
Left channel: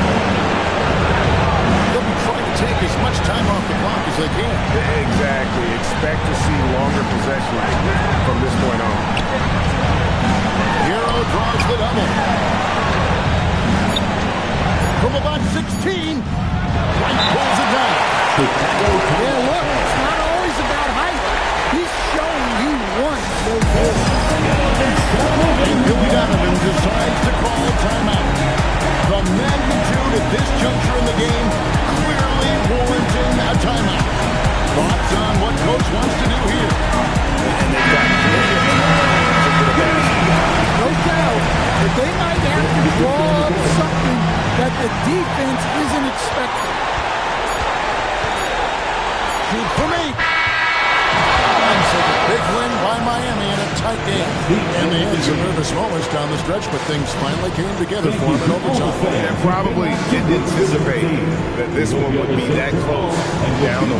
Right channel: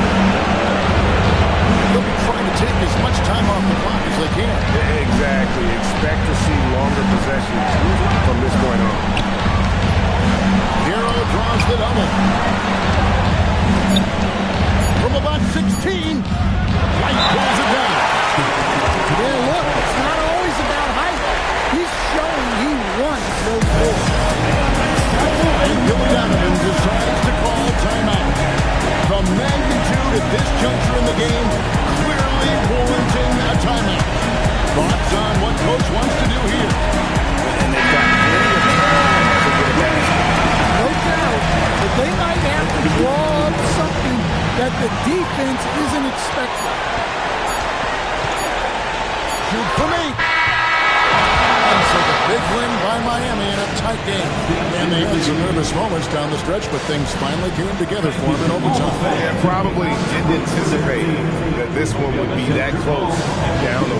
They'll be trying to take as much time off the clock as they can. Exactly. Expect to see longer possessions from this point on. Hero draws the double. From about 16, White pulls it down. Yeah, look, it's not always about height. He's showing he wants those balls. And Billy Donovan decides to call a timeout. The magnitude at this juncture in the game clearly warranting a timeout. Thoughts on what Coach wants to do here? And they've got plenty of time to get a basket. No doubt, but they might have to draw up something that the defense isn't expecting. Shoot for me. And so the big win by Miami in a tight game. And they had some nervous moments down the stretch, but things finally came together for them in overtime. Yeah, probably didn't anticipate that this one would be that close down the